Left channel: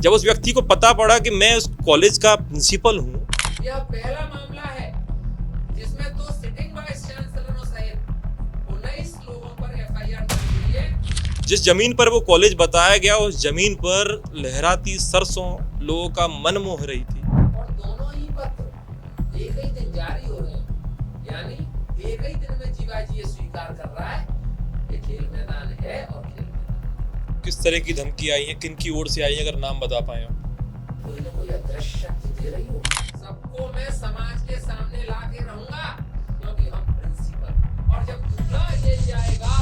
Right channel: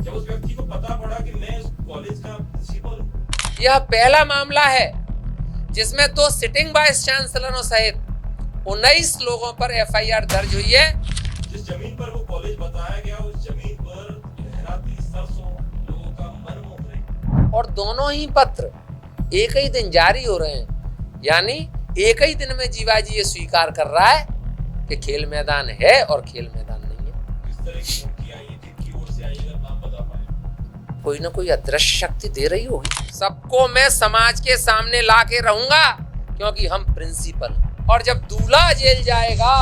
जब उस व्यक्ति को पता पड़ा कि मैं उस कॉलेज का प्रिंसिपल हूँ। यह पहला मामला है जिसमें 2 सिटिंग वाइस चांसलरों सहित 19 लोगों पर एफआईआर दर्ज हुई है। जिस जमीन पर वो कॉलेज बताया गया उस जमीन पर लहराती सरसों लोगों का मन मोह रही थी। और दोनों ही पत्र एक ही दिन जारी हो रहे हैं, यानी एक ही दिन में जीवाजी ये स्वीकार कर रहा है कि खेल मैदान है और खेल मैदान नहीं है। किस तरह की धमकी आई है, किन की ओर से आई है, अगर नाम बता पाए आप? कोई ना कोई अदृश्य शक्ति दे रही हो। सबको मैं समाज के सामने ला के रहूंगा क्योंकि हम प्रिंसिपल, और जब दूल्हा जेल जाएगा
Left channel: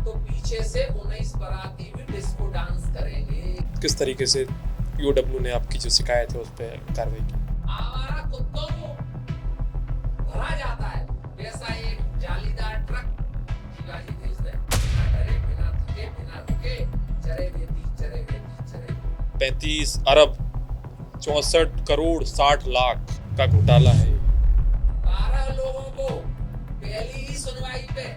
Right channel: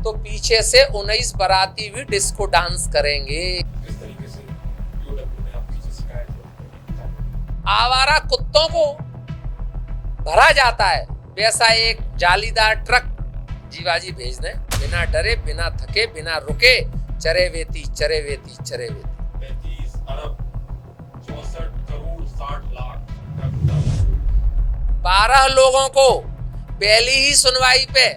तो पीछे से 19 बाराती भी डिस्को डांस करेंगे। किस तरीके से यूडब्ल्यू ने आपकी जो शिकायत है उस पर कार्रवाई की? आवारा कुत्तों को भरा जाता है वैसा एक जालीदार ट्रक जीवाजी भेज दें, बिना डरे, बिना थके, बिना रुके, चरे वेती 35 अरब 64 करोड़ 60 लाख का घोटाला है। 12 लोगों को पहली ही सुनवाई पे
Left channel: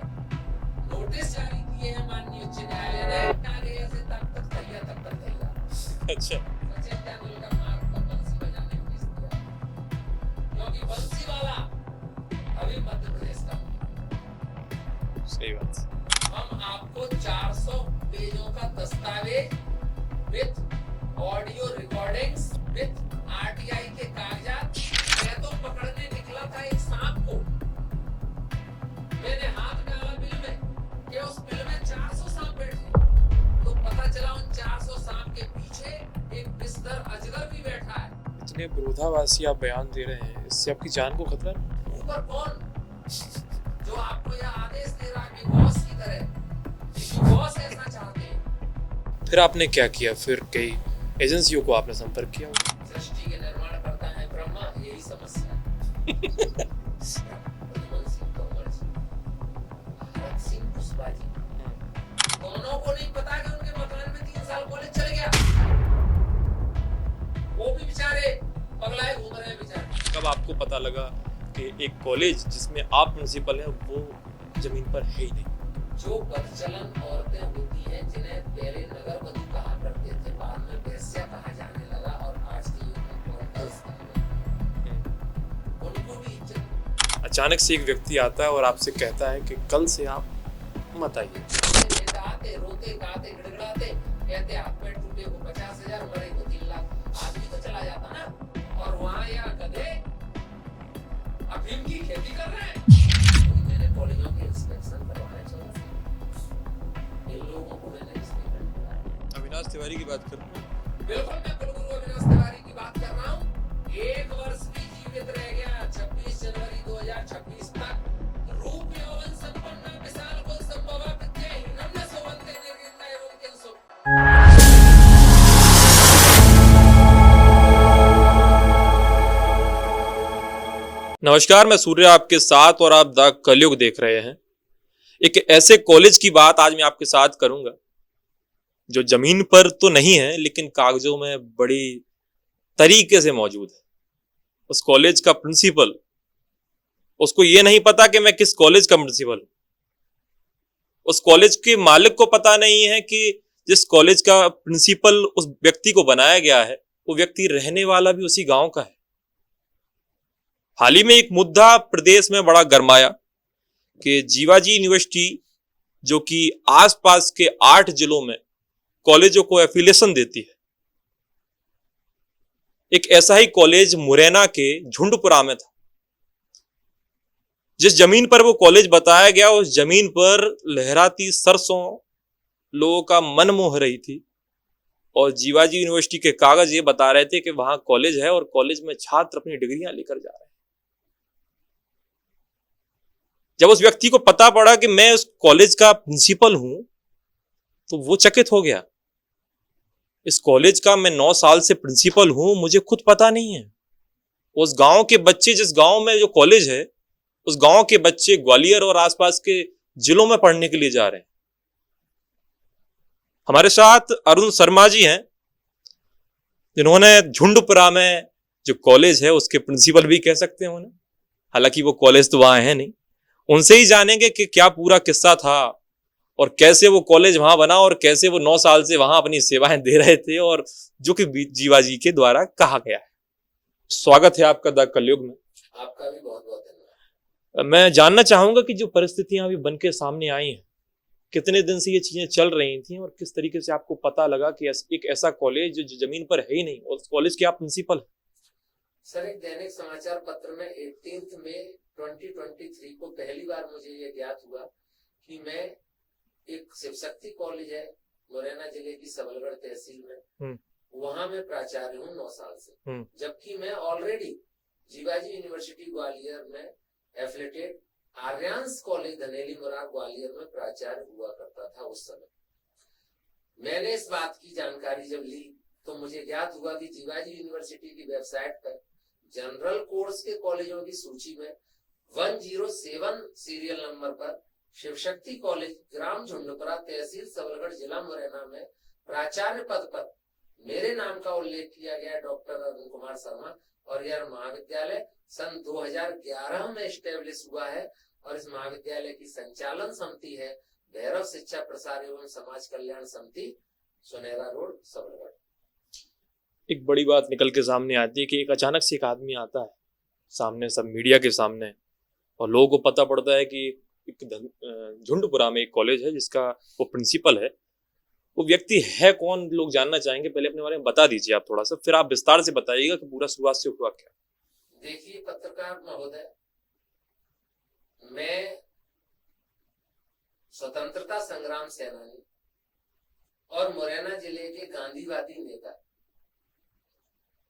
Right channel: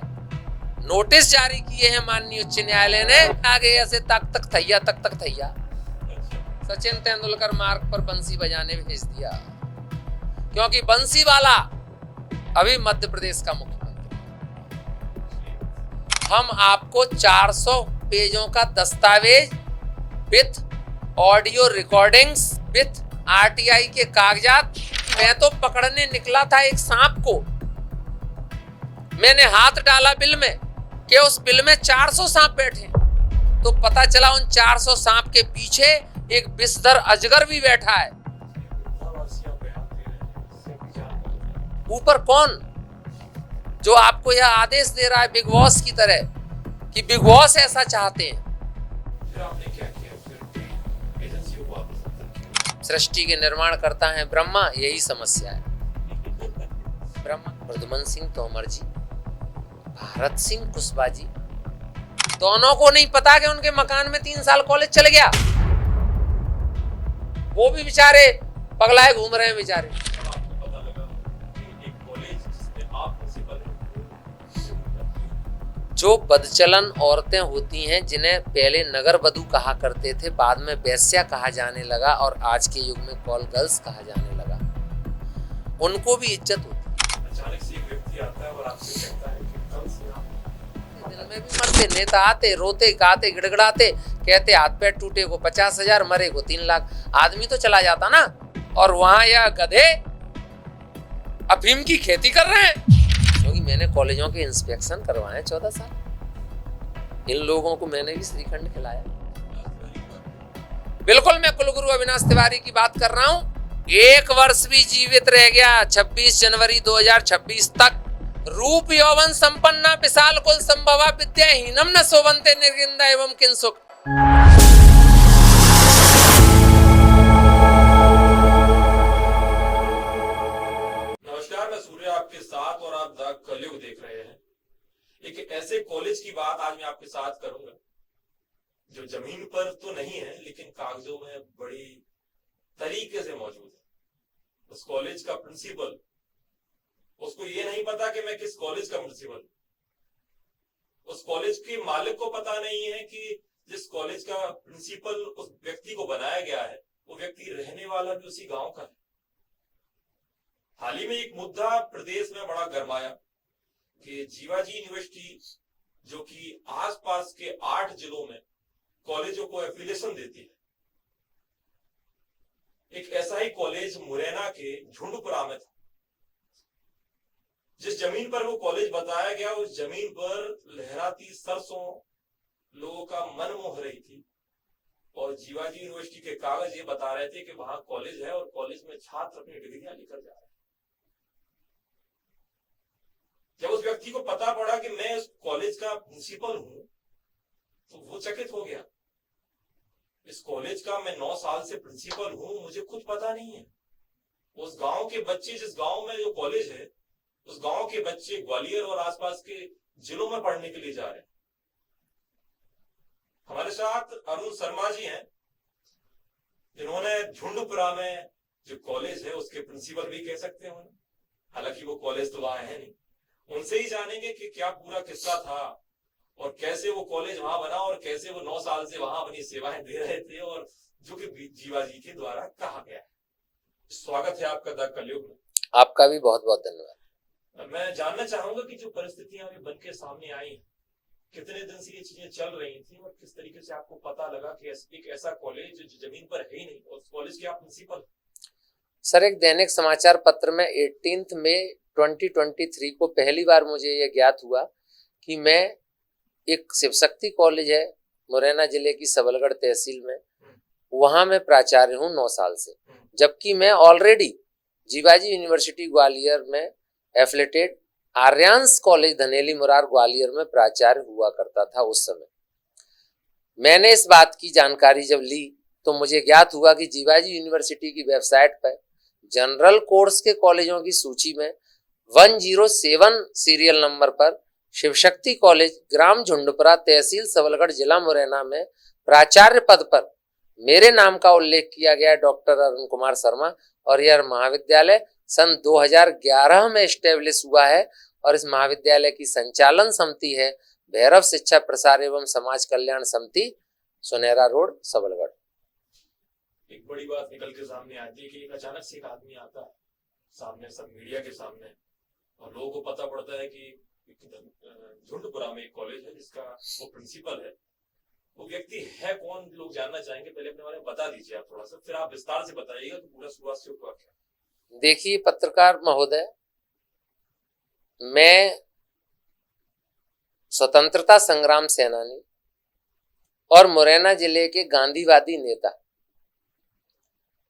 नोटिस जारी किए हैं माननीय उच्च न्यायालय ने। आगे ऐसे तक थैया। अच्छा, सचिन तेंदुलकर मार्ग पर बंसी बजाने भेज दिया क्योंकि बंसी वाला अभी मध्य प्रदेश का मुख्यमंत्री। सही बात। हम आपको 400 पेजों का दस्तावेज with audio recordings with RTI के कागजात। मैं तो पकड़ने निकला था एक सांप को, मैंने हाथ डाला बिल में कि उस बिल में 400 सांप बैठे, तो पता चला उन 400 सांप के पीछे एक विषधर अजगर भी बैठा है। इतने विरोधाभासी आप बयान दे रहे हैं, इससे आपकी जान को खतरा है। ऊपर कौन जो आपको यह आदेश दे रहा है बिग बॉस की तरह कि बिग बॉस ऐसा चाहते हैं? फिर आपने क्या किया? फिर कई एजेंसियों को आपने संपर्क किया? सृष्टि के निर्माण करता है ब्रह्मा, यही समस्या है। ब्रह्मा प्रद्युमन सिंह तोमर जी, भारत सिंह कुशवाहा जी, दोनों को नहीं पता कि उनके मकान में 3 साल कॉलेज चल गया। वो भी बेचारे पगलाए घूम रहे हैं बेचारे। कब आपको पता लगा कि एक कॉलेज जिसमें आप प्रिंसिपल हैं वो जमीन पर है ही नहीं? जो बदचलन औरतें होती हैं जिन्हें पहले नगर वधू कहा करते थे, बाद में वेश्या कहा जाने लगा और आज के युग में कॉल गर्ल्स कहा जाने लगा, उनको भी इज्जत होती है। अचानक से एक व्यक्ति आता है और आपसे कहता है कि कल से आप मत आइए। मरते नेता आते, रोते गाते गिड़गड़ाते, कहते हाथ पैर टूटे को 50,000, मरे को 3 लाख। आदमी तो चला जाता ना, और वहां यह गधे अफीम की खेती कर रहे हैं। क्योंकि मैंने कॉलेजों के इंस्पेक्शन करवाए 14 साल, इन लोगों को मैंने भी श्रीखंड खिलाया। अविनाश तिवारी की बात करूं? बिल्कुल, मैं कुलगुरु अविनाश तिवारी की बात कर रहा हूँ। 1 वर्ष भी जीवित रह गया 26 जनवरी 2026 तक। रूप यौवन संपन्ना विशाल कुल संभवा विद्याहीनम न शोभन्ते निर्गिंदा एवं किंसुक। नमस्कार, मैं सूर्य आपके साथ और आप द कलयुग देख रहे हैं। एक ऐसे कॉलेज की बात आज मैं आपके साथ करूंगा जो जमीन पर तो नहीं है लेकिन कागजों में बड़ी तरीके से मौजूद है। उस कॉलेज का प्रिंसिपल, उसको ये नहीं पता कि मैं किस कॉलेज का प्रिंसिपल हूं। उस कॉलेज के मालिक को पता नहीं है कि जिस कॉलेज का प्रिंसिपल उस व्यक्ति को बनाया गया है वो व्यक्ति रहने वाला भी उसी गांव का है। हाल ही में एक मुद्दा प्रदेश में बड़ा गरमाया कि जीवाजी यूनिवर्सिटी, जो कि आसपास के 8 जिलों में कॉलेजों को एफिलिएशन देती है, एक ऐसा ही कॉलेज मुरैना के झुंडपुरा में था। जिस जमीन पर वो कॉलेज बताया गया उस जमीन पर लहराती सरसों लोगों का मन मोह रही थी, और जीवाजी यूनिवर्सिटी के कागज ये बता रहे थे कि वहां कॉलेज है और कॉलेज में छात्र अपनी डिग्रियां लेकर जा रहे हैं। जब उस व्यक्ति को पता पड़ा कि मैं उस कॉलेज का प्रिंसिपल हूं तो वो चकित हो गया। इस कॉलेज का मैं 9 साल से प्रिंसिपल हूं, मुझे खुद पता नहीं है। उस गांव के बच्चे, जिस गांव में जो कॉलेज है, उस गांव के बच्चे ग्वालियर और आसपास के जिलों में पढ़ने के लिए जा रहे हैं। हमारे साथ अरुण शर्मा जी हैं, जिन्होंने झुंडपुरा में जो कॉलेज है उसके प्रिंसिपल भी कह सकते हैं उन्हें, हालांकि वो कॉलेज तो वहां है नहीं। उनसे ही जानेंगे कि क्या पूरा किस्सा था और कैसे वो कॉलेज वहां बना और कैसे वो 9 साल से वहां अपनी सेवाएं दे रहे थे, और जो कि जीवाजी के द्वारा कहा गया है। स्वागत है आपका द कलयुग में। आपका भी बहुत बहुत धन्यवाद। मैं जानना चाहूंगा कि जो परिस्थितियां अभी बन के सामने आई हैं, कितने दिन से ये चीजें चल रही थी और किस तरीके से आपको पता लगा कि एक ऐसा कॉलेज जो जमीन पर है ही नहीं, और उस कॉलेज के आप प्रिंसिपल? सर, एक दैनिक समाचार पत्र में 18 मई 2023 को पहली बार मुझे ये ज्ञात हुआ कि मैं एक शिव शक्ति कॉलेज है मुरैना जिले की सबलगढ़ तहसील में, वहां मैं प्राचार्य हूँ 9 साल से, जबकि मैं ऑलरेडी जीवाजी यूनिवर्सिटी ग्वालियर में एफिलेटेड आर्यांस कॉलेज धनेली मुरार ग्वालियर में प्राचार्य हुआ करता था। उस समय मैंने इस बात की जानकारी जब ली तो मुझे ज्ञात हुआ कि जीवाजी यूनिवर्सिटी की वेबसाइट पर जनरल कोर्स के कॉलेजों की सूची में 107 सीरियल नंबर पर शिवशक्ति कॉलेज ग्राम झुंडपुरा तहसील सबलगढ़ जिला मुरैना में प्राचार्य पद पर मेरे नाम का उल्लेख किया गया। डॉक्टर अरुण कुमार शर्मा, और यह महाविद्यालय सन 2011 में एस्टेब्लिश हुआ है और इस महाविद्यालय की संचालन समिति है भैरव शिक्षा प्रसार एवं समाज कल्याण समिति, सुनहरा रोड, सबलगढ़। एक बड़ी बात निकल के सामने आती है कि एक अचानक से एक आदमी आता है सामने, सब मीडिया के सामने, और लोगों को पता पड़ता है कि एक झुंडपुरा में एक कॉलेज है जिसका वो प्रिंसिपल है। वो व्यक्ति है कौन, लोग जानना चाहेंगे। पहले अपने बारे में बता दीजिए आप थोड़ा सा, फिर आप विस्तार से बताइएगा कि पूरा शुरुआत से हुआ क्या। देखिए पत्रकार महोदय, मैं स्वतंत्रता संग्राम सेनानी और मुरैना जिले के गांधीवादी नेता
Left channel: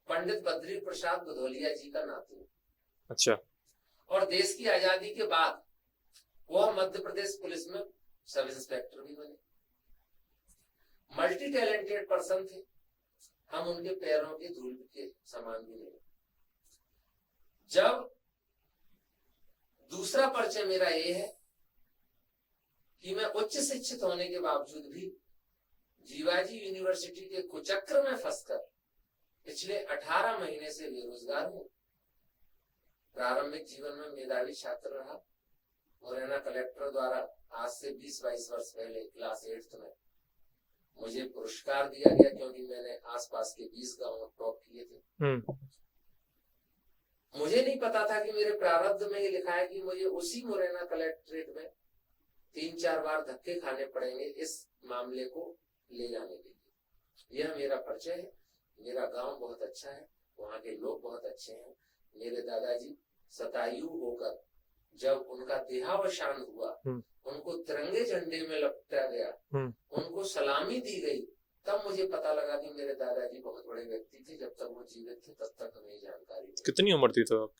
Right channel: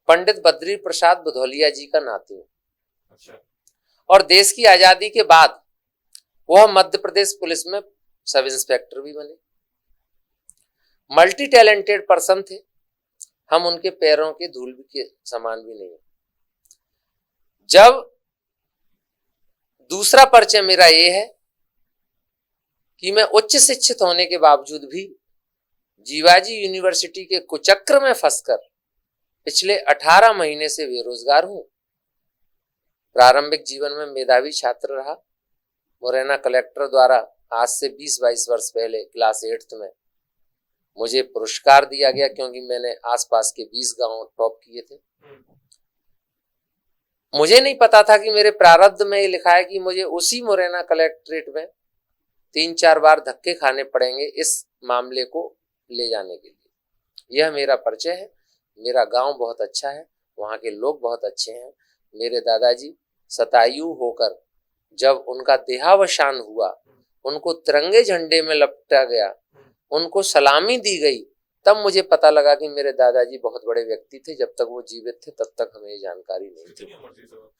पंडित बद्री प्रसाद बुधौलिया जी का नाती हूँ। अच्छा। और देश की आजादी के बाद वह मध्य प्रदेश पुलिस में सब इंस्पेक्टर भी बने। मल्टी टैलेंटेड पर्सन थे, हम उनके पैरों के धूल के समान भी नहीं। जब दूसरा परिचय मेरा ये है कि मैं उच्च शिक्षित होने के बावजूद भी जीवाजी यूनिवर्सिटी के कुचक्र में फंसकर पिछले 18 महीने से बेरोजगार हूं। प्रारंभिक जीवन में मेधावी छात्र रहा। मुरैना कलेक्टर द्वारा आज से 20-22 वर्ष पहले क्लास 8th में मुझे पुरस्कार दिया गया क्योंकि मैंने आसपास के 20 गांव टॉप किए थे। मुझे नहीं पता था कि मेरे प्रारब्ध में ये लिखा है कि मुझे उसी मुरैना कलेक्ट्रेट में 3-4 बार धक्के खाने पड़ेंगे इस मामले को ले जाने के लिए। यह मेरा परिचय है। मेरा गांव बहुत अच्छा है, वहाँ के लोग बहुत अच्छे हैं। मेरे दादाजी शतायु होकर जब उनका देहावसान हुआ, उनको तिरंगे झंडे में लपटा गया, उनको सलामी दी गई, तब मुझे पता लगा कि मेरे दादाजी बहुत बड़े व्यक्ति थे। जब तक वो जीवित थे तब तक हमें जानकारी नहीं। कितनी उम्र थी तो?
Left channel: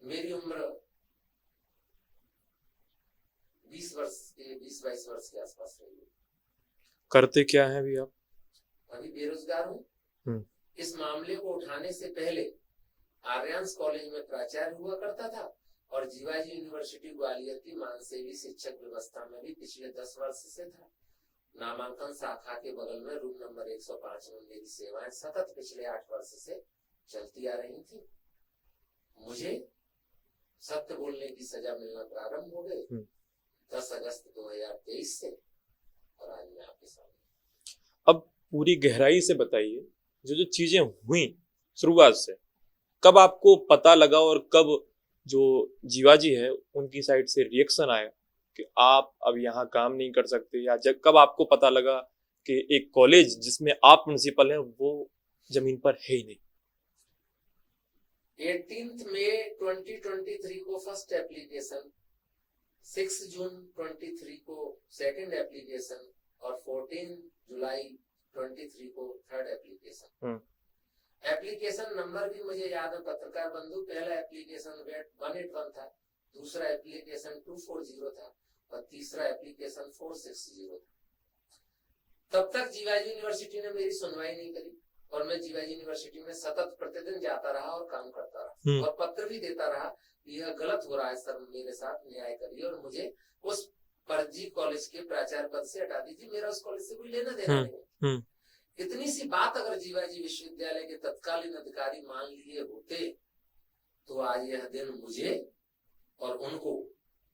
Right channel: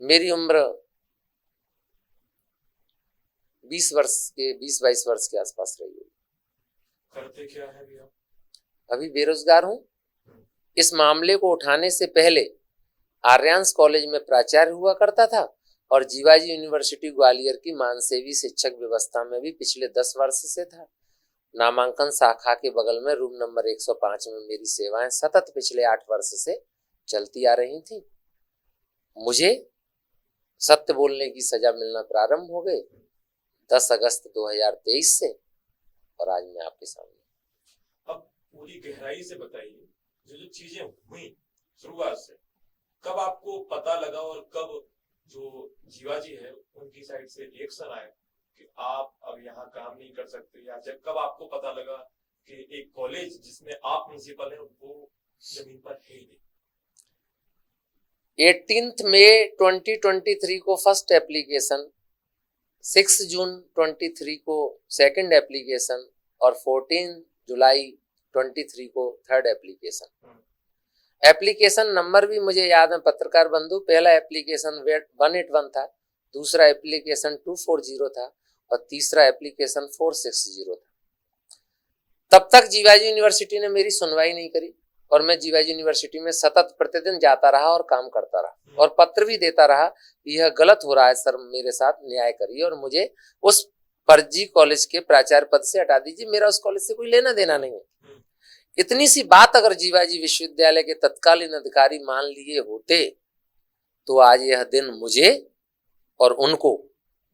मेरी उम्र 20-22 वर्ष के आसपास रही है। करते क्या है अभी आप? अभी बेरोजगार हूँ। इस मामले को उठाने से पहले आर्यांस कॉलेज में प्राचार्य हुआ करता था और जीवाजी यूनिवर्सिटी ग्वालियर की मानसेवी शिक्षक व्यवस्था में भी पिछले 10 वर्ष से था। नामांकन शाखा के बगल में रूम नंबर 105 में मेरी सेवाएं सतत पिछले 8 वर्ष से चलती आ रही थी। मुझे सत्य बोलने की सजा मिलना प्रारंभ हो गई 10 अगस्त 2023 से, और आज मैं आपके सामने। अब पूरी गहराई से बताइए, जो चीजें हुई शुरुआत से, कब आपको पता लगा और कब जो जीवाजी है उनकी साइड से रिएक्शन आया कि आप अब यहाँ काम नहीं कर सकते, या जब कब आपको पता लगा कि एक कॉलेज जिसमें आप प्रिंसिपल हैं वो जमीन पर है ही नहीं? 18 मई 2023 को फर्स्ट एप्लीकेशन, 6 जून 23 को सेकंड एप्लीकेशन और 14 जुलाई 23 को थर्ड एप्लीकेशन। एप्लीकेशन नंबर भी मुझे याद है पत्रकार बंधु। पहला एप्लीकेशन 181 था, दूसरा एप्लीकेशन 240 था और तीसरा एप्लीकेशन 460 था। तब तक जीवाजी यूनिवर्सिटी ने मेरी सुनवाई नहीं करी और मैं जीवाजी यूनिवर्सिटी में सतत प्रतिदिन जाता रहा और काम करता रहा और पत्र भी देता रहा कि यह गलत हो रहा है सर, मेरे साथ न्याय करिए और मुझे उस फर्जी कॉलेज के प्राचार्य पद से हटा दीजिए। मेरा उस कॉलेज से कोई लेना देना नहीं है। इतनी सी बात अगर जीवाजी विश्वविद्यालय के तत्कालीन अधिकारी मान लिए होते तो आज यह दिन मुझे और उनको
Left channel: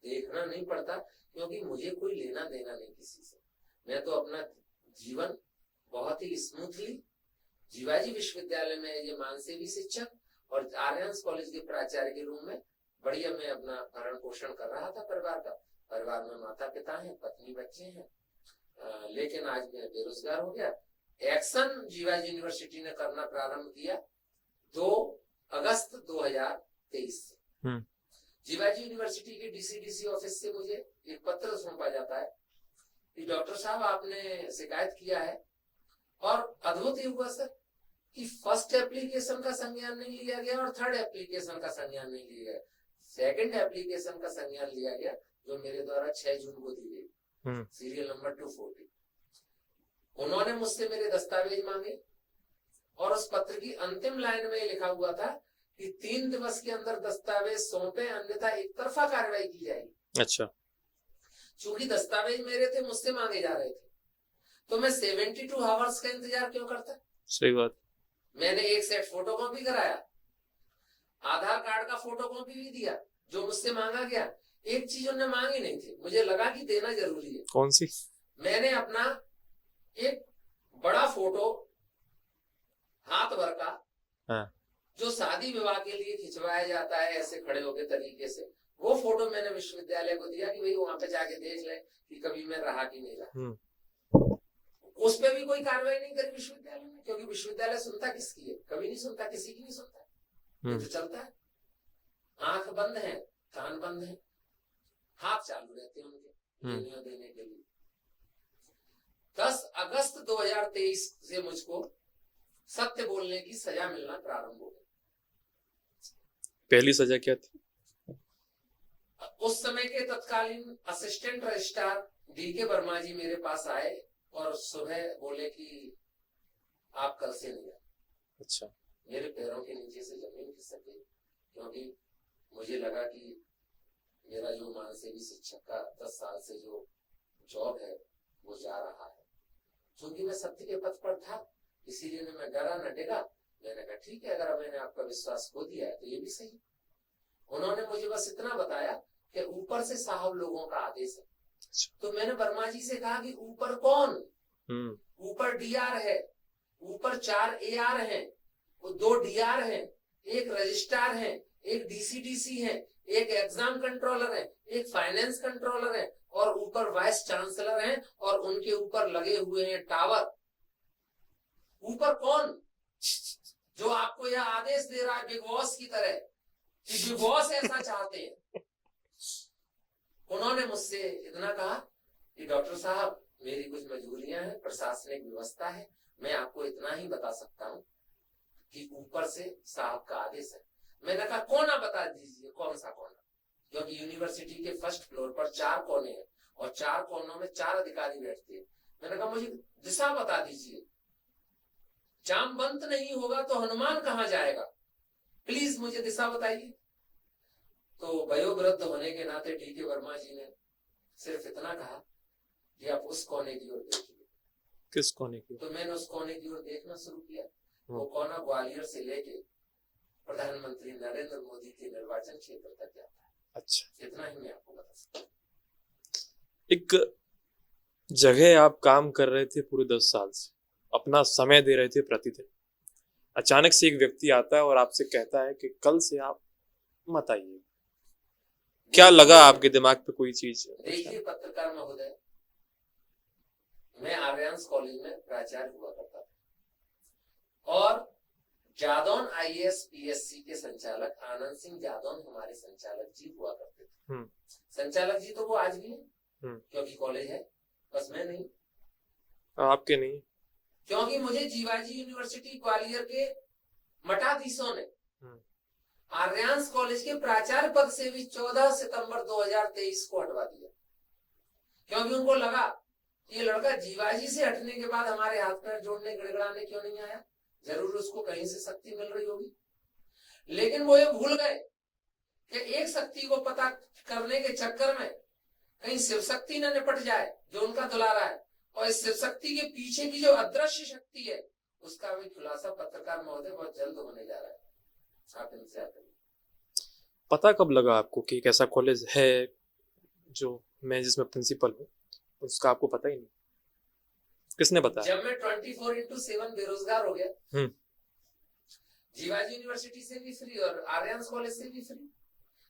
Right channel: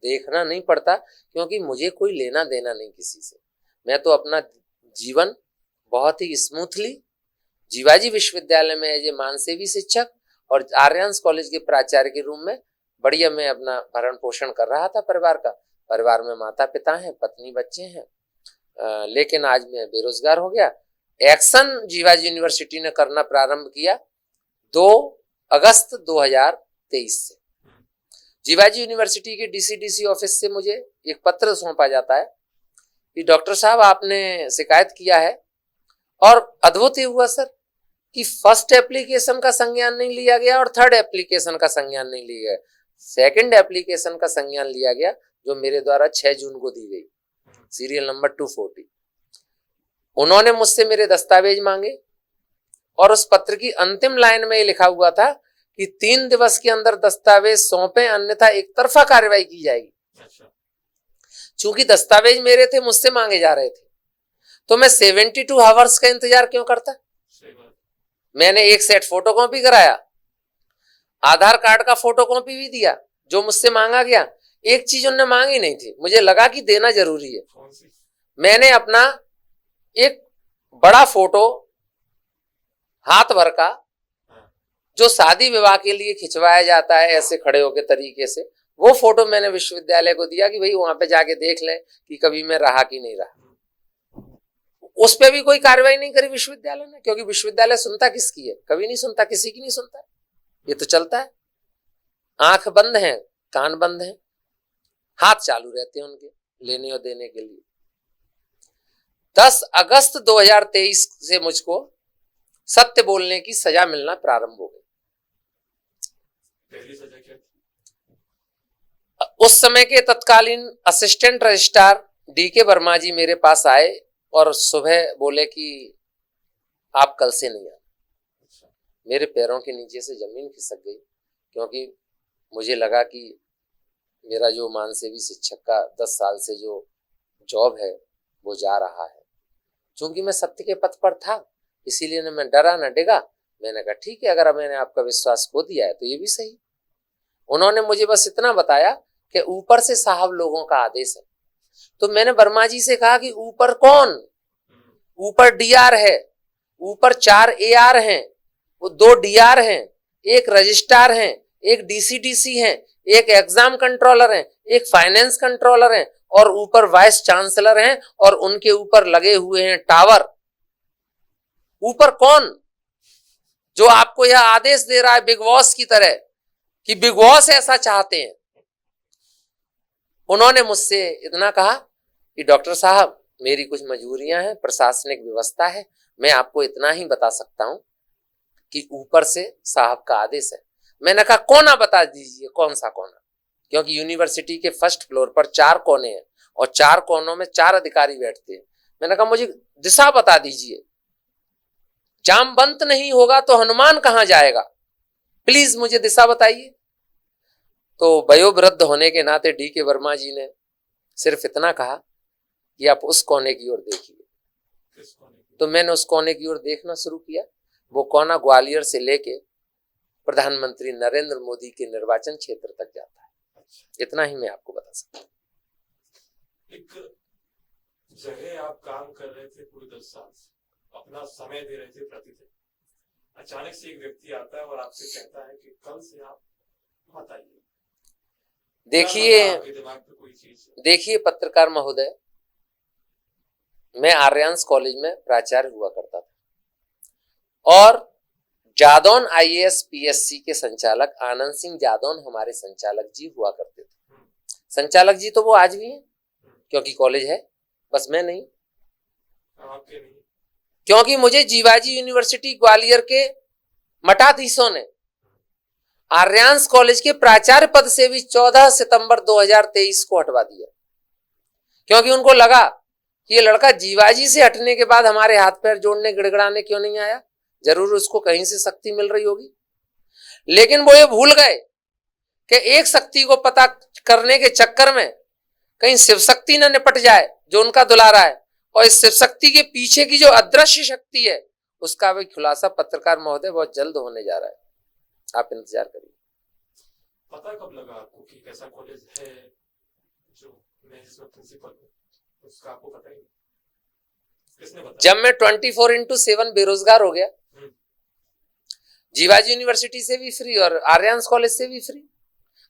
देखना नहीं पड़ता, क्योंकि मुझे कोई लेना देना नहीं किसी से। मैं तो अपना जीवन बहुत ही स्मूथली जीवाजी विश्वविद्यालय में एज ए मानसेवी शिक्षक और आर्यन्स कॉलेज के प्राचार्य के रूप में बढ़िया मैं अपना भरण पोषण कर रहा था परिवार का। परिवार में माता पिता हैं, पत्नी बच्चे हैं, लेकिन आज मैं बेरोजगार हो गया। एक्शन जीवाजी यूनिवर्सिटी ने करना प्रारंभ किया 2 अगस्त 2023 से। जीवाजी यूनिवर्सिटी के डीसीडीसी ऑफिस से मुझे एक पत्र सौंपा जाता है कि डॉक्टर साहब आपने शिकायत किया है, और अद्भुत ही हुआ सर कि फर्स्ट एप्लीकेशन का संज्ञान नहीं लिया गया और थर्ड एप्लीकेशन का संज्ञान नहीं लिया गया। सेकंड एप्लीकेशन का संज्ञान लिया गया जो मेरे द्वारा 6 जून को दी गई, सीरियल नंबर 240। उन्होंने मुझसे मेरे दस्तावेज मांगे और उस पत्र की अंतिम लाइन में ये लिखा हुआ था कि 3 दिवस के अंदर दस्तावेज सौंपे, अन्यथा एक तरफा कार्रवाई की जाएगी। अच्छा। चूंकि दस्तावेज मेरे थे, मुझसे मांगे जा रहे थे, तो मैं 72 आवर्स का इंतजार क्यों करता? सही बात। मैंने एक सेट फोटोकॉपी कराया, आधार कार्ड का फोटोकॉपी भी दिया जो मुझसे मांगा गया। एक चीज उन्होंने मांगी नहीं थी, मुझे लगा कि देना जरूरी है। कौन सी? मैंने मैंने अपना एक बड़ा फोटो हाथ भर का, हाँ। जो शादी विवाह के लिए खिंचवाया जाता है ऐसे खड़े होके तरीके से, वो फोटो मैंने विश्वविद्यालय को दिया कि भाई वहां पे जाके देख लें कि कभी मैं रहा कि नहीं रहा। उस पे भी कोई कार्रवाई नहीं करी विश्वविद्यालय ने, क्योंकि विश्वविद्यालय सुनता किसकी है? कभी नहीं सुनता, किसी की नहीं सुनता। ये तो चलता है, आंख बंद है, कान बंद है, हाथ चालू रहते हैं उनके लेने और देने के लिए। 10 अगस्त 2023 से मुझको सत्य बोलने की सजा मिलना प्रारंभ हो गई। पहली सजा क्या थी? उस समय के तत्कालीन असिस्टेंट रजिस्ट्रार डीके वर्मा जी मेरे पास आए और सुबह बोले कि आप कल से नहीं आए। अच्छा। मेरे पैरों के नीचे से जमीन खिसक गई, क्योंकि मुझे लगा कि मेरा जो मानसेवी शिक्षक का 10 साल से जो जॉब है वो जा रहा है। क्योंकि मैं सत्य के पथ पर था, इसीलिए न मैं डरा न डिगा। मैंने कहा ठीक है, अगर मैंने आपका विश्वास खो दिया है तो ये भी सही। उन्होंने मुझे बस इतना बताया कि ऊपर से साहब लोगों का आदेश है। तो मैंने वर्मा जी से कहा कि ऊपर कौन? ऊपर डीआर है, ऊपर 4 एआर हैं, वो 2 डीआर हैं, एक रजिस्ट्रार हैं, एक डीसीडीसी हैं, एक एग्जाम कंट्रोलर हैं, एक फाइनेंस कंट्रोलर हैं, और ऊपर वाइस चांसलर हैं, और उनके ऊपर लगे हुए हैं टावर। ऊपर कौन जो आपको यह आदेश दे रहा है बिग बॉस की तरह कि बिग बॉस ऐसा चाहते हैं? उन्होंने मुझसे इतना कहा कि डॉक्टर साहब मेरी कुछ मजबूरियां हैं, प्रशासनिक व्यवस्था है, मैं आपको इतना ही बता सकता हूं कि ऊपर से साहब का आदेश है। मैंने कहा कोना बता दीजिए, कौन सा कोना? क्योंकि यूनिवर्सिटी के फर्स्ट फ्लोर पर 4 कोने हैं और 4 कोनों में 4 अधिकारी बैठते हैं। मैंने कहा मुझे दिशा बता दीजिए, जामवंत नहीं होगा तो हनुमान कहां जाएगा, प्लीज मुझे दिशा बताइए। तो वयोवृद्ध होने के नाते डीके वर्मा जी ने सिर्फ इतना कहा कि आप उस कोने की ओर देखिए। किस कोने की? तो मैंने उस कोने की ओर देखना शुरू किया। वो कोना ग्वालियर से लेके प्रधानमंत्री नरेंद्र मोदी के निर्वाचन क्षेत्र तक जाता है। अच्छा। इतना ही मैं आपको बता सकता हूँ। एक जगह आप काम कर रहे थे पूरे 10 साल से, अपना समय दे रहे थे प्रतिदिन, अचानक से एक व्यक्ति आता है और आपसे कहता है कि कल से आप मत आइए। क्या लगा आपके दिमाग पे कोई चीज? देखिए पत्रकार महोदय, मैं आर्यन्स कॉलेज में प्राचार्य हुआ करता था और जादौन आईएएस पीएससी के संचालक आनंद सिंह जादौन हमारे संचालक जी हुआ करते थे। संचालक जी तो वो आज भी हैं, क्योंकि कॉलेज है, बस मैं नहीं। आपके नहीं? क्योंकि मुझे जीवाजी यूनिवर्सिटी ग्वालियर के मठाधीशों ने आर्यन्स कॉलेज के प्राचार्य पद से भी 14 सितंबर 2023 को हटवा दिया, क्योंकि उनको लगा कि ये लड़का जीवाजी से हटने के बाद हमारे हाथ पैर जोड़ने गिड़गिड़ाने क्यों नहीं आया, जरूर उसको कहीं से शक्ति मिल रही होगी। लेकिन वो ये भूल गए कि एक शक्ति को पता करने के चक्कर में कहीं शिव शक्ति न निपट जाए जो उनका दुलारा है, और इस शिव शक्ति के पीछे की जो अदृश्य शक्ति है उसका भी खुलासा पत्रकार महोदय बहुत जल्द होने जा रहा है, आप इंतजार करिए। पता कब लगा आपको कि एक ऐसा कॉलेज है जो मैं जिसमें प्रिंसिपल हूँ उसका आपको पता ही नहीं? किसने बताया? जब मैं 24/7 बेरोजगार हो गया, जीवाजी यूनिवर्सिटी से भी फ्री और आर्यन्स कॉलेज से भी फ्री।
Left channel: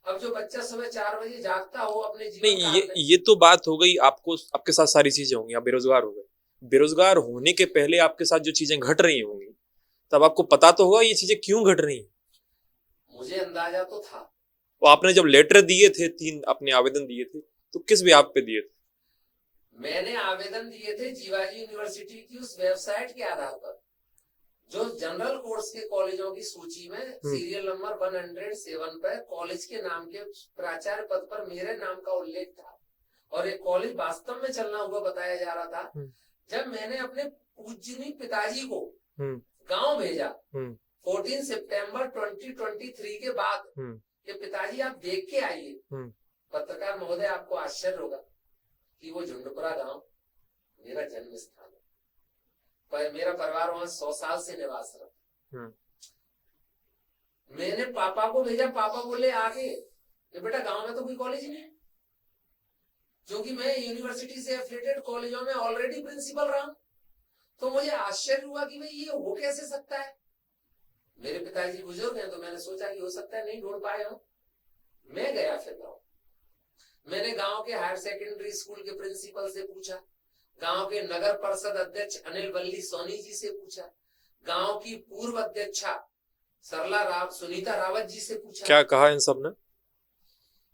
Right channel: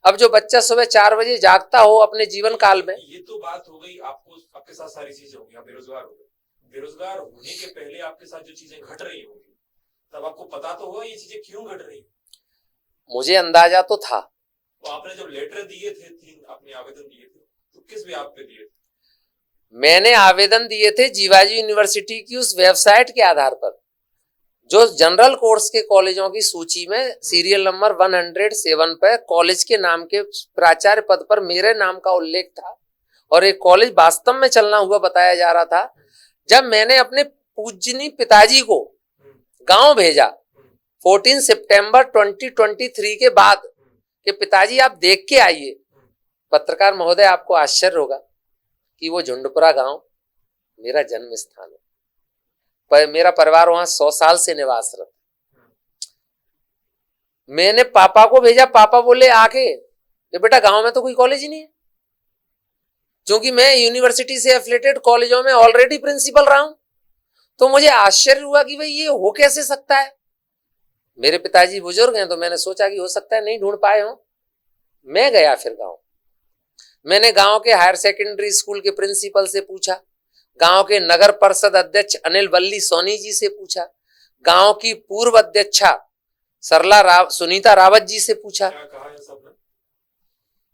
अब जो बच्चा सुबह 4 बजे जागता हो अपने जीवन काल में, ये तो बात हो गई, आपको आपके साथ सारी चीजें होंगी, आप बेरोजगार हो गए। बेरोजगार होने के पहले आपके साथ जो चीजें घट रही होंगी तब आपको पता तो होगा ये चीजें क्यों घट रही हैं। मुझे अंदाजा तो था। तो आपने जब लेटर दिए थे, 3 अपने आवेदन दिए थे, तो किस बेसिस पे दिए थे? मैंने आवेदन दिए थे जीवाजी यूनिवर्सिटी की उस वेबसाइट के आधार पर जो जनरल कोर्स के कॉलेजों की सूची में सीरियल नंबर 107 पर कॉलेज के नाम के प्राचार्य पद पर मेरे नाम का उल्लेख था और एक कॉलेज वास्तव में चलना हुआ बताया जा रहा था। जब मैंने अपने पूजनीय पिताजी को गांव भेजा 14 सितंबर 2023 के बाद कि पिताजी आप देख के आइए, पत्रकार महोदय आपको आश्चर्य होगा कि वो झुंडपुरा गांव मेरा जन्म स्थान है, पर मेरा परिवार वहां 100 साल से निवास रहा। मैंने पापा को भेजा, पापा बोले आके कि बेटा गांव में तो कोई कॉलेज ही नहीं है, क्योंकि मैं यूनिवर्सिटी से एफिलिएटेड कॉलेजों में ऑलरेडी प्रिंसिपल रहा हूं। तो मुझे आश्चर्य हुआ कि भाई ये हो कैसे सकता है। मेरे पिताजी बुजुर्ग हैं तो मैंने सोचा कि हो सकता है नहीं ढूंढ पाए हो। मैं गया फिर गांव, मैंने गांव के हायर सेकेंडरी स्कूल के प्रिंसिपल से पूछा, गांव के नगर परिषद अध्यक्ष अनिल वल्ली सोनी जी से पूछा, गांव की पूर्व अध्यक्षा सुनीता रावत जी से पूछा। क्या कहा इन सब ने?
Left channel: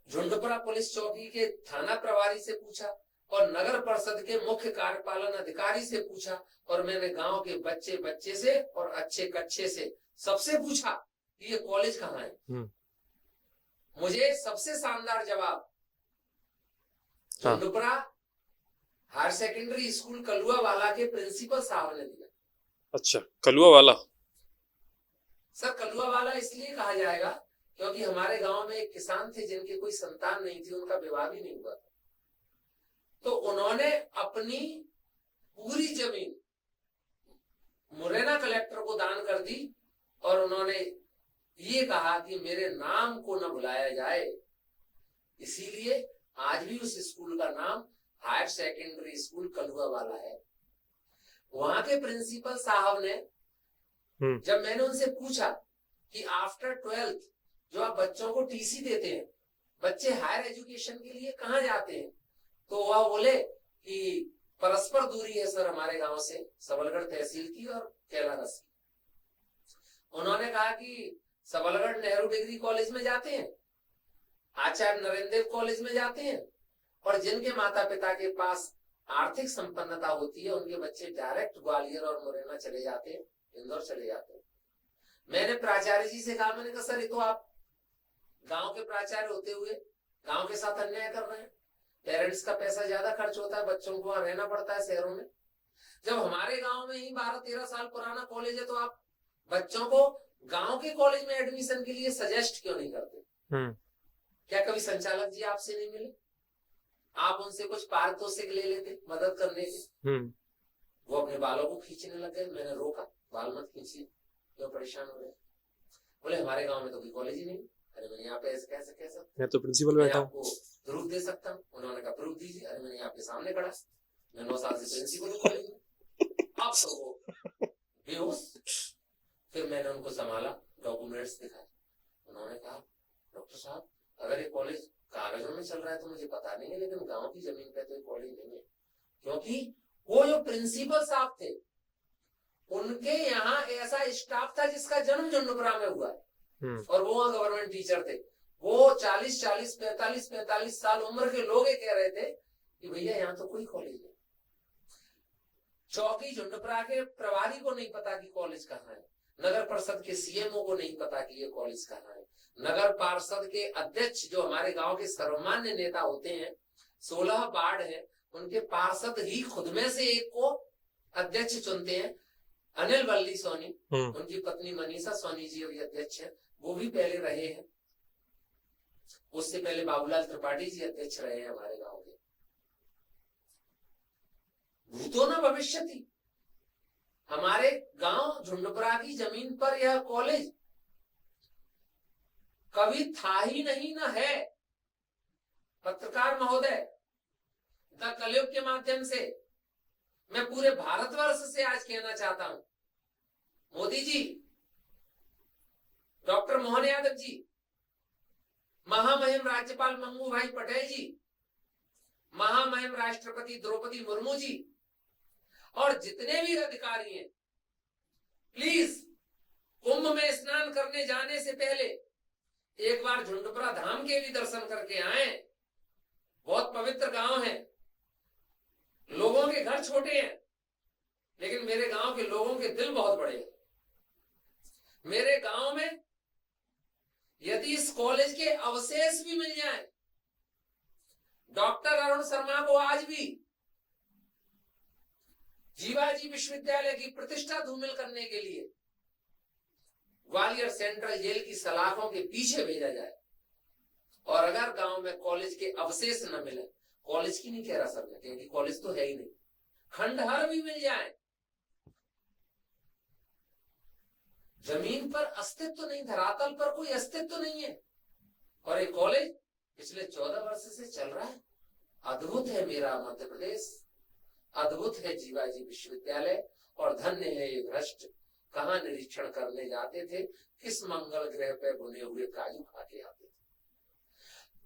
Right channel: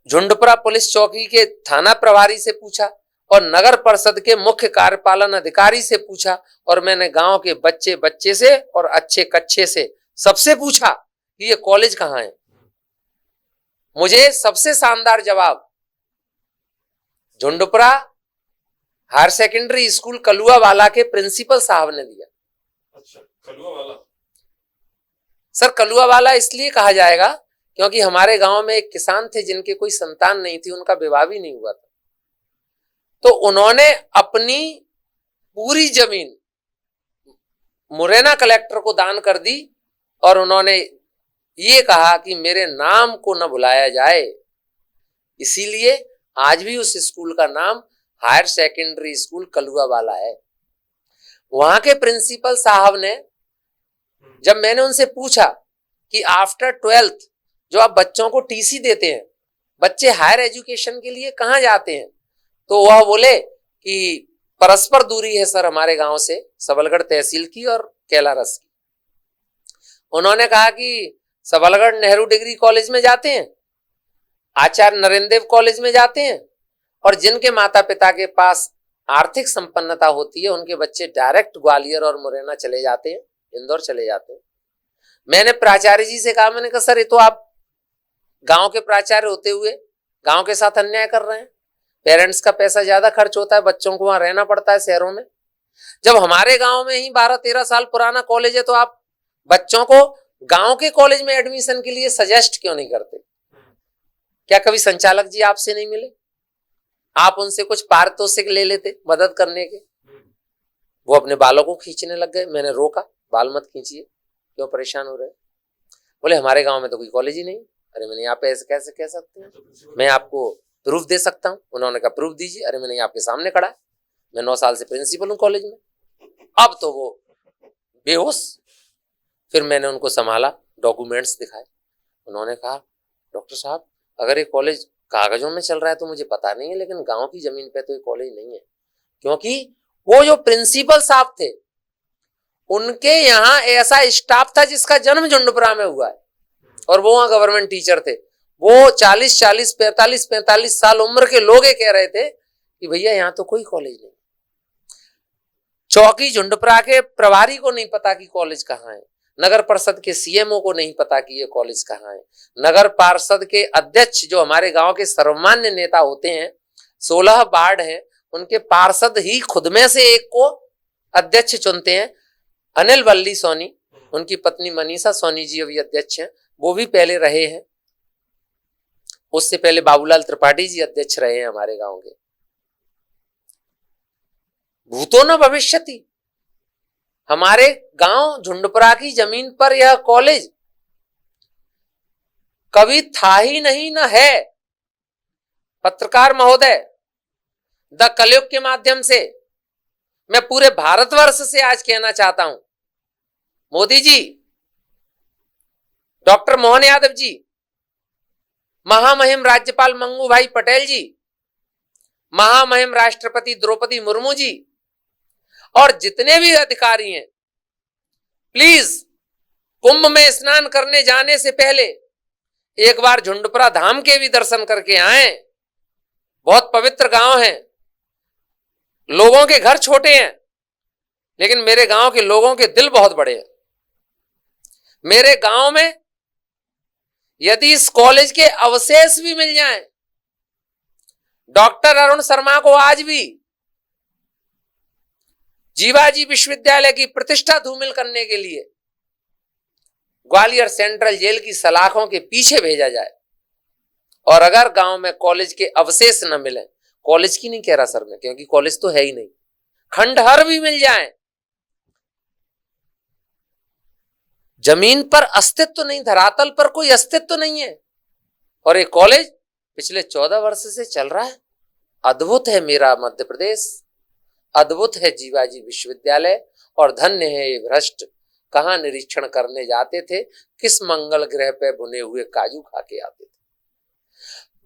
झुंडपुरा पुलिस चौकी के थाना प्रभारी से पूछा और नगर परिषद के मुख्य कार्यपालन अधिकारी से पूछा और मैंने गांव के बच्चे से और अच्छे कच्चे से सबसे पूछा कि ये कॉलेज कहाँ है। मुझे सबसे शानदार जवाब झुंडपुरा हायर सेकेंडरी स्कूल कलुआ वाला के प्रिंसिपल साहब ने दिया। अच्छा, कलुआ वाला? सर कलुआ वाला इसलिए कहा जाएगा क्योंकि हमारे गांव में एक किसान थे जिनके कोई संतान नहीं थी, उनका विवाह भी नहीं हुआ था, तो उन्होंने अपनी पूरी जमीन मुरैना कलेक्टर को दान कर दी और उन्होंने ये कहा कि मेरे नाम को न भुलाया जाए, इसीलिए आज भी उस स्कूल का नाम हायर सेकेंडरी स्कूल कलुआ वाला है। वहां के प्रिंसिपल साहब ने जब मैंने उनसे पूछा कि आफ्टर 12th जो आप बच्चों को टीसी देते हैं, बच्चे हायर एजुकेशन के लिए कहाँ जाते हैं, तो वह बोले कि परस्पर दूरी है सर हमारे गांव से, सबलगढ़ तहसील की और कैलारस की। उन्होंने कहा कि सबलगढ़ नेहरू डिग्री कॉलेज में जाते हैं, आचार्य नरेंद्र देव कॉलेज में जाते हैं, और जिनके माता पिता के पास आर्थिक संपन्नता होती है उनके बच्चे डायरेक्ट ग्वालियर और मुरैना चले जाते हैं, इंदौर चले जाते हैं। मैंने प्राचार्य जी से कहा, मैंने कहा सर ये तो आप गांव के प्राचार्य होते हुए गांव के साथ अन्याय कर रहे हैं, पेरेंट्स का पैसा ज्यादा खर्च होता है, बच्चों को वहां रहना पड़ता है शहरों में, जब हमारे गांव में ही 12-13 साल पुराना कॉलेज है तो आप बच्चों को गांव के कॉलेज में एडमिशन के लिए सजेस्ट क्यों नहीं करते? क्या कभी संचालक जी आपसे नहीं मिले? आप उनसे कुछ पारितोषिक ले लेते मदद करने के? वो अपने बालों को खींचने लग गए। मैंने रोका, बाल मत खींचिए, क्यों परेशान हो रहे? बोले हमारे गांव में तो कोई कॉलेज ही नहीं। अरे मैंने यहाँ पे ऐसे कैसे कह सकते हैं, तो प्रिंसिपल मैं आपको प्रूफ दे सकता हूँ। उन्होंने कहा प्रूफ दीजिए। अरे मैंने आपके सामने खड़ा, मैं 9 साल से प्रिंसिपल हूँ कॉलेज में। अब तो वो बेहोश। फिर मैंने उनको संभाला, डॉक्यूमेंट्स दिखाए। उन्होंने कहा डॉक्टर साहब अगर ये कॉलेज कागजों में चल रहा है तो मुझे पता नहीं है, लेकिन गांव की जमीन पे तो ये कॉलेज नहीं है, क्योंकि वो जो प्रिंसिपल साहब थे उनके यहाँ ऐसा स्टाफ था जिसका जन्म झुंडपुरा में हुआ है और वो वहां गवर्नमेंट टीचर थे। वो 40-40, 45-45 साल उम्र के लोग कह रहे थे कि भैया यहाँ तो कोई कॉलेज नहीं। चौकी झुंडपुरा के प्रभारी को नहीं पता कि कॉलेज कहाँ है, नगर परिषद के सीएमओ को नहीं पता कि ये कॉलेज कहाँ है, नगर पार्षद के अध्यक्ष जो हमारे गांव के सर्वमान्य नेता होते हैं, 16 वार्ड हैं, उनके पार्षद ही खुद में से एक को अध्यक्ष चुनते हैं। अनिल वल्ली सोनी, उनकी पत्नी मनीषा सोनी जी अभी अध्यक्ष हैं, वो भी पहले रहे हैं। उससे पहले बाबूलाल त्रिपाठी जी अध्यक्ष रहे हैं हमारे गांव के। भूतो न भविष्यति, हमारे गांव झुंडपुरा की जमीन पर यह कॉलेज कभी था ही नहीं, न है। पत्रकार महोदय, द कलयुग के माध्यम से मैं पूरे भारतवर्ष से आज कहना चाहता हूं, मोदी जी, डॉक्टर मोहन यादव जी, महामहिम राज्यपाल मंगू भाई पटेल जी, महामहिम राष्ट्रपति द्रौपदी मुर्मू जी और जितने भी अधिकारी हैं, प्लीज कुंभ में स्नान करने जाने से पहले एक बार झुंडपुरा धाम के भी दर्शन करके आए। बहुत पवित्र गांव है, लोगों के घर छोटे हैं लेकिन मेरे गांव के लोगों के दिल बहुत बड़े हैं। मेरे गांव में यदि इस कॉलेज के अवशेष भी मिल जाएं, डॉक्टर अरुण शर्मा को आज भी जीवाजी विश्वविद्यालय की प्रतिष्ठा धूमिल करने के लिए ग्वालियर सेंट्रल जेल की सलाखों के पीछे भेजा जाए, और अगर गांव में कॉलेज के अवशेष न मिले, कॉलेज की नहीं कह रहा सर मैं, क्योंकि कॉलेज तो है ही नहीं, खंडहर भी मिल जाए, जमीन पर अस्तित्व नहीं, धरातल पर कोई अस्तित्व नहीं है, और ये कॉलेज पिछले 14 वर्ष से चल रहा है। अद्भुत है मेरा मध्य प्रदेश, अद्भुत है जीवाजी विश्वविद्यालय, और धन्य है ये भ्रष्ट। कहां निरीक्षण करने जाते थे, किस मंगल ग्रह पे बुने हुए काजू खा के आते थे।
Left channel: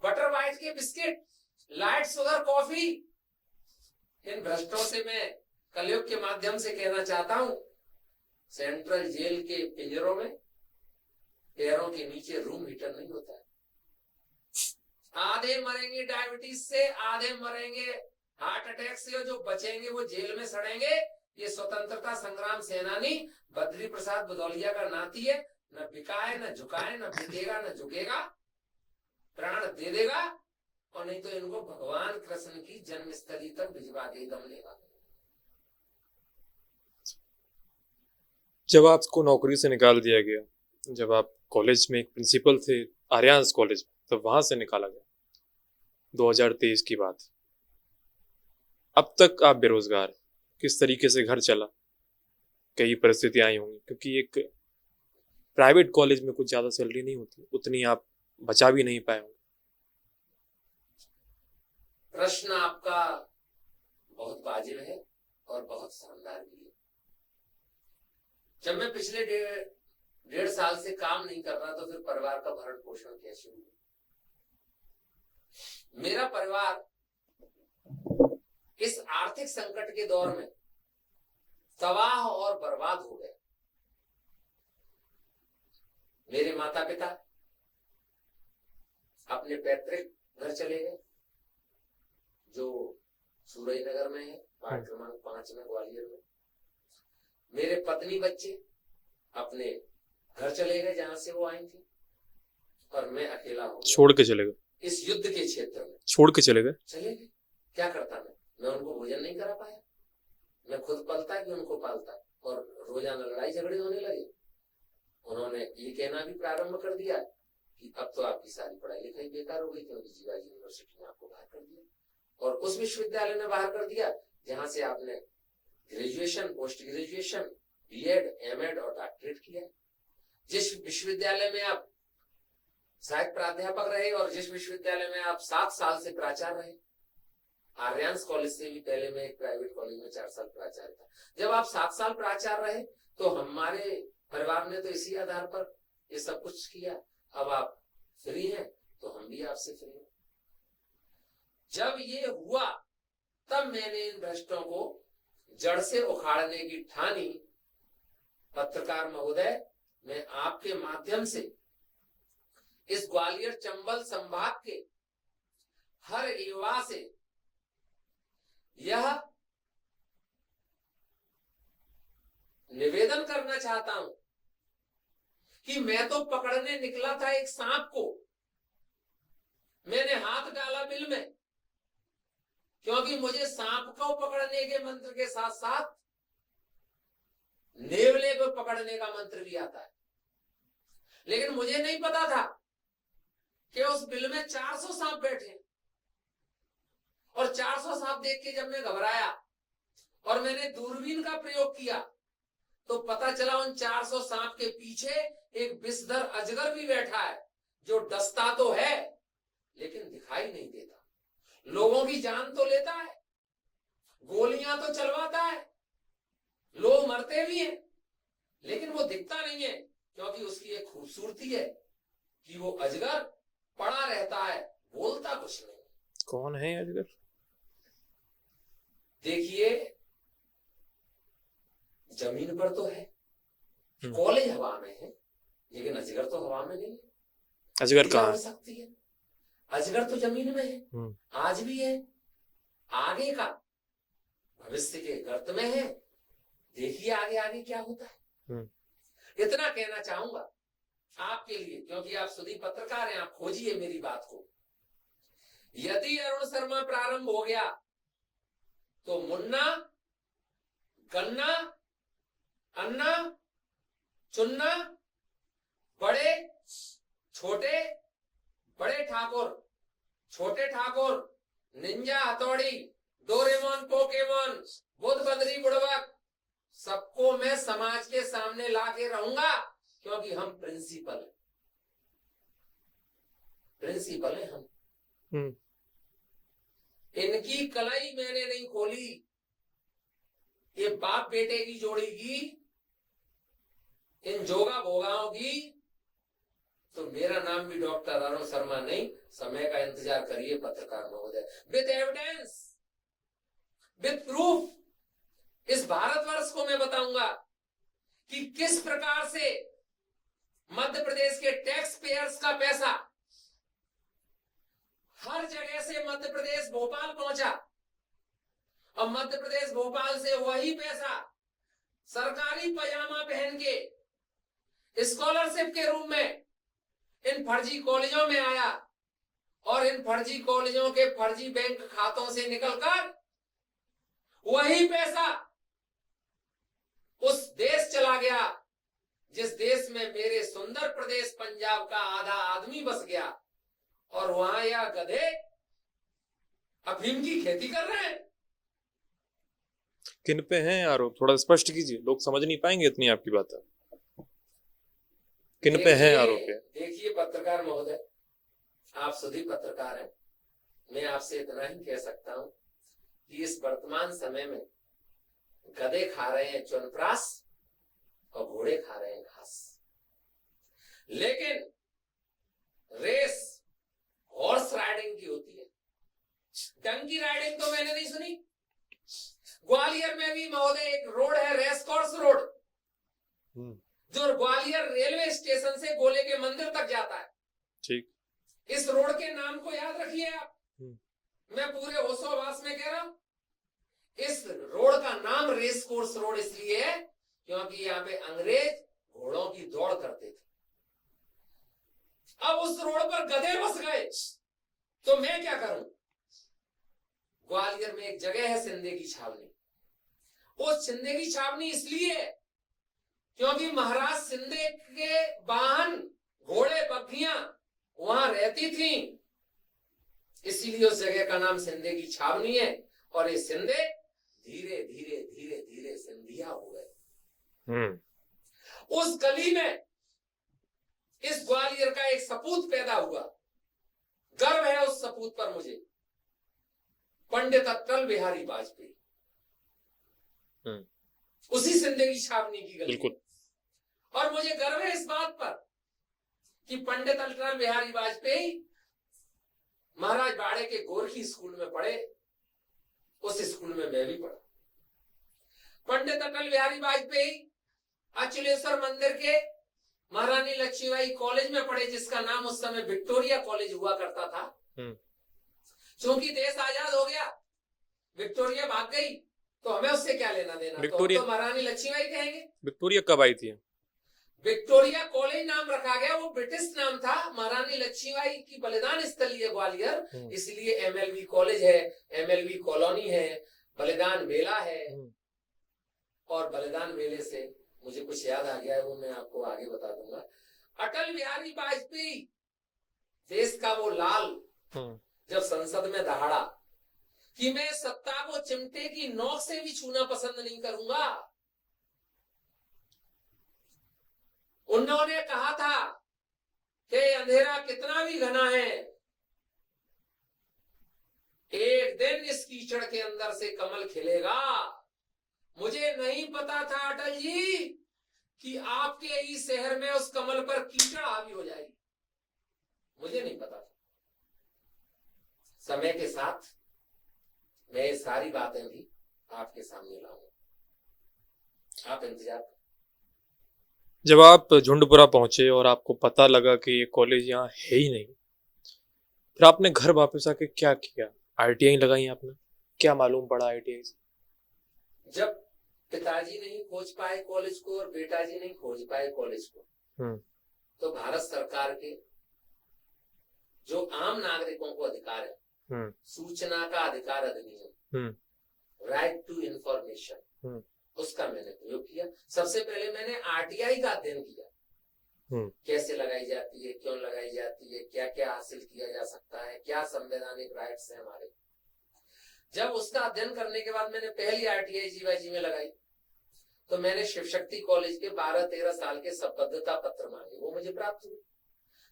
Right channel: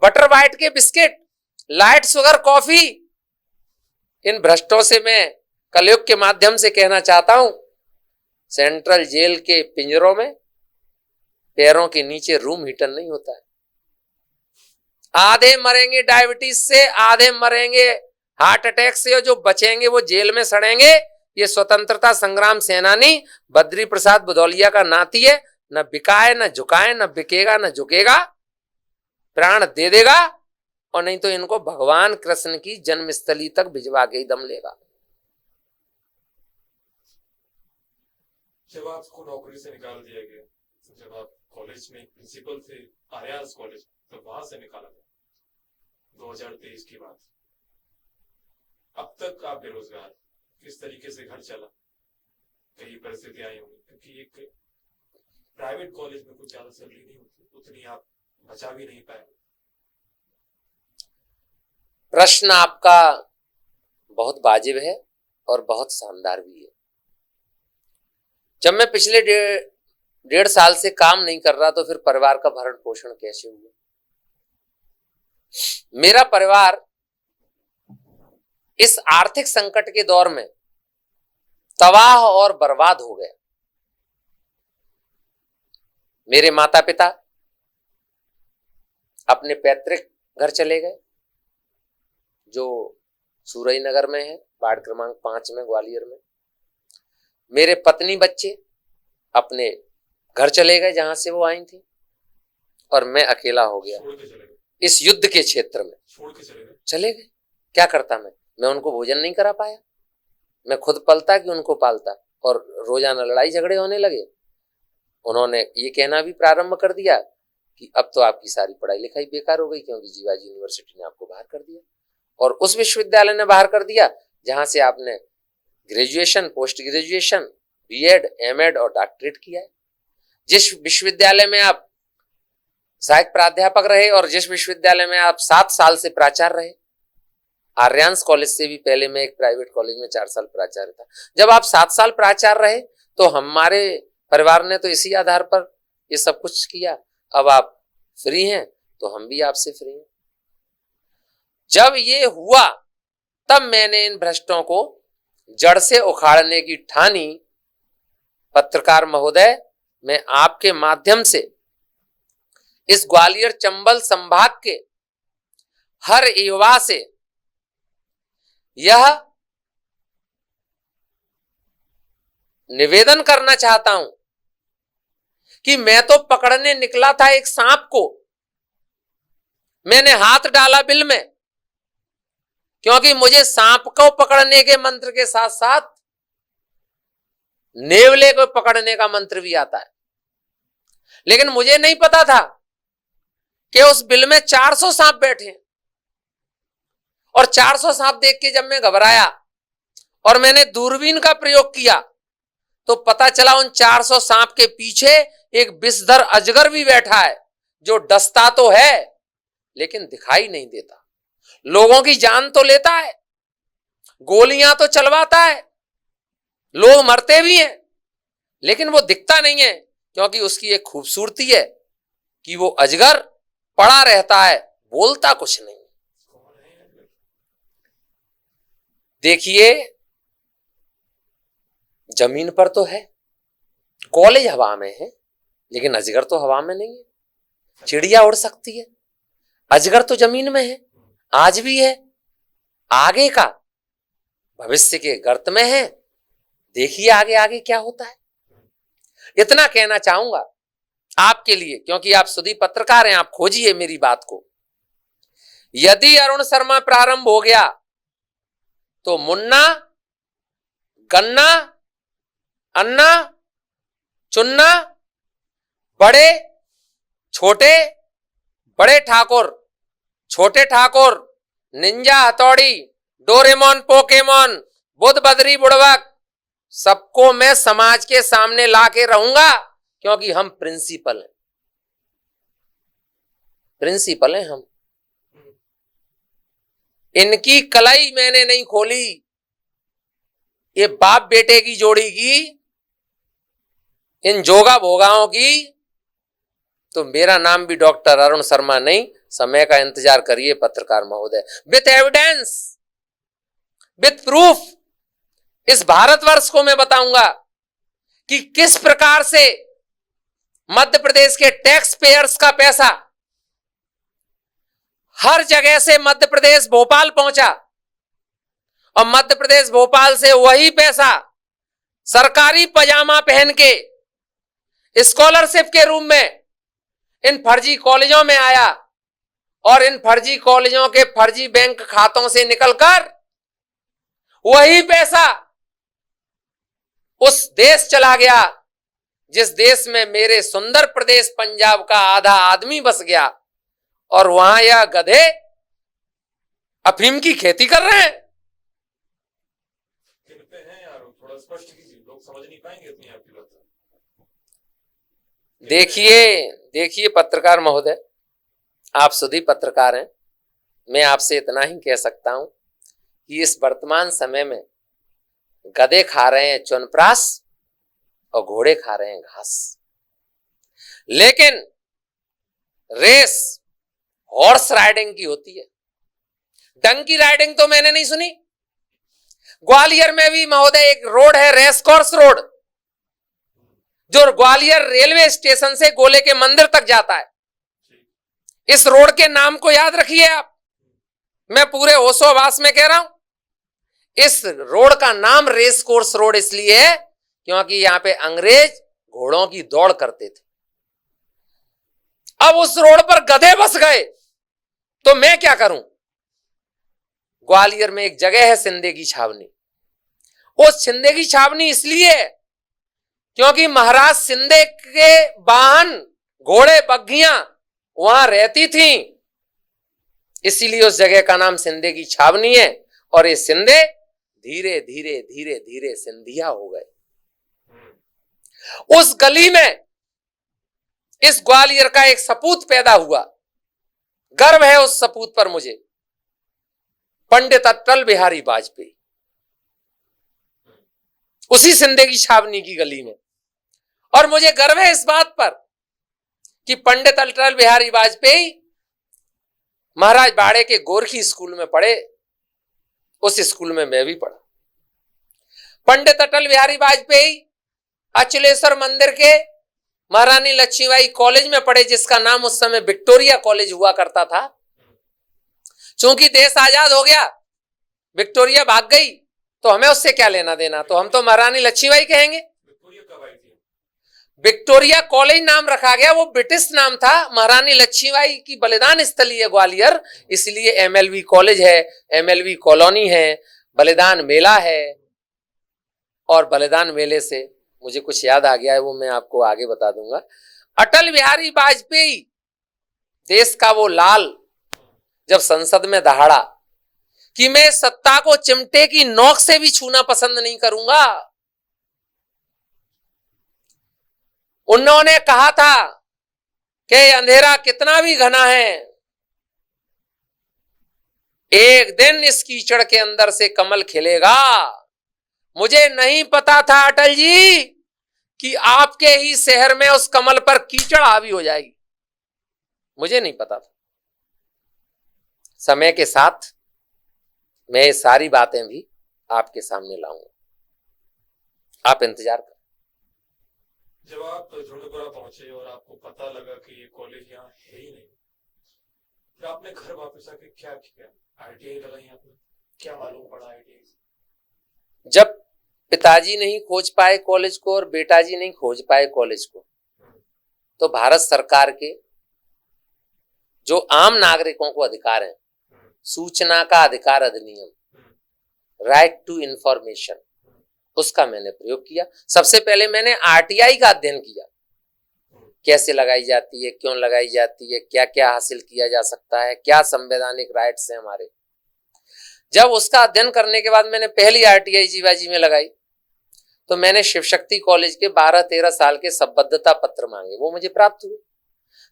बटर वाइट के बिस्किट, लाइट शुगर कॉफी, इन भ्रष्टों से मैं कलयुग के माध्यम से कहना चाहता हूं, सेंट्रल जेल के पिंजरों में पैरों के नीचे रूम हीटर नहीं होता है। आधे मरेंगे डायबिटीज से, आधे मरेंगे हार्ट अटैक से, और जो बचेंगे वो जेल में सड़ेंगे। ये स्वतंत्रता संग्राम सेनानी बद्री प्रसाद भदौलिया का नाती है, न बिकाए न झुकाए, न बिकेगा न झुकेगा, प्राण दे देगा, और नहीं तो इनको भगवान कृष्ण की जन्मस्थली तक भिजवा के ही दम लेगा। जब आपको नौकरी से निकाल दिया गया, जब आप कॉलेज में एक प्रिंसिपल थे आर्यांस कॉलेज, तब वहां से निकाला गया, 2023 की बात। अब तक आप बेरोजगार, किस तरीके से घर चला? कई परिस्थितियां आई होंगी, क्योंकि एक प्राइवेट कॉलेज में कुछ ज्यादा सैलरी नहीं होती, उतनी आप बचा भी नहीं पाए। प्रश्न आपका बहुत वाजिब है और बहुत शानदार भी है। जब मैं पिछले 1.5 साल से काम नहीं कर रहा, तो फिर परिवार का भरण पोषण कैसे हुआ? मेरा परिवार इस आर्थिक संकट के दौर में तबाह और बर्बाद हो गया। मेरे माता पिता अपने पैतृक घर चले गए, जो सूरई नगर में है, वार्ड क्रमांक 5 में, ग्वालियर में। मेरे पत्नी बच्चे अपने घर चले गए जहां से वो आई थी, और मैं अकेला हो गया। छोड़ के चले गए? इस युद्ध के क्षेत्र में छोड़ के चले गए? चले गए। क्या करता मैं उनको भोजन नहीं करा पाया, मैं खुद पलता कि उनको पालता, और रोजाना लड़ाई झगड़े होने लगे। उन्होंने ये कहना भी प्रारंभ कर दिया कि अब तो आपकी सारी पढ़ाई लिखाई बेकार हो गई, क्योंकि जीवाजी यूनिवर्सिटी ने आपको बाहर कर दिया, और उस विश्वविद्यालय ने बाहर कर दिया जहां से आपने graduation, post graduation, BEd, MEd और डॉक्टरेट किया है। जिस विश्वविद्यालय में आप सहायक प्राध्यापक रहे, और जिस विश्वविद्यालय में आप 7 साल से प्राचार्य रहे, आर्यांस कॉलेज से भी पहले मैं एक प्राइवेट कॉलेज में 4 साल प्राचार्य था। जब आप 7 साल प्राचार्य रहे, तो हमारे परिवार ने तो इसी आधार पर ये सब कुछ किया। अब आप फ्री हैं तो हम भी आपसे फ्री हैं। जब ये हुआ, तब मैंने इन भ्रष्टों को जड़ से उखाड़ने की ठानी। पत्रकार महोदय, मैं आपके माध्यम से इस ग्वालियर चंबल संभाग के हर युवा से यह निवेदन करना चाहता हूं कि मैं तो पकड़ने निकला था एक सांप को, मैंने हाथ डाला बिल में, क्योंकि मुझे सांप को पकड़ने के मंत्र के साथ साथ नेवले को पकड़ने का मंत्र भी आता है। लेकिन मुझे नहीं पता था कि उस बिल में 400 सांप बैठे हैं, और 400 सांप देख के जब मैं घबराया और मैंने दूरबीन का प्रयोग किया, तो पता चला उन 400 सांप के पीछे एक विषधर अजगर भी बैठा है, जो डसता तो है लेकिन दिखाई नहीं देता। लोगों की जान तो लेता है, गोलियां तो चलवाता है, लोग मरते भी हैं, लेकिन वो दिखता नहीं है, क्योंकि उसकी एक खूबसूरती है कि वो अजगर पड़ा रहता है, बोलता कुछ नहीं। कौन है अजगर? देखिए, जमीन पर तो है, कॉलेज हवा में है, लेकिन अजगर तो हवा में नहीं है। चिड़िया उड़ सकती है, अजगर तो जमीन में है, आज भी है, आगे का भविष्य के गर्त में है। देखिए आगे आगे क्या होता है। इतना कहना चाहूंगा आपके लिए, क्योंकि आप सुधी पत्रकार हैं, आप खोजिए मेरी बात को। यदि अरुण शर्मा प्रारंभ हो गया तो मुन्ना, गन्ना, अन्ना, चुन्ना, बड़े छोटे, बड़े ठाकुर, छोटे ठाकुर, निंजा हथौड़ी, डोरेमोन, पोकेमोन, बुध बदरी बुड़वक, सबको मैं समाज के सामने ला के रहूंगा, क्योंकि हम प्रिंसिपल हैं, प्रिंसिपल हैं हम। इनकी कलाई मैंने नहीं खोली, ये बाप बेटे की जोड़ी की, इन जोगा भोगाओं की, तो मेरा नाम भी डॉक्टर अरुण शर्मा नहीं। समय का इंतजार करिए पत्रकार महोदय, विथ एविडेंस, विथ प्रूफ इस भारतवर्ष को मैं बताऊंगा कि किस प्रकार से मध्य प्रदेश के टैक्स पेयर्स का पैसा हर जगह से मध्य प्रदेश भोपाल पहुंचा, और मध्य प्रदेश भोपाल से वही पैसा सरकारी पजामा पहन के स्कॉलरशिप के रूप में इन फर्जी कॉलेजों में आया, और इन फर्जी कॉलेजों के फर्जी बैंक खातों से निकलकर वही पैसा उस देश चला गया जिस देश में मेरे सुंदर प्रदेश पंजाब का आधा आदमी बस गया, और वहां यह गधे अफीम की खेती कर रहे हैं। किन पे हैं आरोप, थोड़ा स्पष्ट कीजिए, लोग समझ नहीं पाएंगे इतनी आपकी बात है। देखिए पत्रकार महोदय, आप सुधी पत्रकार हैं, मैं आपसे इतना ही कह सकता हूं कि इस वर्तमान समय में गधे खा रहे हैं च्यवनप्राश और घोड़े खा रहे हैं घास, लेकिन रेस हॉर्स राइडिंग की होती है, डंकी राइडिंग तो मैंने नहीं सुनी। ग्वालियर में भी महोदय एक रोड है, रेस कोर्स रोड, जो ग्वालियर रेलवे स्टेशन से गोले के मंदिर तक जाता है। ठीक, इस रोड के नाम को याद रखिए आप, मैं पूरे होशोहवास में कह रहा हूं। इस रोड का नाम रेस कोर्स रोड इसलिए है क्योंकि यहां पे अंग्रेज घोड़ों की दौड़ करते थे। अब उस रोड पर गधे बस गए तो मैं क्या करूं। ग्वालियर में एक जगह है सिंधे की छावनी, उस सिंधे की छावनी इसलिए है क्योंकि महाराज सिंधे के वाहन घोड़े बग्घियां वहां रहती थी, इसीलिए उस जगह का नाम सिंधे की छावनी है। और ये सिंधे धीरे धीरे धीरे धीरे सिंधिया हो गए। उस गली में इस ग्वालियर का एक सपूत पैदा हुआ, गर्व है उस सपूत पर मुझे, पंडित अटल बिहारी वाजपेयी, उसी सिंधे की छावनी की गली में। और मुझे गर्व है इस बात पर कि पंडित अटल बिहारी वाजपेयी महाराज बाड़े के गोरखी स्कूल में पढ़े, उस स्कूल में मैं भी पढ़ा। पंडित अटल बिहारी वाजपेयी अचलेश्वर मंदिर के महारानी लक्ष्मीबाई कॉलेज में पढ़े, जिसका नाम उस समय विक्टोरिया कॉलेज हुआ करता था। चूंकि देश आजाद हो गया, विक्टोरिया भाग गई, तो हमें उससे क्या लेना देना, तो हम तो महारानी लक्ष्मीबाई कहेंगे। विक्टोरिया कब आई थी? विक्टोरिया कॉलेज नाम रखा गया, वो ब्रिटिश नाम था। महारानी लक्ष्मीबाई की बलिदान स्थली है ग्वालियर, इसलिए एमएलवी कॉलेज है, एमएलवी कॉलोनी है, बलिदान मेला है। और बलिदान मेले से मुझे कुछ याद आ गया है, वो मैं आपको आगे बता दूंगा। अटल बिहारी वाजपेयी देश का वो लाल जब संसद में दहाड़ा कि मैं सत्ता को चिमटे की नोक से भी छूना पसंद नहीं करूंगा, उन्होंने कहा था कि अंधेरा कितना भी घना है, एक दिन इस कीचड़ के अंदर से कमल खिलेगा। मुझे नहीं पता था अटल जी कि आपके ही शहर में उस कमल पर कीचड़ हावी हो जाएगी, मुझे नहीं पता था। समय के साथ मैं ये सारी बातें भी आपके सामने लाऊंगा, आप इंतजार करें। जब आप झुंडपुरा पहुंचे और आपको पता लगा कि ये कॉलेज यहाँ है ही नहीं, फिर आपने घर वापस आके क्या किया? आईटीआई लगाई आपने? क्या मालूम पड़ा आईटीआई से? जब पिताजी नहीं खोज पाए कॉलेज को और बेटाजी नहीं खोज पाए कॉलेज को, तो भारत सरकार के जो आम नागरिकों को अधिकार है, सूचना का अधिकार अधिनियम, राइट टू इंफॉर्मेशन, उसका मैंने प्रयोग किया। सबसे पहले मैंने आरटीआई का अध्ययन किया, कैसे लगाई जाती है, क्यों लगाई जाती है, क्या क्या हासिल किया जा सकता है, क्या संवैधानिक राइट्स हैं हमारे। जब उसका अध्ययन करने के बाद मैंने पहली आरटीआई जीवाजी में लगाई, तो मैंने शिव शक्ति कॉलेज के 12-13 साल के संबद्धता पत्र मांगे, वो मुझे प्राप्त हुए।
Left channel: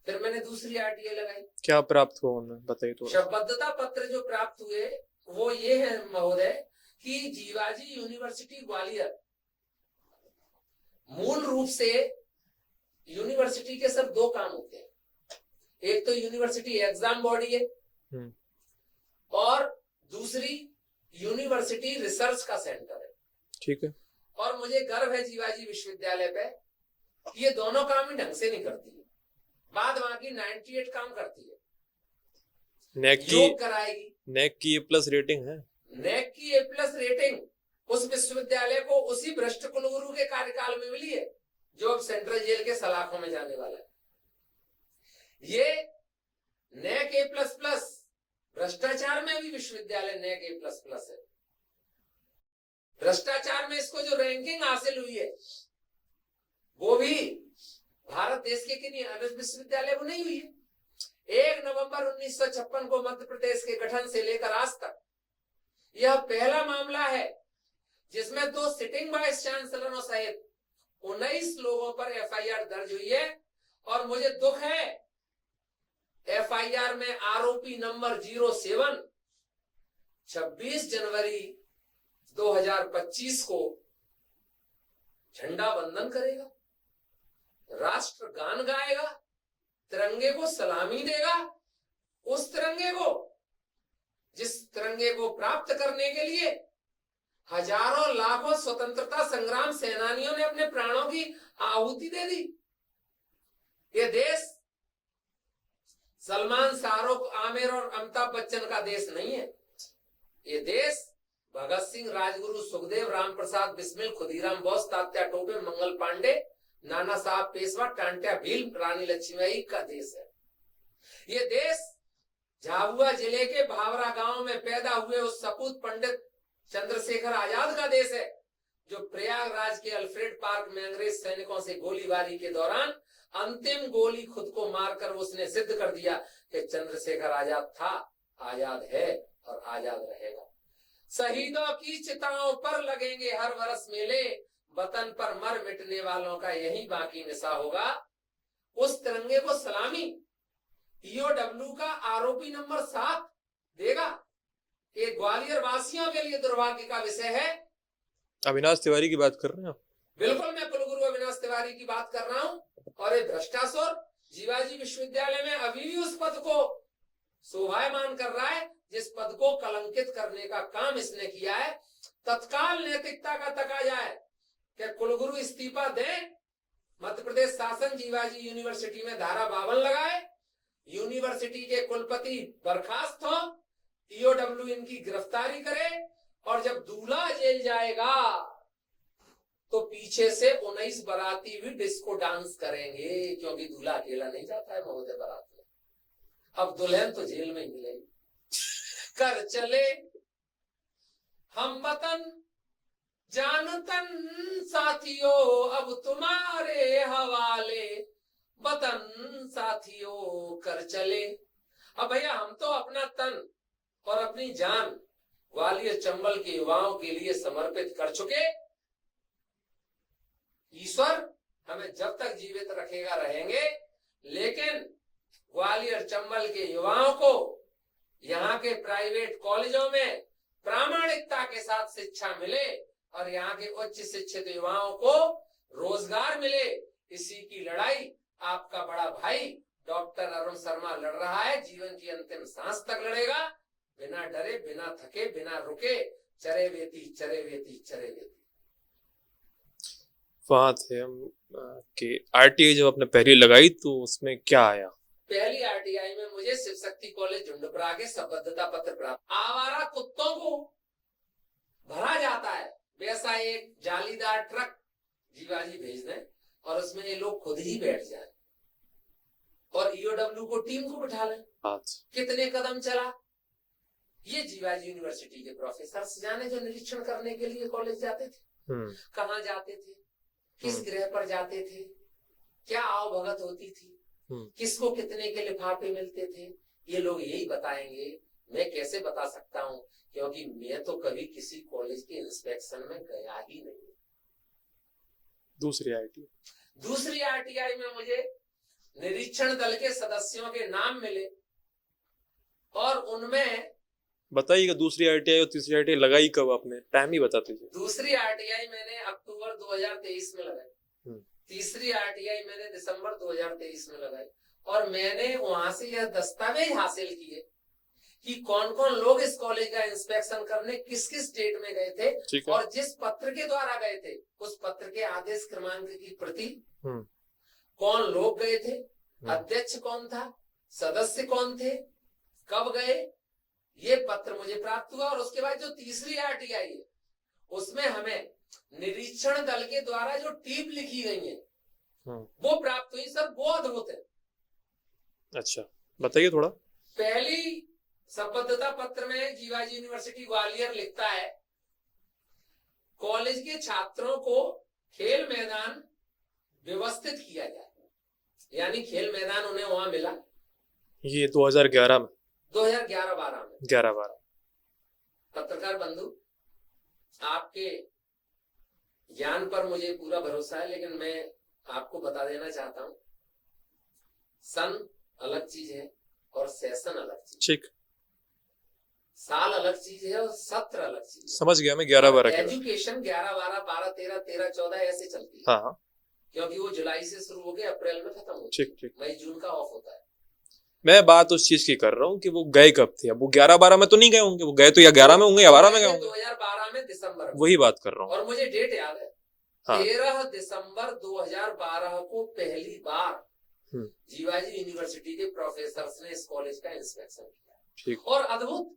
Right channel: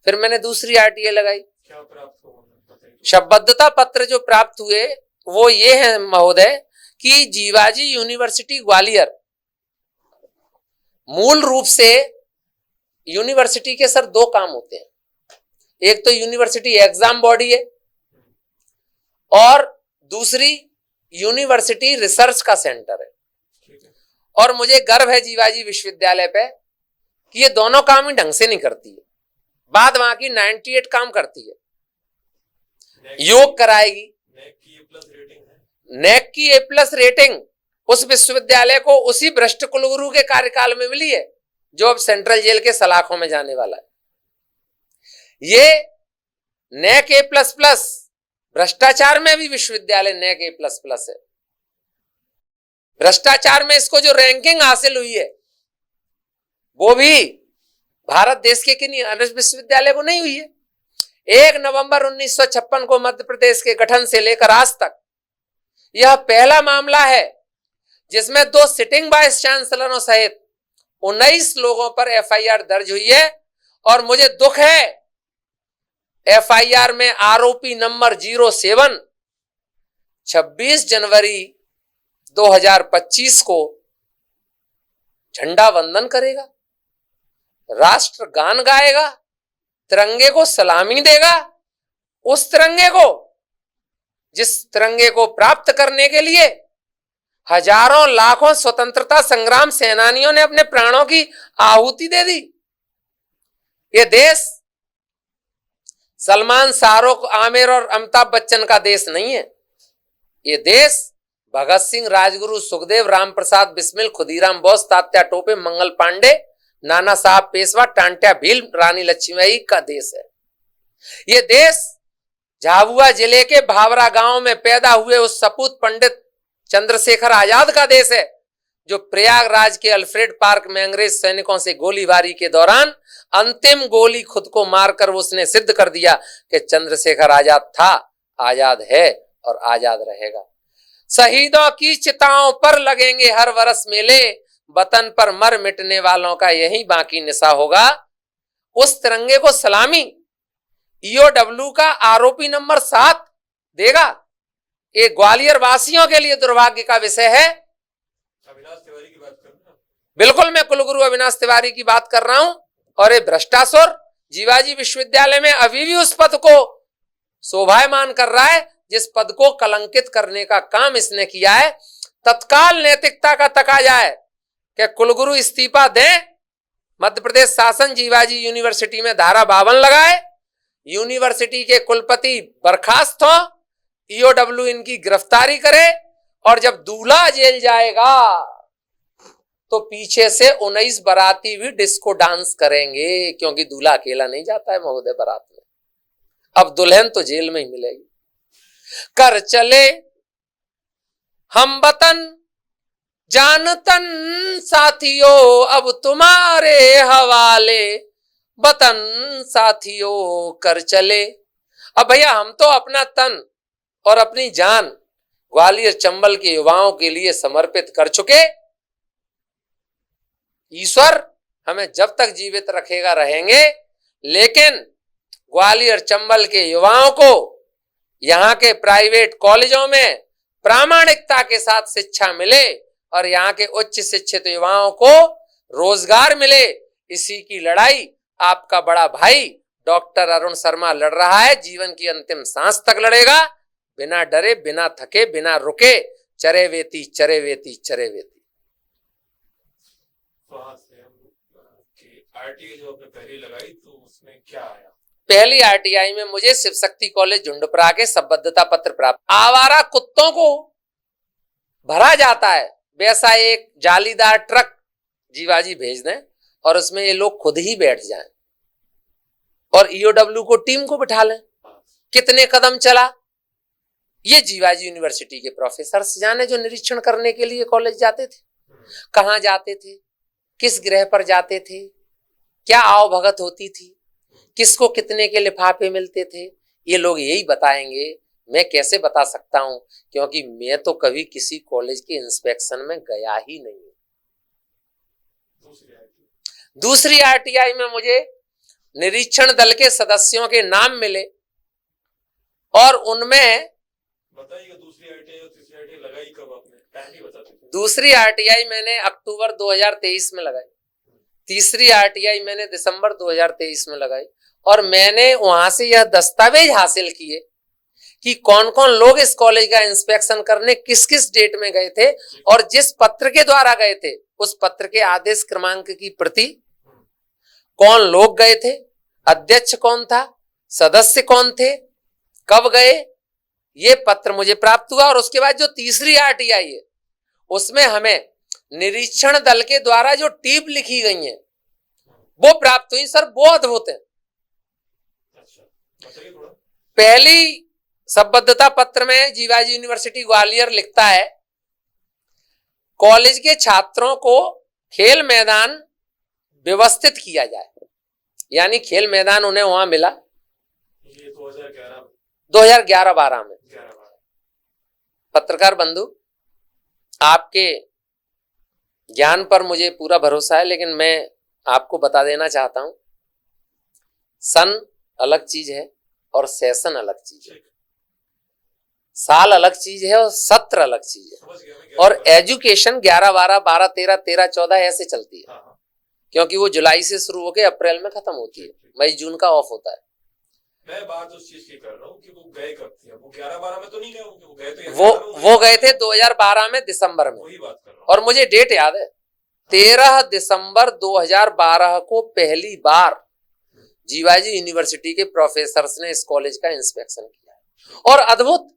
फिर मैंने दूसरी आरटीआई लगाई। क्या प्राप्त हुआ उन्हें बताइए तो। संबद्धता पत्र जो प्राप्त हुए वो ये है महोदय कि जीवाजी यूनिवर्सिटी ग्वालियर, मूल रूप से यूनिवर्सिटी के सर दो काम होते हैं, एक तो यूनिवर्सिटी एग्जाम बॉडी है और दूसरी यूनिवर्सिटी रिसर्च का सेंटर है। ठीक है। और मुझे गर्व है जीवाजी विश्वविद्यालय पे कि ये दोनों काम ही ढंग से नहीं करती है। बात वहां की 98 काम करती है, योग कराएगी, नेक की A+ रेटिंग है, नेक की A+ रेटिंग उस विश्वविद्यालय को उसी भ्रष्ट कुलगुरु के कार्यकाल में मिली है जो अब सेंट्रल जेल के सलाखों में जाने वाला है। ये नेक A++, भ्रष्टाचार में भी विश्वविद्यालय नेक A++ है। भ्रष्टाचार में इसको जो रैंकिंग हासिल हुई है वो भी भारत देश के किन्हीं अन्य विश्वविद्यालय को नहीं हुई है। 1 नवंबर 1956 को मध्य प्रदेश के गठन से लेकर आज तक यह पहला मामला है जिसमें 2 सिटिंग वाइस चांसलरों सहित 19 लोगों पर एफआईआर दर्ज हुई है। और मुझे दुख है, एफआईआर में आरोपी नंबर 07 26 जनवरी 2025 को झंडा वंदन करेगा, राष्ट्र गान गाएगा, तिरंगे को सलामी देगा। उस तिरंगे को, जिस तिरंगे को प्राप्त करने के लिए हजारों लाखों स्वतंत्रता संग्राम सेनानियों ने अपने प्राणों की आहुति दे दी। ये देश सलमान, शाहरुख, आमिर और अमिताभ बच्चन का देश नहीं है। ये देश भगत सिंह, राजगुरु, सुखदेव, राम प्रसाद बिस्मिल, खुदीराम बोस, तात्या टोपे, मंगल पांडे, नाना साहब पेशवा, टांट्या भील, रानी लक्ष्मीबाई का देश है। ये देश झाबुआ जिले के भावरा गांव में पैदा हुए उस सपूत पंडित चंद्रशेखर आजाद का देश है जो प्रयागराज के अल्फ्रेड पार्क में अंग्रेज सैनिकों से गोलीबारी के दौरान अंतिम गोली खुद को मारकर उसने सिद्ध कर दिया कि चंद्रशेखर आजाद था, आजाद है और आजाद रहेगा। शहीदों की चिताओं पर लगेंगे हर वर्ष मेले, वतन पर मर मिटने वालों का यही बाकी निशा होगा। उस तिरंगे को सलामी ईओडब्ल्यू का आरोपी नंबर 7 देगा। ये ग्वालियर वासियों के लिए दुर्भाग्य का विषय है। अविनाश तिवारी की बात कर रहे हैं आप? बिल्कुल, मैं कुलगुरु अविनाश तिवारी की बात कर रहा हूं। और ये भ्रष्टासुर जीवाजी विश्वविद्यालय में अभी भी उस पद को शोभायमान कर रहा है जिस पद को कलंकित करने का काम इसने किया है। तत्काल नैतिकता का तकाजा है कि कुलगुरु इस्तीफा दें, मध्य प्रदेश शासन जीवाजी यूनिवर्सिटी में धारा 52 लगाए, यूनिवर्सिटी के कुलपति बर्खास्त हो, ईओडब्ल्यू इनकी गिरफ्तारी करे और जब दूल्हा जेल जाएगा तो पीछे से 19 बाराती भी डिस्को डांस करेंगे, क्योंकि दूल्हा अकेला नहीं जाता है महोदय बारात में। अब दुल्हन तो जेल में ही मिलेगी। कर चले हम वतन जान तन साथियों, अब तुम्हारे हवाले वतन साथियों कर चले। अब भैया हम तो अपना तन और अपनी जान ग्वालियर चंबल के युवाओं के लिए समर्पित कर चुके। ईश्वर हमें जब तक जीवित रखेगा रहेंगे, लेकिन ग्वालियर चंबल के युवाओं को यहाँ के प्राइवेट कॉलेजों में प्रामाणिकता के साथ शिक्षा मिले और यहाँ के उच्च शिक्षित युवाओं को रोजगार मिले, इसी की लड़ाई आपका बड़ा भाई डॉक्टर अरुण शर्मा लड़ रहा है। जीवन की अंतिम सांस तक लड़ेगा, बिना डरे, बिना थके, बिना रुके। चरे वेती, चरे वेती, चरे वेती। वहां थे हम कि आरटीआई जब आपने पहली लगाई तो उसमें क्या आया? पहली आरटीआई में मुझे शिव शक्ति कॉलेज झुंडपुरा के संबद्धता पत्र प्राप्त। आवारा कुत्तों को भरा जाता है वैसा एक जालीदार ट्रक जीवाजी भेज दें और उसमें ये लोग खुद ही बैठ जाएं और ईओडब्ल्यू को टीम को बिठा लें। कितने कदम चला ये जीवाजी यूनिवर्सिटी के प्रोफेसर जाने, जो निरीक्षण करने के लिए कॉलेज जाते थे। कहाँ जाते थे, किस ग्रह पर जाते थे, क्या आवभगत होती थी, किसको कितने के लिफाफे मिलते थे, ये लोग यही बताएंगे। मैं कैसे बता सकता हूं, क्योंकि मैं तो कभी किसी कॉलेज के इंस्पेक्शन में गया ही नहीं। दूसरी आरटीआई में मुझे निरीक्षण दल के सदस्यों के नाम मिले और उनमें बताइएगा दूसरी आरटीआई और तीसरी आरटीआई लगाई कब आपने? टाइम ही बताते थे। दूसरी आरटीआई मैंने अक्टूबर 2023 में लगाई, तीसरी आरटीआई मैंने दिसंबर 2023 में लगाई और मैंने वहां से यह दस्तावेज हासिल किए कि कौन कौन लोग इस कॉलेज का इंस्पेक्शन करने किस किस डेट में गए थे और जिस पत्र के द्वारा गए थे उस पत्र के आदेश क्रमांक की प्रति, कौन लोग गए थे, अध्यक्ष कौन था, सदस्य कौन थे, कब गए, ये पत्र मुझे प्राप्त हुआ। और उसके बाद जो तीसरी आरटीआई है उसमें हमें निरीक्षण दल के द्वारा जो टीप लिखी गई है वो प्राप्त हुई। सर वो अद्भुत है। अच्छा बताइए थोड़ा। पहली संबद्धता पत्र में जीवाजी यूनिवर्सिटी ग्वालियर लिखता है, कॉलेज के छात्रों को खेल मैदान व्यवस्थित किया जाए, यानी खेल मैदान उन्हें वहां मिला। ये 2011 में, 2011-12 में। 11-12। पत्रकार बंधु, आपके ज्ञान पर मुझे पूरा भरोसा है, लेकिन मैं आपको बता देना चाहता हूं, सन अलग चीज है और सेशन अलग चीज। ठीक। साल अलग चीज है और सत्र अलग चीज है। समझ गया मैं। और एजुकेशन 11-12, 12-13, 13-14 ऐसे चलती है। हाँ। क्योंकि वो जुलाई से शुरू होकर अप्रैल में खत्म होती है, मई जून का ऑफ होता है। मैं बात उस चीज की कर रहा हूँ कि वो गए कब थे। अब वो 11-12 में तो नहीं गए होंगे, वो गए तो या 11 में होंगे, वो गए थे 2012 में दिसंबर में। वही बात कर रहा हूँ और मुझे डेट याद है। हाँ। 13 दिसंबर 2012 को पहली बार जीवाजी यूनिवर्सिटी के प्रोफेसर्स ने इस कॉलेज का इंस्पेक्शन किया और अद्भुत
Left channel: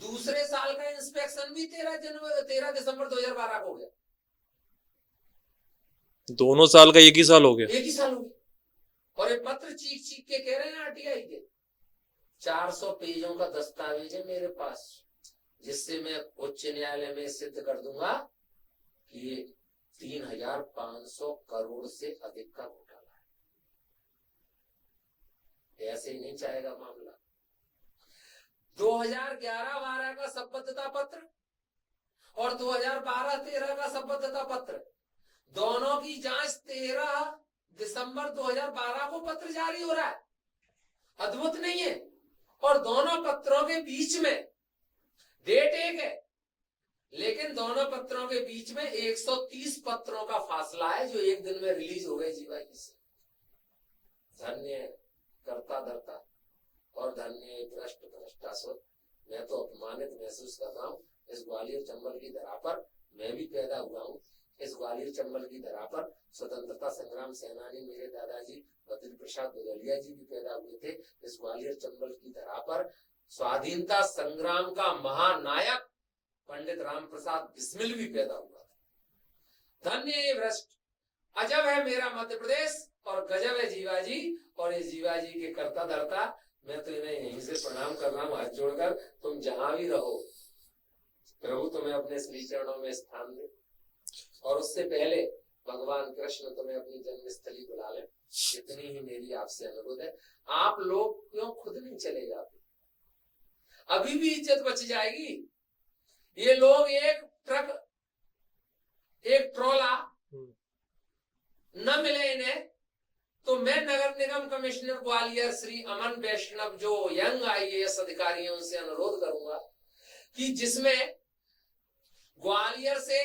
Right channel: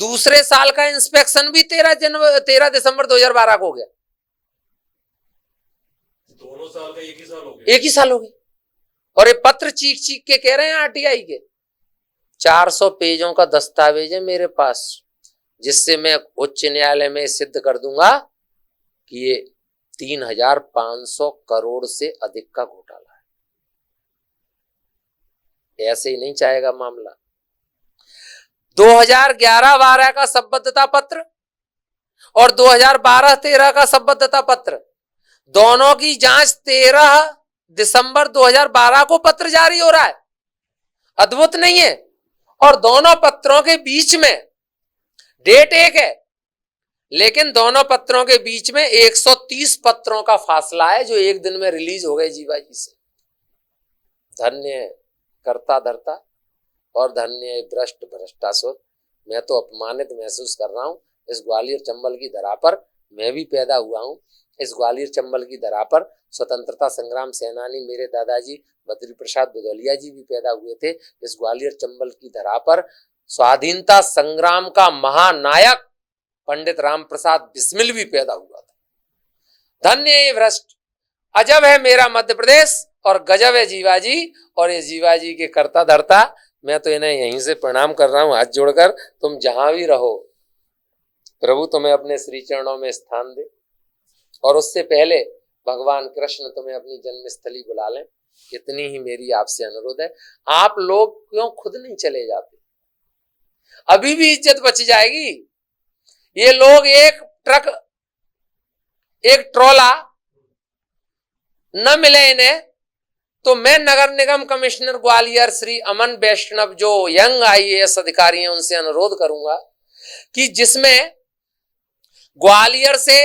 दूसरे साल का इंस्पेक्शन भी 13 दिसंबर 2012 को हो गया। दोनों साल का एक ही साल हो गया। एक ही साल हो गया। और ये पत्र चीख चीख के कह रहे हैं आरटीआई के। 400 पेजों का दस्तावेज है मेरे पास, जिससे मैं उच्च न्यायालय में सिद्ध कर दूंगा कि ये 3,500 करोड़ से अधिक का घोटाला है। ऐसे ही नहीं चाहेगा मामला। 2011-12 का संबद्धता पत्र और 2012-13 का संबद्धता पत्र, दोनों की जांच 13 दिसंबर 2012 को पत्र जारी हो रहा है। अद्भुत नहीं है? और दोनों पत्रों के बीच में डेट एक है, लेकिन दोनों पत्रों के बीच में 130 पत्रों का फासला है जो एक दिन में रिलीज हो गए जीवाजी से। धन्य कर्ता धर्ता और धन्य भ्रष्ट भ्रष्टासुर। मैं तो अपमानित महसूस कर रहा हूं। इस ग्वालियर चंबल की धरा पर मैं भी पैदा हुआ हूं। इस ग्वालियर चंबल की धरा पर स्वतंत्रता संग्राम सेनानी मेरे दादाजी बद्री प्रसाद भदौलिया जी भी पैदा हुए थे। इस ग्वालियर चंबल की धरा पर स्वाधीनता संग्राम का महानायक पंडित राम प्रसाद बिस्मिल भी पैदा हुआ था। धन्य ये भ्रष्ट। अजब है मेरा मध्य प्रदेश और गजब है जीवाजी और ये जीवाजी के कर्ता धर्ता। मैं तो इन्हें यहीं से प्रणाम कर रहा हूं हाथ जोड़कर। तुम जहां भी रहो, प्रभु तुम्हें अपने श्री चरणों में स्थान दे और उससे पहले भगवान कृष्ण तुम्हें अपनी जन्मस्थली बुला लें। इतनी ही मेरी आपसे अनुरोध है। आप लोग क्यों खुद नहीं चले जाते? अभी भी इज्जत बच जाएगी। ये लोग एक ट्रक, एक ट्रोला न मिले इन्हें तो मैं नगर निगम कमिश्नर ग्वालियर श्री अमन वैष्णव जो यंग आईएएस अधिकारी हैं उनसे अनुरोध करूंगा कि जिसमें ग्वालियर से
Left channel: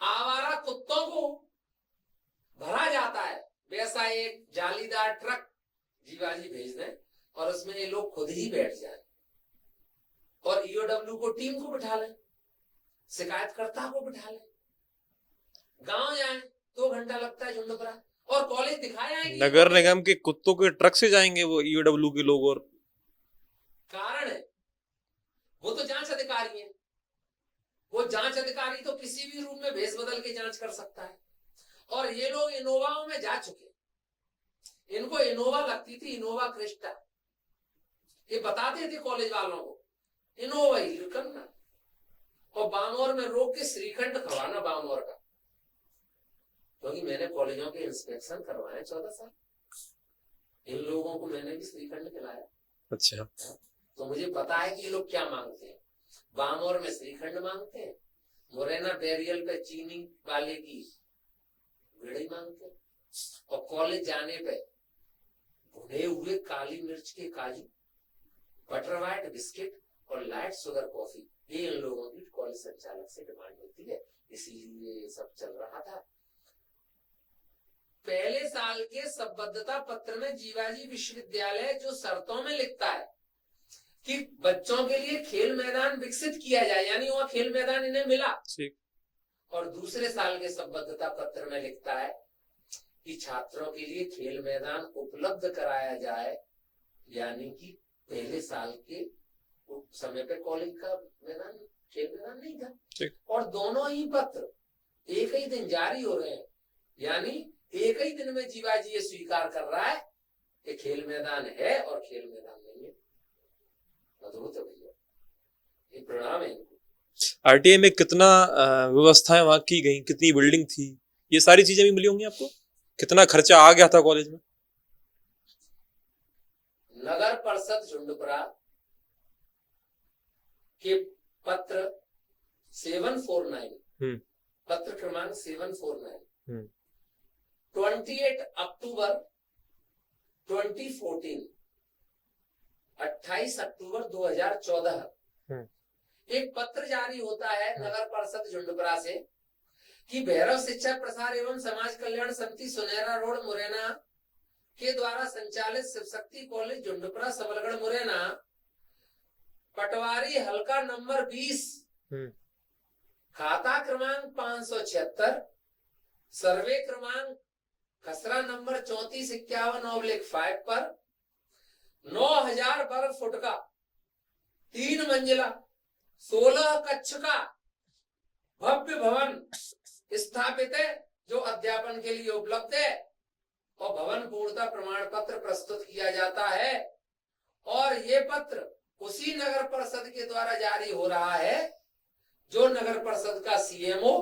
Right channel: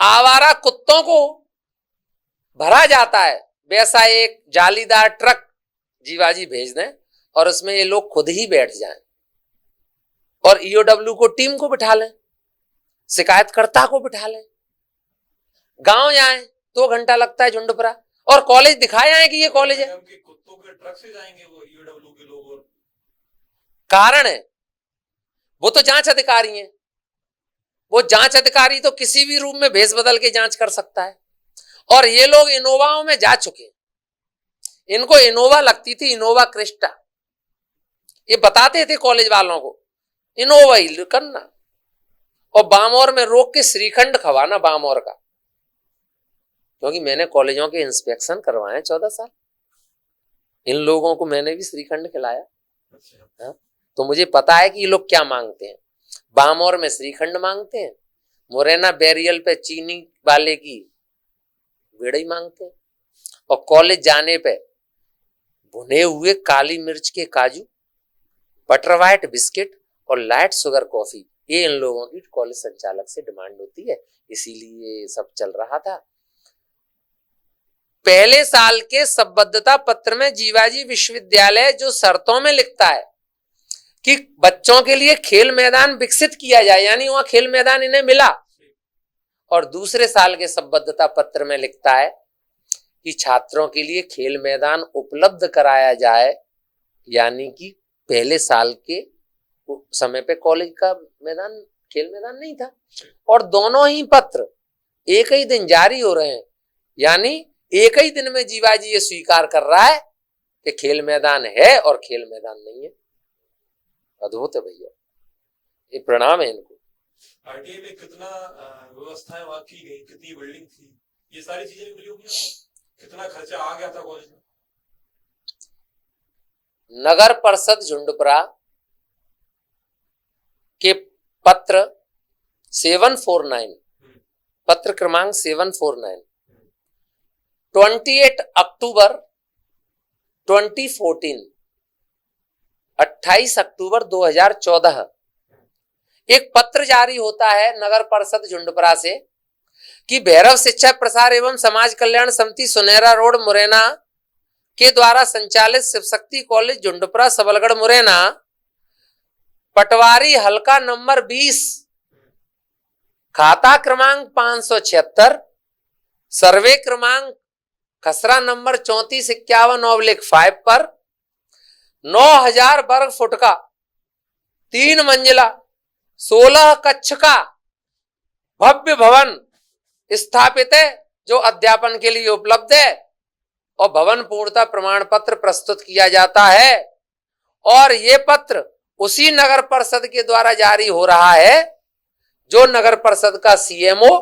आवारा कुत्तों को भरा जाता है वैसा एक जालीदार ट्रक जीवाजी भेज दें और उसमें ये लोग खुद ही बैठ जाएं और ईओडब्ल्यू को टीम को बिठा लें, शिकायतकर्ता को बिठा लें, गांव जाएं, 2 घंटा लगता है झुंडपुरा, और कॉलेज दिखाए आए कि ये नगर कॉलेज निगम के कुत्तों के ट्रक से जाएंगे वो ईओडब्ल्यू के लोग। और कारण है वो तो जांच अधिकारी हैं, वो जांच अधिकारी तो किसी भी रूप में भेस बदल के जांच कर सकता है। और ये लोग इनोवाओं में जा चुके, इनको इनोवा लगती थी, इनोवा क्रिस्टा, ये बताते थे कॉलेज वालों को इनोवा ही करना और बामौर में रोक के श्रीखंड खवाना बामौर का, क्योंकि मैंने कॉलेजों के इंस्पेक्शन करवाए 14 साल, इन लोगों को मैंने भी श्रीखंड खिलाया। अच्छा, तो मुझे पता है कि ये लोग क्या मांगते हैं। बामौर में श्रीखंड मांगते हैं, मुरैना बैरियल पे चीनी वाले की बेड़ई मांगते हैं, और कॉलेज जाने पे भुने हुए काली मिर्च के काजू, बटर व्हाइट बिस्किट और लाइट शुगर कॉफी, ये इन लोगों की कॉलेज संचालक से डिमांड होती है, इसीलिए ये सब चल रहा था। पहले साल के संबद्धता पत्र में जीवाजी विश्वविद्यालय जो शर्तों में लिखता है कि बच्चों के लिए खेल मैदान विकसित किया जाए, यानी वहां खेल मैदान इन्हें मिला, और दूसरे साल के संबद्धता पत्र में लिखता है कि छात्रों के लिए खेल मैदान उपलब्ध कराया जाए, यानी कि पहले साल के समय पे कॉलेज का मैदान, खेल मैदान नहीं था। और दोनों ही पत्र एक ही दिन जारी हो रहे हैं, यानी एक ही दिन में जीवाजी ये स्वीकार कर रहा है कि खेल मैदान है और खेल मैदान नहीं है। अद्भुत है भैया, ये प्रणाम है इनको। आरटीआई में कितना व्यवस्थाएं वहां की गई, कितनी बिल्डिंग थी, ये सारी चीजें भी मिली होंगी आपको? कितना खर्चा आ गया था कॉलेज में? नगर परिषद झुंडपुरा के पत्र 749, पत्र क्रमांक 749, 28 अक्टूबर 2014, 28 अक्टूबर 2014 एक पत्र जारी होता है नगर परिषद झुंडपुरा से कि भैरव शिक्षा प्रसार एवं समाज कल्याण समिति सुनेरा रोड मुरैना के द्वारा संचालित शिव शक्ति कॉलेज झुंडपुरा सबलगढ़ मुरैना पटवारी हल्का नंबर 20 खाता क्रमांक 576 सर्वे क्रमांक खसरा नंबर 3451/5 पर 9000 वर्ग फुट का 3 मंजिला 16 कक्ष का भव्य भवन स्थापित है, जो अध्यापन के लिए उपलब्ध है, और भवन पूर्णता प्रमाण पत्र प्रस्तुत किया जाता है। और ये पत्र उसी नगर परिषद के द्वारा जारी हो रहा है जो नगर परिषद का सीएमओ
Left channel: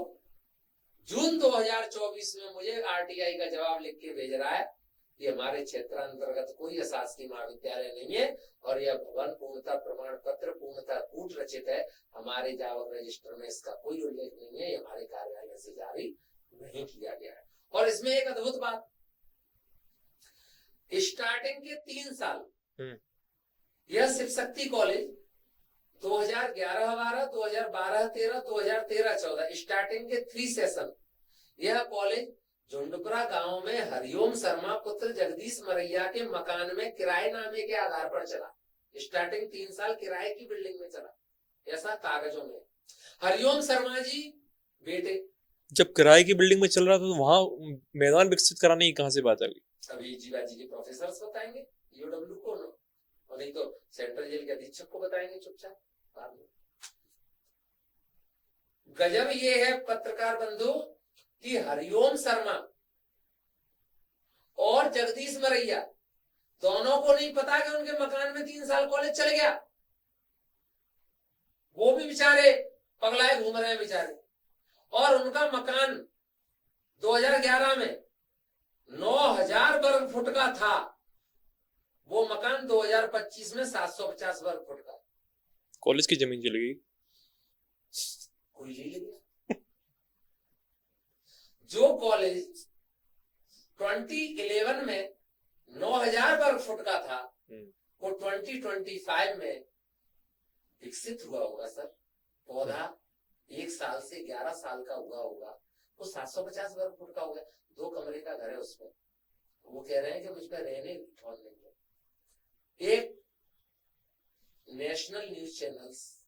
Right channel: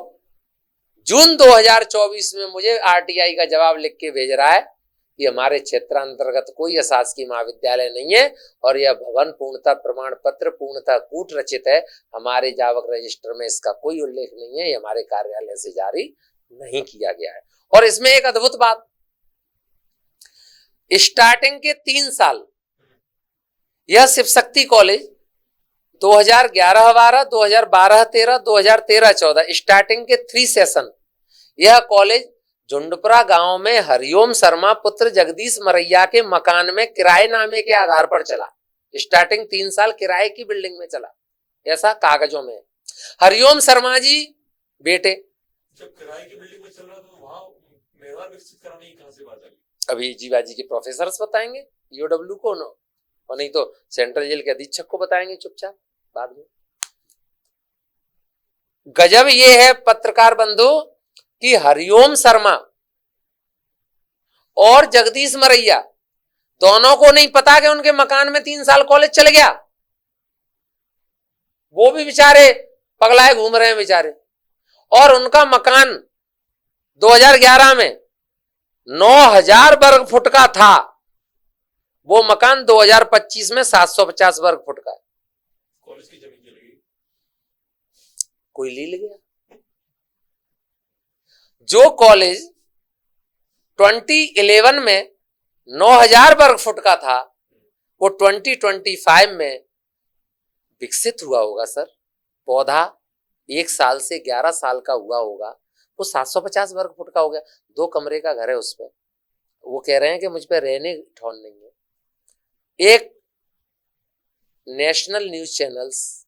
जून 2024 में मुझे आरटीआई का जवाब लिख के भेज रहा है कि हमारे क्षेत्र अंतर्गत कोई अशासकीय महाविद्यालय नहीं है और यह भवन पूर्णता प्रमाण पत्र पूर्णता कूट रचित है, हमारे जावक रजिस्टर में इसका कोई उल्लेख नहीं है, ये हमारे कार्यालय से जारी नहीं किया गया है। और इसमें एक अद्भुत बात, स्टार्टिंग के 3 साल यह शिव शक्ति कॉलेज 2011-12, 2012-13, 2013-14 स्टार्टिंग के 3 सेशन यह कॉलेज झुंडपुरा गांव में हरिओम शर्मा पुत्र जगदीश मरैया के मकान में किराए नामे के आधार पर चला। स्टार्टिंग 3 साल किराए की बिल्डिंग में चला, ऐसा कागजों में। हरिओम शर्मा जी बेटे जब किराए की बिल्डिंग में चल रहा था तो वहां मैदान विकसित कराने की कहां से बात आ गई? अभी जीवाजी के प्रोफेसर बताएंगे ईओडब्ल्यू को, और नहीं तो सेंट्रल जेल के अधीक्षक को बताएंगे चुपचाप बाद में। गजब ये है पत्रकार बंधु कि हरिओम शर्मा और जगदीश मरैया दोनों को नहीं पता कि उनके मकान में 3 साल कॉलेज चल गया। वो भी बेचारे पगलाए घूम रहे हैं बेचारे, और उनका मकान 2011 में 9000 वर्ग फुट का था, वो मकान 2025 में 750 वर्ग फुट का। कॉलेज की जमीन चली गई, कोई ले गया। जो कॉलेज 2011 में 9,000 वर्ग फुट का था, वो 2025 में विकसित हुआ होगा सर। पौधा 1 साल से 11 साल का हुआ होगा, वो 750 वर्ग फुट का हो गया। 2 कमरे का घर है उस पे। वो कह रहे हैं कि मुझ पे रहने ठौर नहीं है। एक नेशनल न्यूज चैनल्स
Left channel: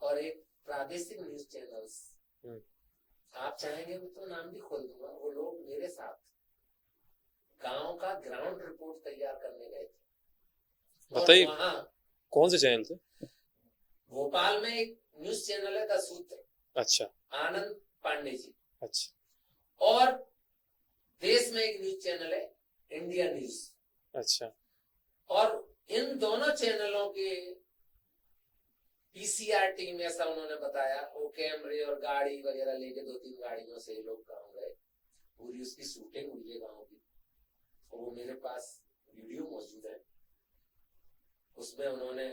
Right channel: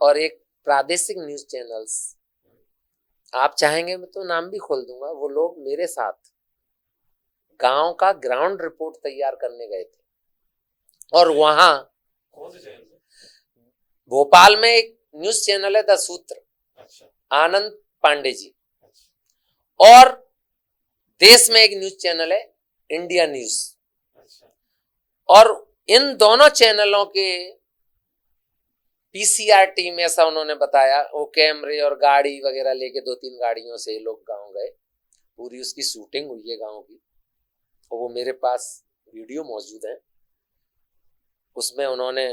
और एक प्रादेशिक न्यूज चैनल्स, आप चाहेंगे मैं तो नाम भी खोल दूंगा, वो लोग मेरे साथ गांव का ग्राउंड रिपोर्ट तैयार करने गए थे। और वहां कौन से चैनल थे? भोपाल में एक न्यूज चैनल है द सूत्र, अच्छा, आनंद पांडे जी। अच्छा, और देश में एक न्यूज चैनल है इंडिया न्यूज। अच्छा। और इन दोनों चैनलों के पीसीआर टीम, ऐसा उन्होंने बताया, वो कैमरे और गाड़ी वगैरह लेके 2-3 गाड़ियों से लोग गांव गए। पूरी उसकी शूटिंग हुई है गांव की, और वो मेरे पास वीडियो मौजूद है। उसमें उन्होंने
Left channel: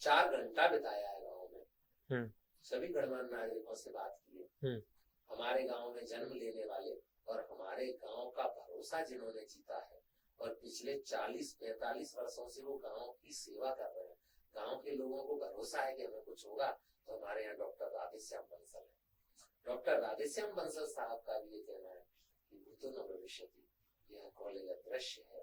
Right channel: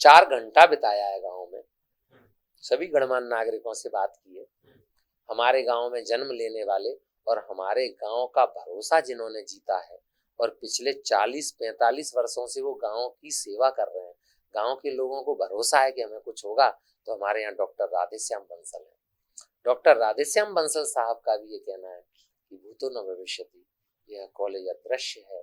4 घंटा बिताया है गांव में। सभी गणमान्य नागरिकों से बात की है, हमारे गांव में जन्म लेने वाले और हमारे गांव का भरोसा जिन्होंने जीता है, और पिछले 40-45 वर्षों से वो गांव की सेवा कर रहे हैं। गांव के लोगों को भरोसा है कि हमें कुछ होगा, तो हमारे यहाँ डॉक्टर राधेश्याम बंसल है। डॉक्टर राधेश्याम बंसल साहब का भी ये कहना है कि भूतो न भविष्यति, यह कॉलेज अदृश्य है,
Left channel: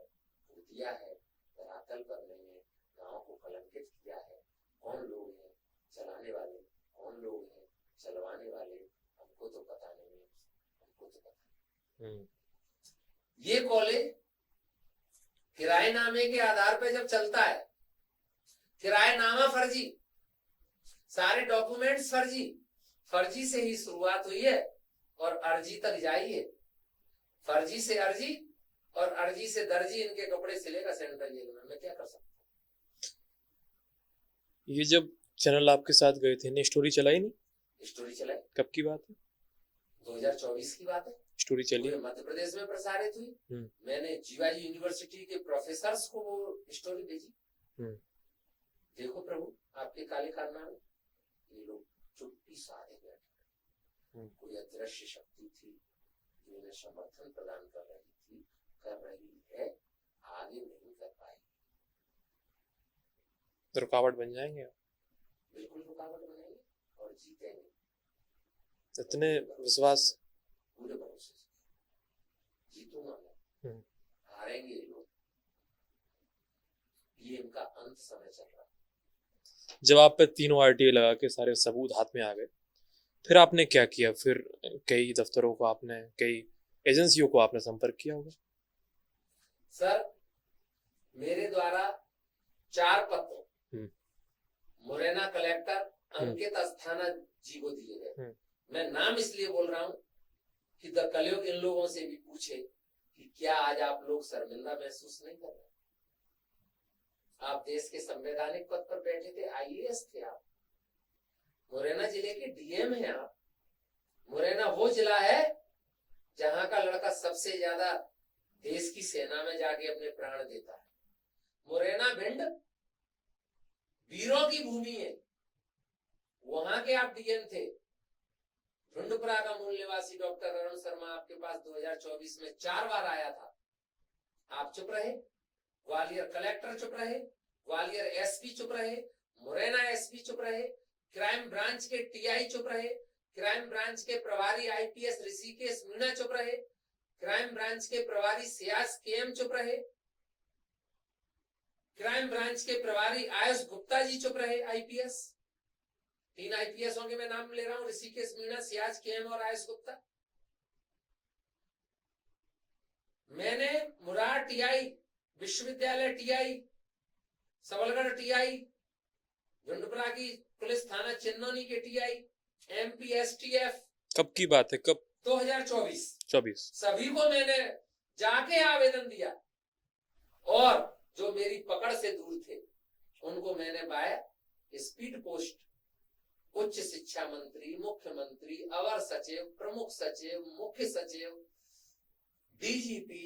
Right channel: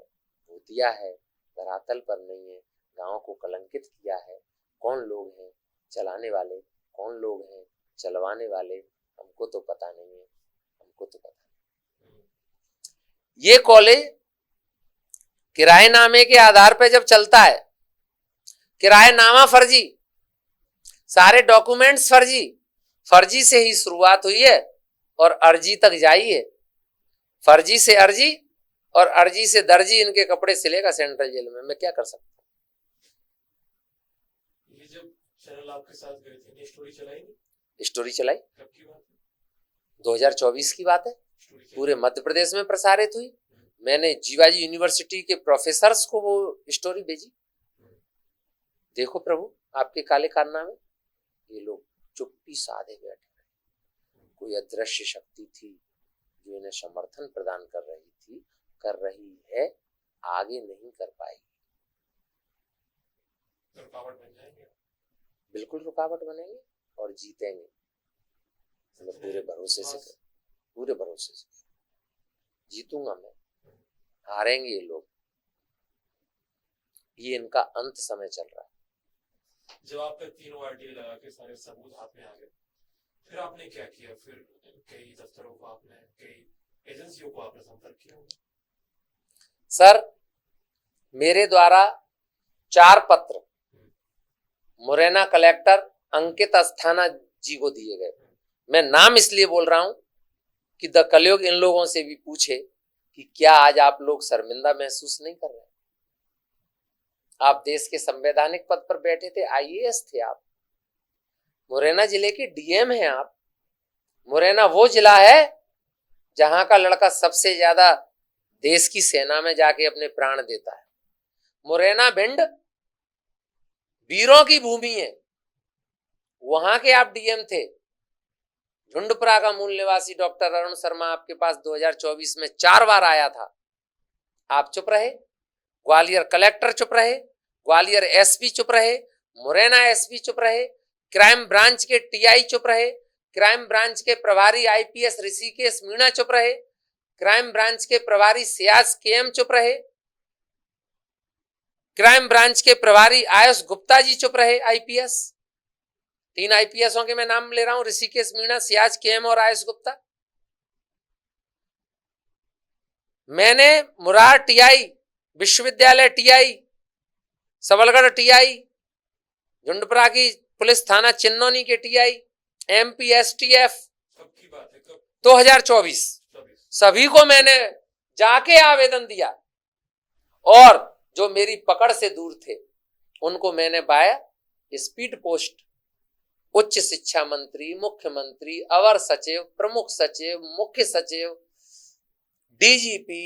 भूतिया है, धरातल पर नहीं है, गांव को कलंकित किया है। कौन लोग हैं चलाने वाले, कौन लोग हैं चलवाने वाले, हमको तो पता नहीं है, हमको तो पता नहीं। ये कॉलेज किराएनामे के आधार पर जब चलता है, किराएनामा फर्जी, सारे डॉक्यूमेंट्स फर्जी, फर्जी से ही शुरुआत हुई है और अर्जी तक जाई है। फर्जी से अर्जी और अर्जी से दर्जी, इनके कपड़े सिलेगा सेंट्रल जेल में। मैं क्या कर सकता हूँ? ये जब चैनल आपके साथ गए थे ने स्टोरी चलाई नहीं? स्टोरी चलाई। कब की बात है? 2024 की बात है। स्टोरी चली, पूरे मध्य प्रदेश में प्रसारित हुई। मैंने जीवाजी यूनिवर्सिटी के प्रोफेसर्स को वो स्टोरी भेजी। देखो प्रभु आपके काले कारनामे। ये लोग चुप्पी साधे बैठे। कोई अदृश्य शक्ति थी जो इन्हें समर्थन प्रदान कर रही है, आगे नहीं कर पाएगी। तो रुकावट बन जाएंगे? बिल्कुल रुकावट बनेंगे और जीतेंगे। इतने विश्वास, पूरे भरोसे से जीतूंगा मैं। हारेंगे ये लोग, ये इनका अंत समय चल रहा है। जब आप पे 3 RTA लगा के सारे सबूत हाथ में आ गए, फिर आपने क्या किया? फिर कई दफ्तरों को आपने, कई एजेंसियों को आपने संपर्क किया होगा? सर मेरे द्वारा 4 पत्र मुरैना कलेक्टर अंकित अस्थाना जी को दिए गए। मैं नाम इसलिए बोल रहा हूं कि द कलयुग इन लोगों से भी पूछे कि क्या आज आप लोग शर्मिंदा महसूस नहीं कर रहे? आप देश के संवैधानिक पद पर बैठे थे, IAS थे आप, मुरैना जिले के DM हैं आप। मुरैना वो जिला है जहां का लड़का सबसे ज्यादा देश की सेना में जाके अपने प्राण देता है। मुरैना भिंड वीरों की भूमि है, वहां के आप DM थे। झुंडपुरा का मूल निवासी डॉक्टर अरुण शर्मा आपके पास 2024 में 4 बार आया था, आप चुप रहे। ग्वालियर कलेक्टर चुप रहे, ग्वालियर SP चुप रहे, मुरैना SP चुप रहे, क्राइम ब्रांच के TI चुप रहे, क्राइम ब्रांच के प्रभारी IPS ऋषिकेश मीणा चुप रहे, क्राइम ब्रांच के प्रभारी सियाज KM चुप रहे, क्राइम ब्रांच के प्रभारी आयुष गुप्ता जी चुप रहे IPS। 3 IPSों के मैं नाम ले रहा हूं, ऋषिकेश मीणा, सियाज KM और आयुष गुप्ता। मैंने मुरार TI, विश्वविद्यालय TI, सबलगढ़ TI, झुंडपुरा की पुलिस थाना चिन्नौनी के TI, MP STF। कब की बात है? कब? 2024। सभी को मैंने जाके आवेदन दिया, और जो मेरी पकड़ से दूर थे उनको मैंने बाय स्पीड पोस्ट उच्च शिक्षा मंत्री, मुख्यमंत्री, अवर सचिव, प्रमुख सचिव, मुख्य सचिव, DGP,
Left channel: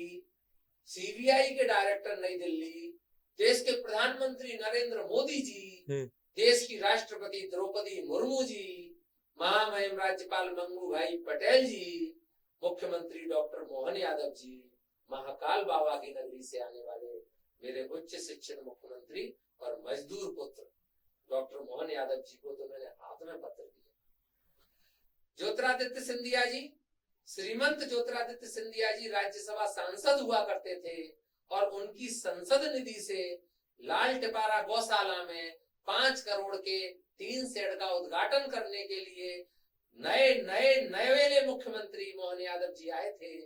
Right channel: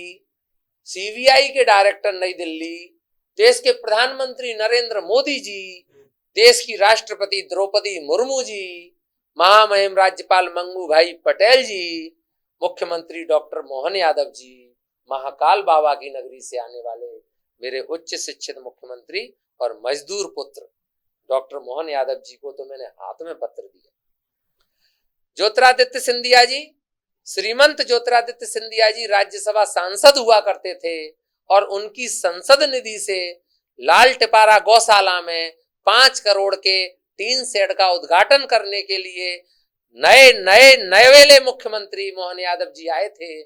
CBI के डायरेक्टर नई दिल्ली, देश के प्रधानमंत्री नरेंद्र मोदी जी, देश की राष्ट्रपति द्रौपदी मुर्मू जी, महामहिम राज्यपाल मंगू भाई पटेल जी, मुख्यमंत्री डॉक्टर मोहन यादव जी, महाकाल बाबा की नगरी से आने वाले मेरे उच्च शिक्षित मुख्यमंत्री और मजदूर पुत्र डॉक्टर मोहन यादव जी को तो मैंने हाथ में पत्र दिया। ज्योतिरादित्य सिंधिया जी, श्रीमंत ज्योतिरादित्य सिंधिया जी राज्यसभा सांसद हुआ करते थे और उनकी संसद निधि से लाल टिपारा गौशाला में 5 करोड़ के 3 शेड का उद्घाटन करने के लिए नए मुख्यमंत्री मोहन यादव जी आए थे।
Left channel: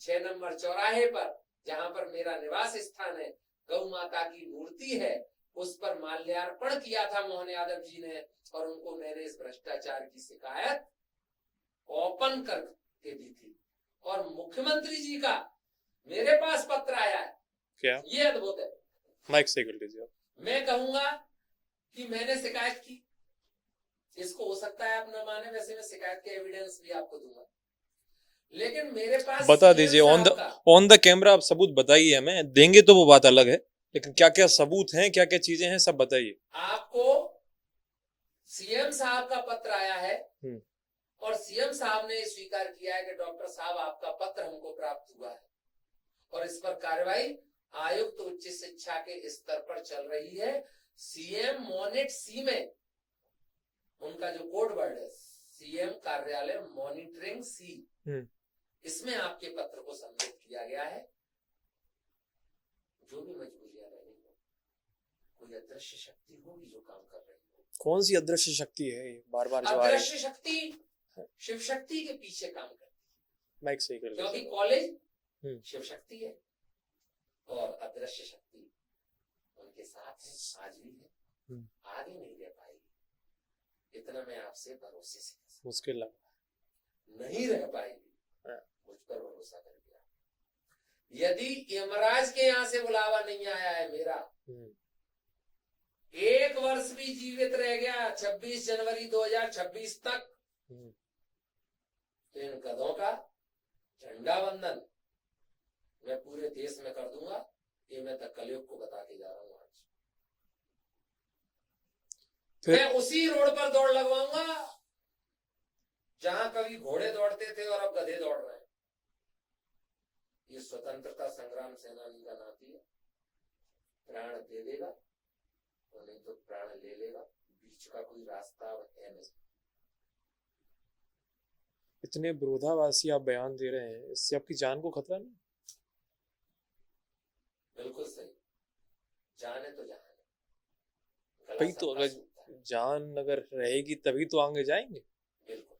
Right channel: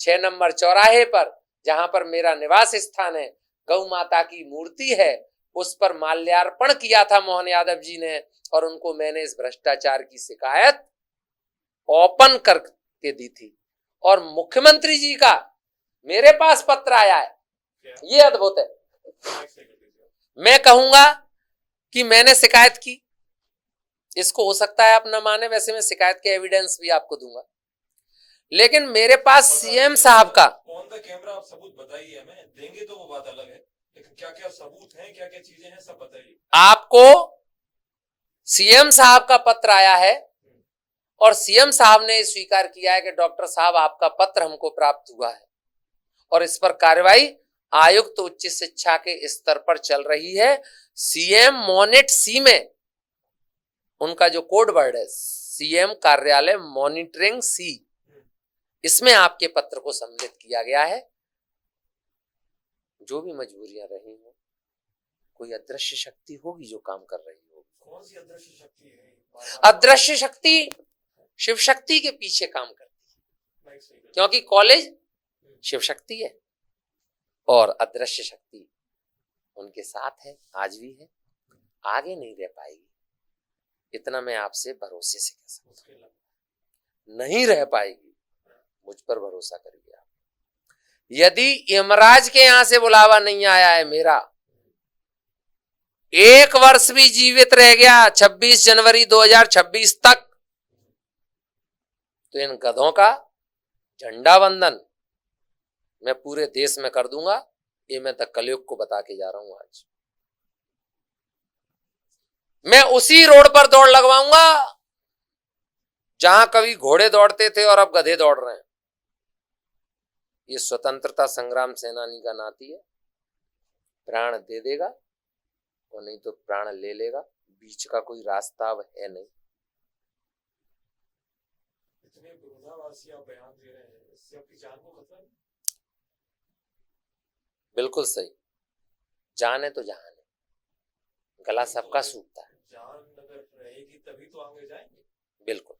6 नंबर चौराहे पर जहां पर मेरा निवास स्थान है, गौ माता की मूर्ति है, उस पर माल्यार्पण किया था मोहन यादव जी ने और उनको मैंने इस भ्रष्टाचार की शिकायत ओपन करके दी थी। और मुख्यमंत्री जी का मेरे पास पत्र आया है। क्या? ये अद्भुत है। माइक से कर लीजिए। मैं कहूंगा कि मैंने शिकायत की, इसको हो सकता है आप न माने, वैसे मैं शिकायत के एविडेंस भी आपको दूंगा, लेकिन मेरे पास सीएम साहब का ऑन द कैमरा आप सबूत बताइए, हमें देंगे तो वो बात अलग है, लेकिन क्या क्या सबूत हैं, क्या क्या चीजें हैं, सब बताइए। आपको सीएम साहब का पत्र आया है और सीएम साहब ने स्वीकार किया है कि डॉक्टर साहब आपका पत्र हमको प्राप्त हुआ है और इस पर कार्रवाई आयुक्त उच्च शिक्षा के स्तर पर चल रही है। सीएम मॉनिट सी में उनका जो कोड वर्ड है, सीएम कार्यालय मॉनिटरिंग सी, इसमें आपके पत्र को सम्मिलित किया गया है। जो भी मजबूरियां रही हो, कोई अदृश्य शक्ति होगी जो काम कर रही होगी। कौन सी अदृश्य शक्ति है? बार-बार अदृश्य शक्ति शिव शक्ति के पीछे काम करती है। माइक सही कर, क्योंकि कॉलेज शिव शक्ति है और अदृश्य शक्ति उनके साथ है, आज भी है, आगे नहीं रह पाएगी। इतना मैं आपसे भरोसे से कह सकता हूं। मुश्किल नहीं रह पाएगी, मुझ पर भरोसा करिए आप। यदि यमराज के यहां से बुलावा नहीं आया है मेरा, 1 वर्ष भी जीवित रह गया 26 जनवरी 2026 तक, तो इन गधों का झंडा वंदन मैं पूरे देश में कर दूंगा। ये मैं तक कलयुग को बता के जा रहा हूं। आज मैं उसी रोड पर दौड़ लगवाऊंगा जहां कभी घोड़े दौड़ते थे और अब गधे दौड़ रहे हैं। ये स्वतंत्रता संग्राम सेनानी का नाती है, प्राण दे देगा और नहीं तो प्राण ले लेगा, बीच का कोई रास्ता अब है नहीं। इतने विरोधाभासी आप बयान दे रहे हैं, इससे आपकी जान को खतरा नहीं? बिल्कुल सही, जान है तो जहान है, गला सबका सूखता है। जान अगर रहेगी तभी तो आगे जाएंगे। बिल्कुल।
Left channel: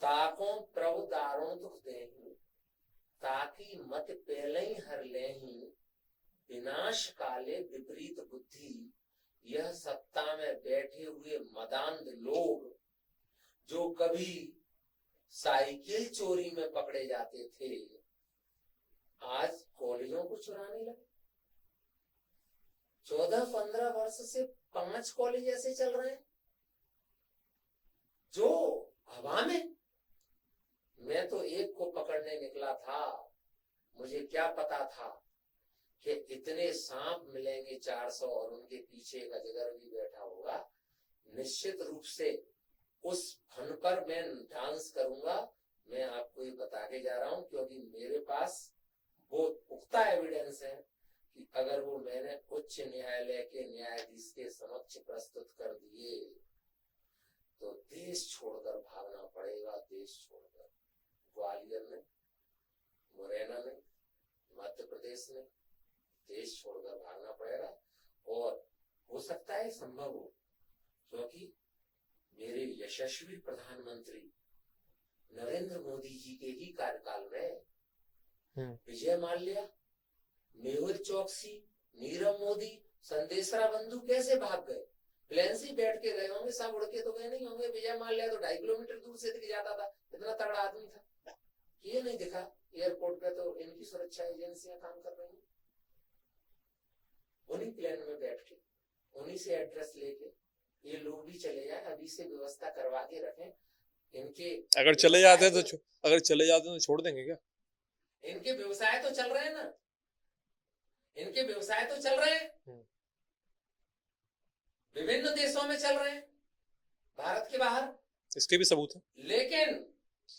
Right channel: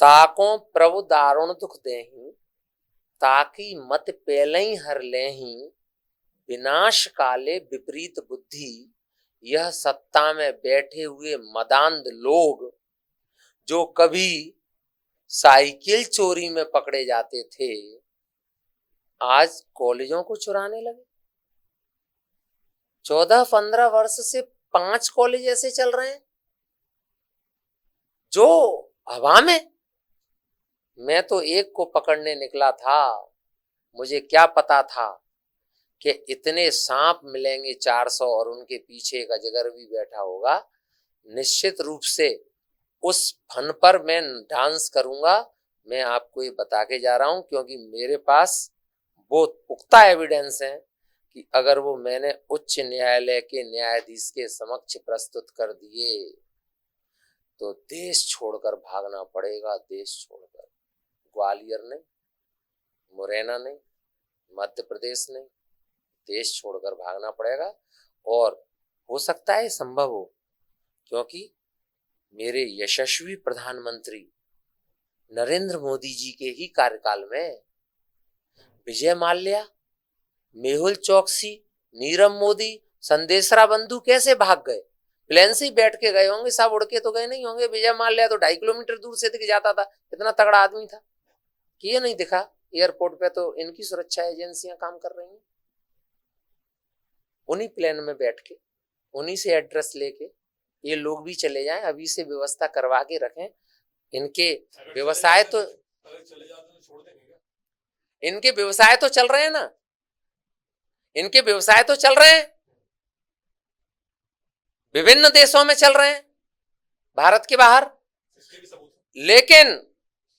ताको प्रभु दारुण दुख देहि, ताकि मत पेलई हर लेहि, विनाश काले विपरीत बुद्धि। यह सत्ता में बैठे हुए मदांध लोग जो कभी साइकिल चोरी में पकड़े जाते थे, आज कॉलेजों को चुराने लगे। 14-15 वर्ष से 5 कॉलेज ऐसे चल रहे हैं जो हवा में। मैं तो एक को पकड़ने निकला था, मुझे क्या पता था कि इतने सांप मिलेंगे 400 और उनके पीछे एक अजगर भी बैठा होगा। निश्चित रूप से उस फन पर मैं डांस करूंगा, मैं आपको ये बता के जा रहा हूं, क्योंकि मेरे पास वो पुख्ता एविडेंस है कि अगर वो मैंने उच्च न्यायालय के न्यायाधीश के समक्ष प्रस्तुत कर दिए तो देश छोड़कर भागना पड़ेगा। देश छोड़कर, ग्वालियर नहीं, मुरैना नहीं, मध्य प्रदेश नहीं, देश छोड़कर भागना पड़ेगा। और हो सकता है संभव हो, क्योंकि मेरे यशस्वी प्रधानमंत्री नरेंद्र मोदी जी के ही कार्यकाल में विजय माल्या, मेहुल चौकसी, नीरव मोदी, संदेशरा बंधु कैसे भाग गए? प्लेन से बैठ के गए होंगे, सब उड़ के तो गए नहीं होंगे। विजय माल्या तो 2.5 किलोमीटर दूर से दिख जाता था, इतना तगड़ा आदमी था कि ये नहीं दिखा। एयरपोर्ट पे तो इनकी सुरक्षा एजेंसियां काम कर रही हैं। उन्हीं प्लेन में बैठ के, उन्हीं से एड्रेस लेके ये लोग भी चले जाएं, अभी से व्यवस्था करवा के रखें। इनके अगर चले जाते तो छोड़ देंगे क्या? इनके व्यवसाय तो चल रहे हैं ना, इनके व्यवसाय तो चल रहे हैं, विभिन्न देशों में चल रहे हैं, भारत के बाहर। इसके भी सबूत है। लेकिन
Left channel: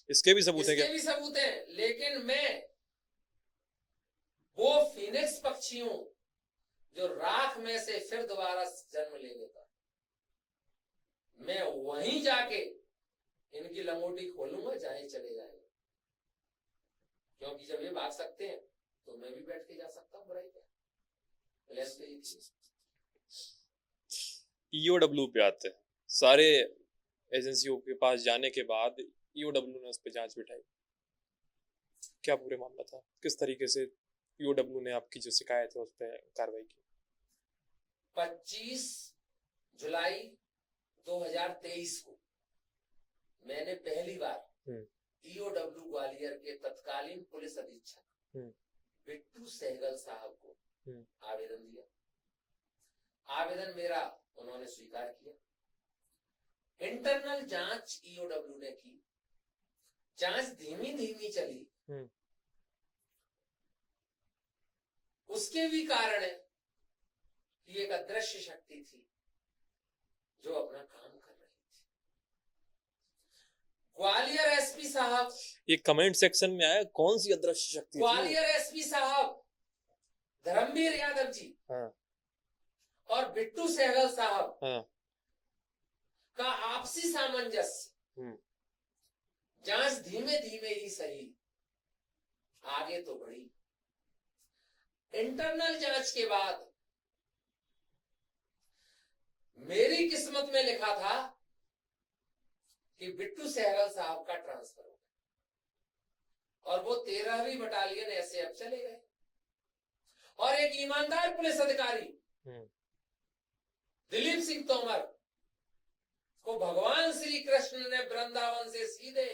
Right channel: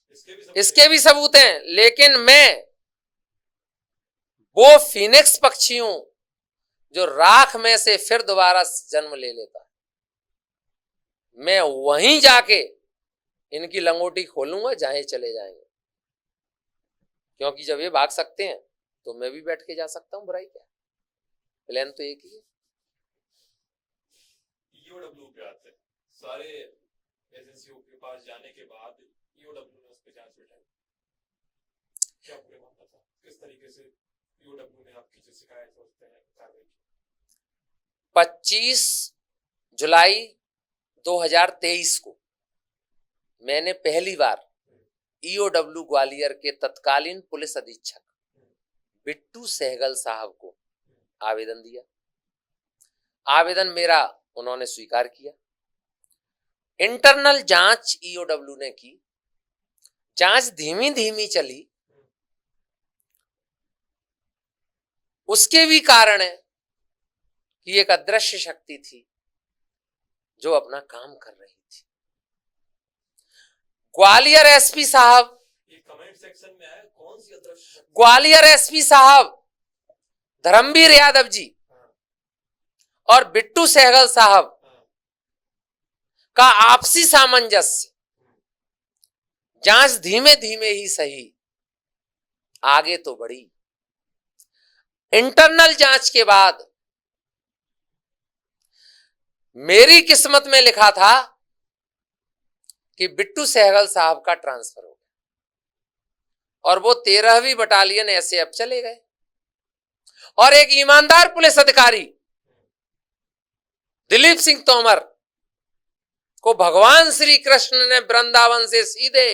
इसके भी सबूत इसके भी सबूत हैं। लेकिन मैं वो फीनिक्स पक्षी हूं जो राख में से फिर दोबारा जन्म ले लेता। मैं वहीं जाके इनकी लंगोटी खोलूंगा जहां चले जाएंगे, क्योंकि जब ये भाग सकते हैं तो मैं भी बैठ के जा सकता हूं। बुराई क्या, प्लान तो एक ही है। ईओडब्ल्यू पे आते हैं। सारे एजेंसियों के पास जाने के बाद ईओडब्ल्यू ने उस पर जांच बिठाई। क्या पूरे मामला था, किस तरीके से ईओडब्ल्यू ने आपकी जो शिकायत है उस पर कार्रवाई की? 25 जुलाई 2023 को मैंने पहली बार ईओडब्ल्यू ग्वालियर के तत्कालीन पुलिस अधीक्षक बिट्टू सहगल साहब को आवेदन दिया। आवेदन मेरा उन्होंने स्वीकार किया। इंटरनल जांच ईओडब्ल्यू ने की। जांच धीमी धीमी चली। उसके भी कारण है कि एक अदृश्य शक्ति थी जो अपना काम कर रही थी। ग्वालियर एसपी साहब, ये कमेंट सेक्शन में आया, कौन सी अदृश्य शक्ति? ग्वालियर एसपी साहब धर्मवीर यादव जी और बिट्टू सहगल साहब का आपसी सामंजस्य जांच धीमे धीमे ही सही आगे तो बढ़ी। इंटरनल जांच के बाद मेरी किस्मत में लिखा था कि बिट्टू सहगल साहब का ट्रांसफर हो गया और वो 13वीं बटालियन एसएएफ चले गए और एक ईमानदार पुलिस अधिकारी दिलीप सिंह तोमर को भगवान श्री कृष्ण ने वृंदावन से सीधे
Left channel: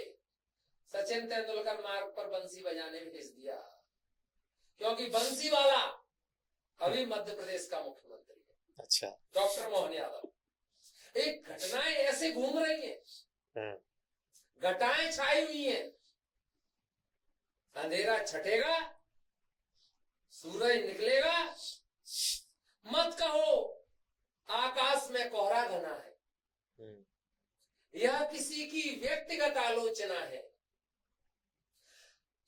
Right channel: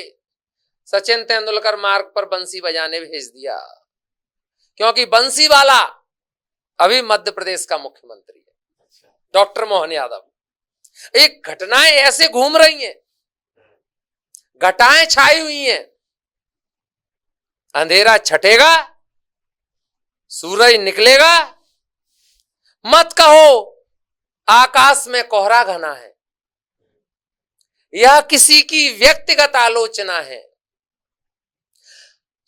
सचिन तेंदुलकर मार्ग पर बंसी बजाने भेज दिया, क्योंकि बंसी वाला अभी मध्य प्रदेश का मुख्यमंत्री है। अच्छा, डॉक्टर मोहन यादव। एक घटनाएं ऐसे घूम रही हैं, घटाएं छाई हुई हैं। अंधेरा छटेगा, सूरज निकलेगा। मत कहो आकाश में कोहरा घना है। यह किसी की व्यक्तिगत आलोचना है।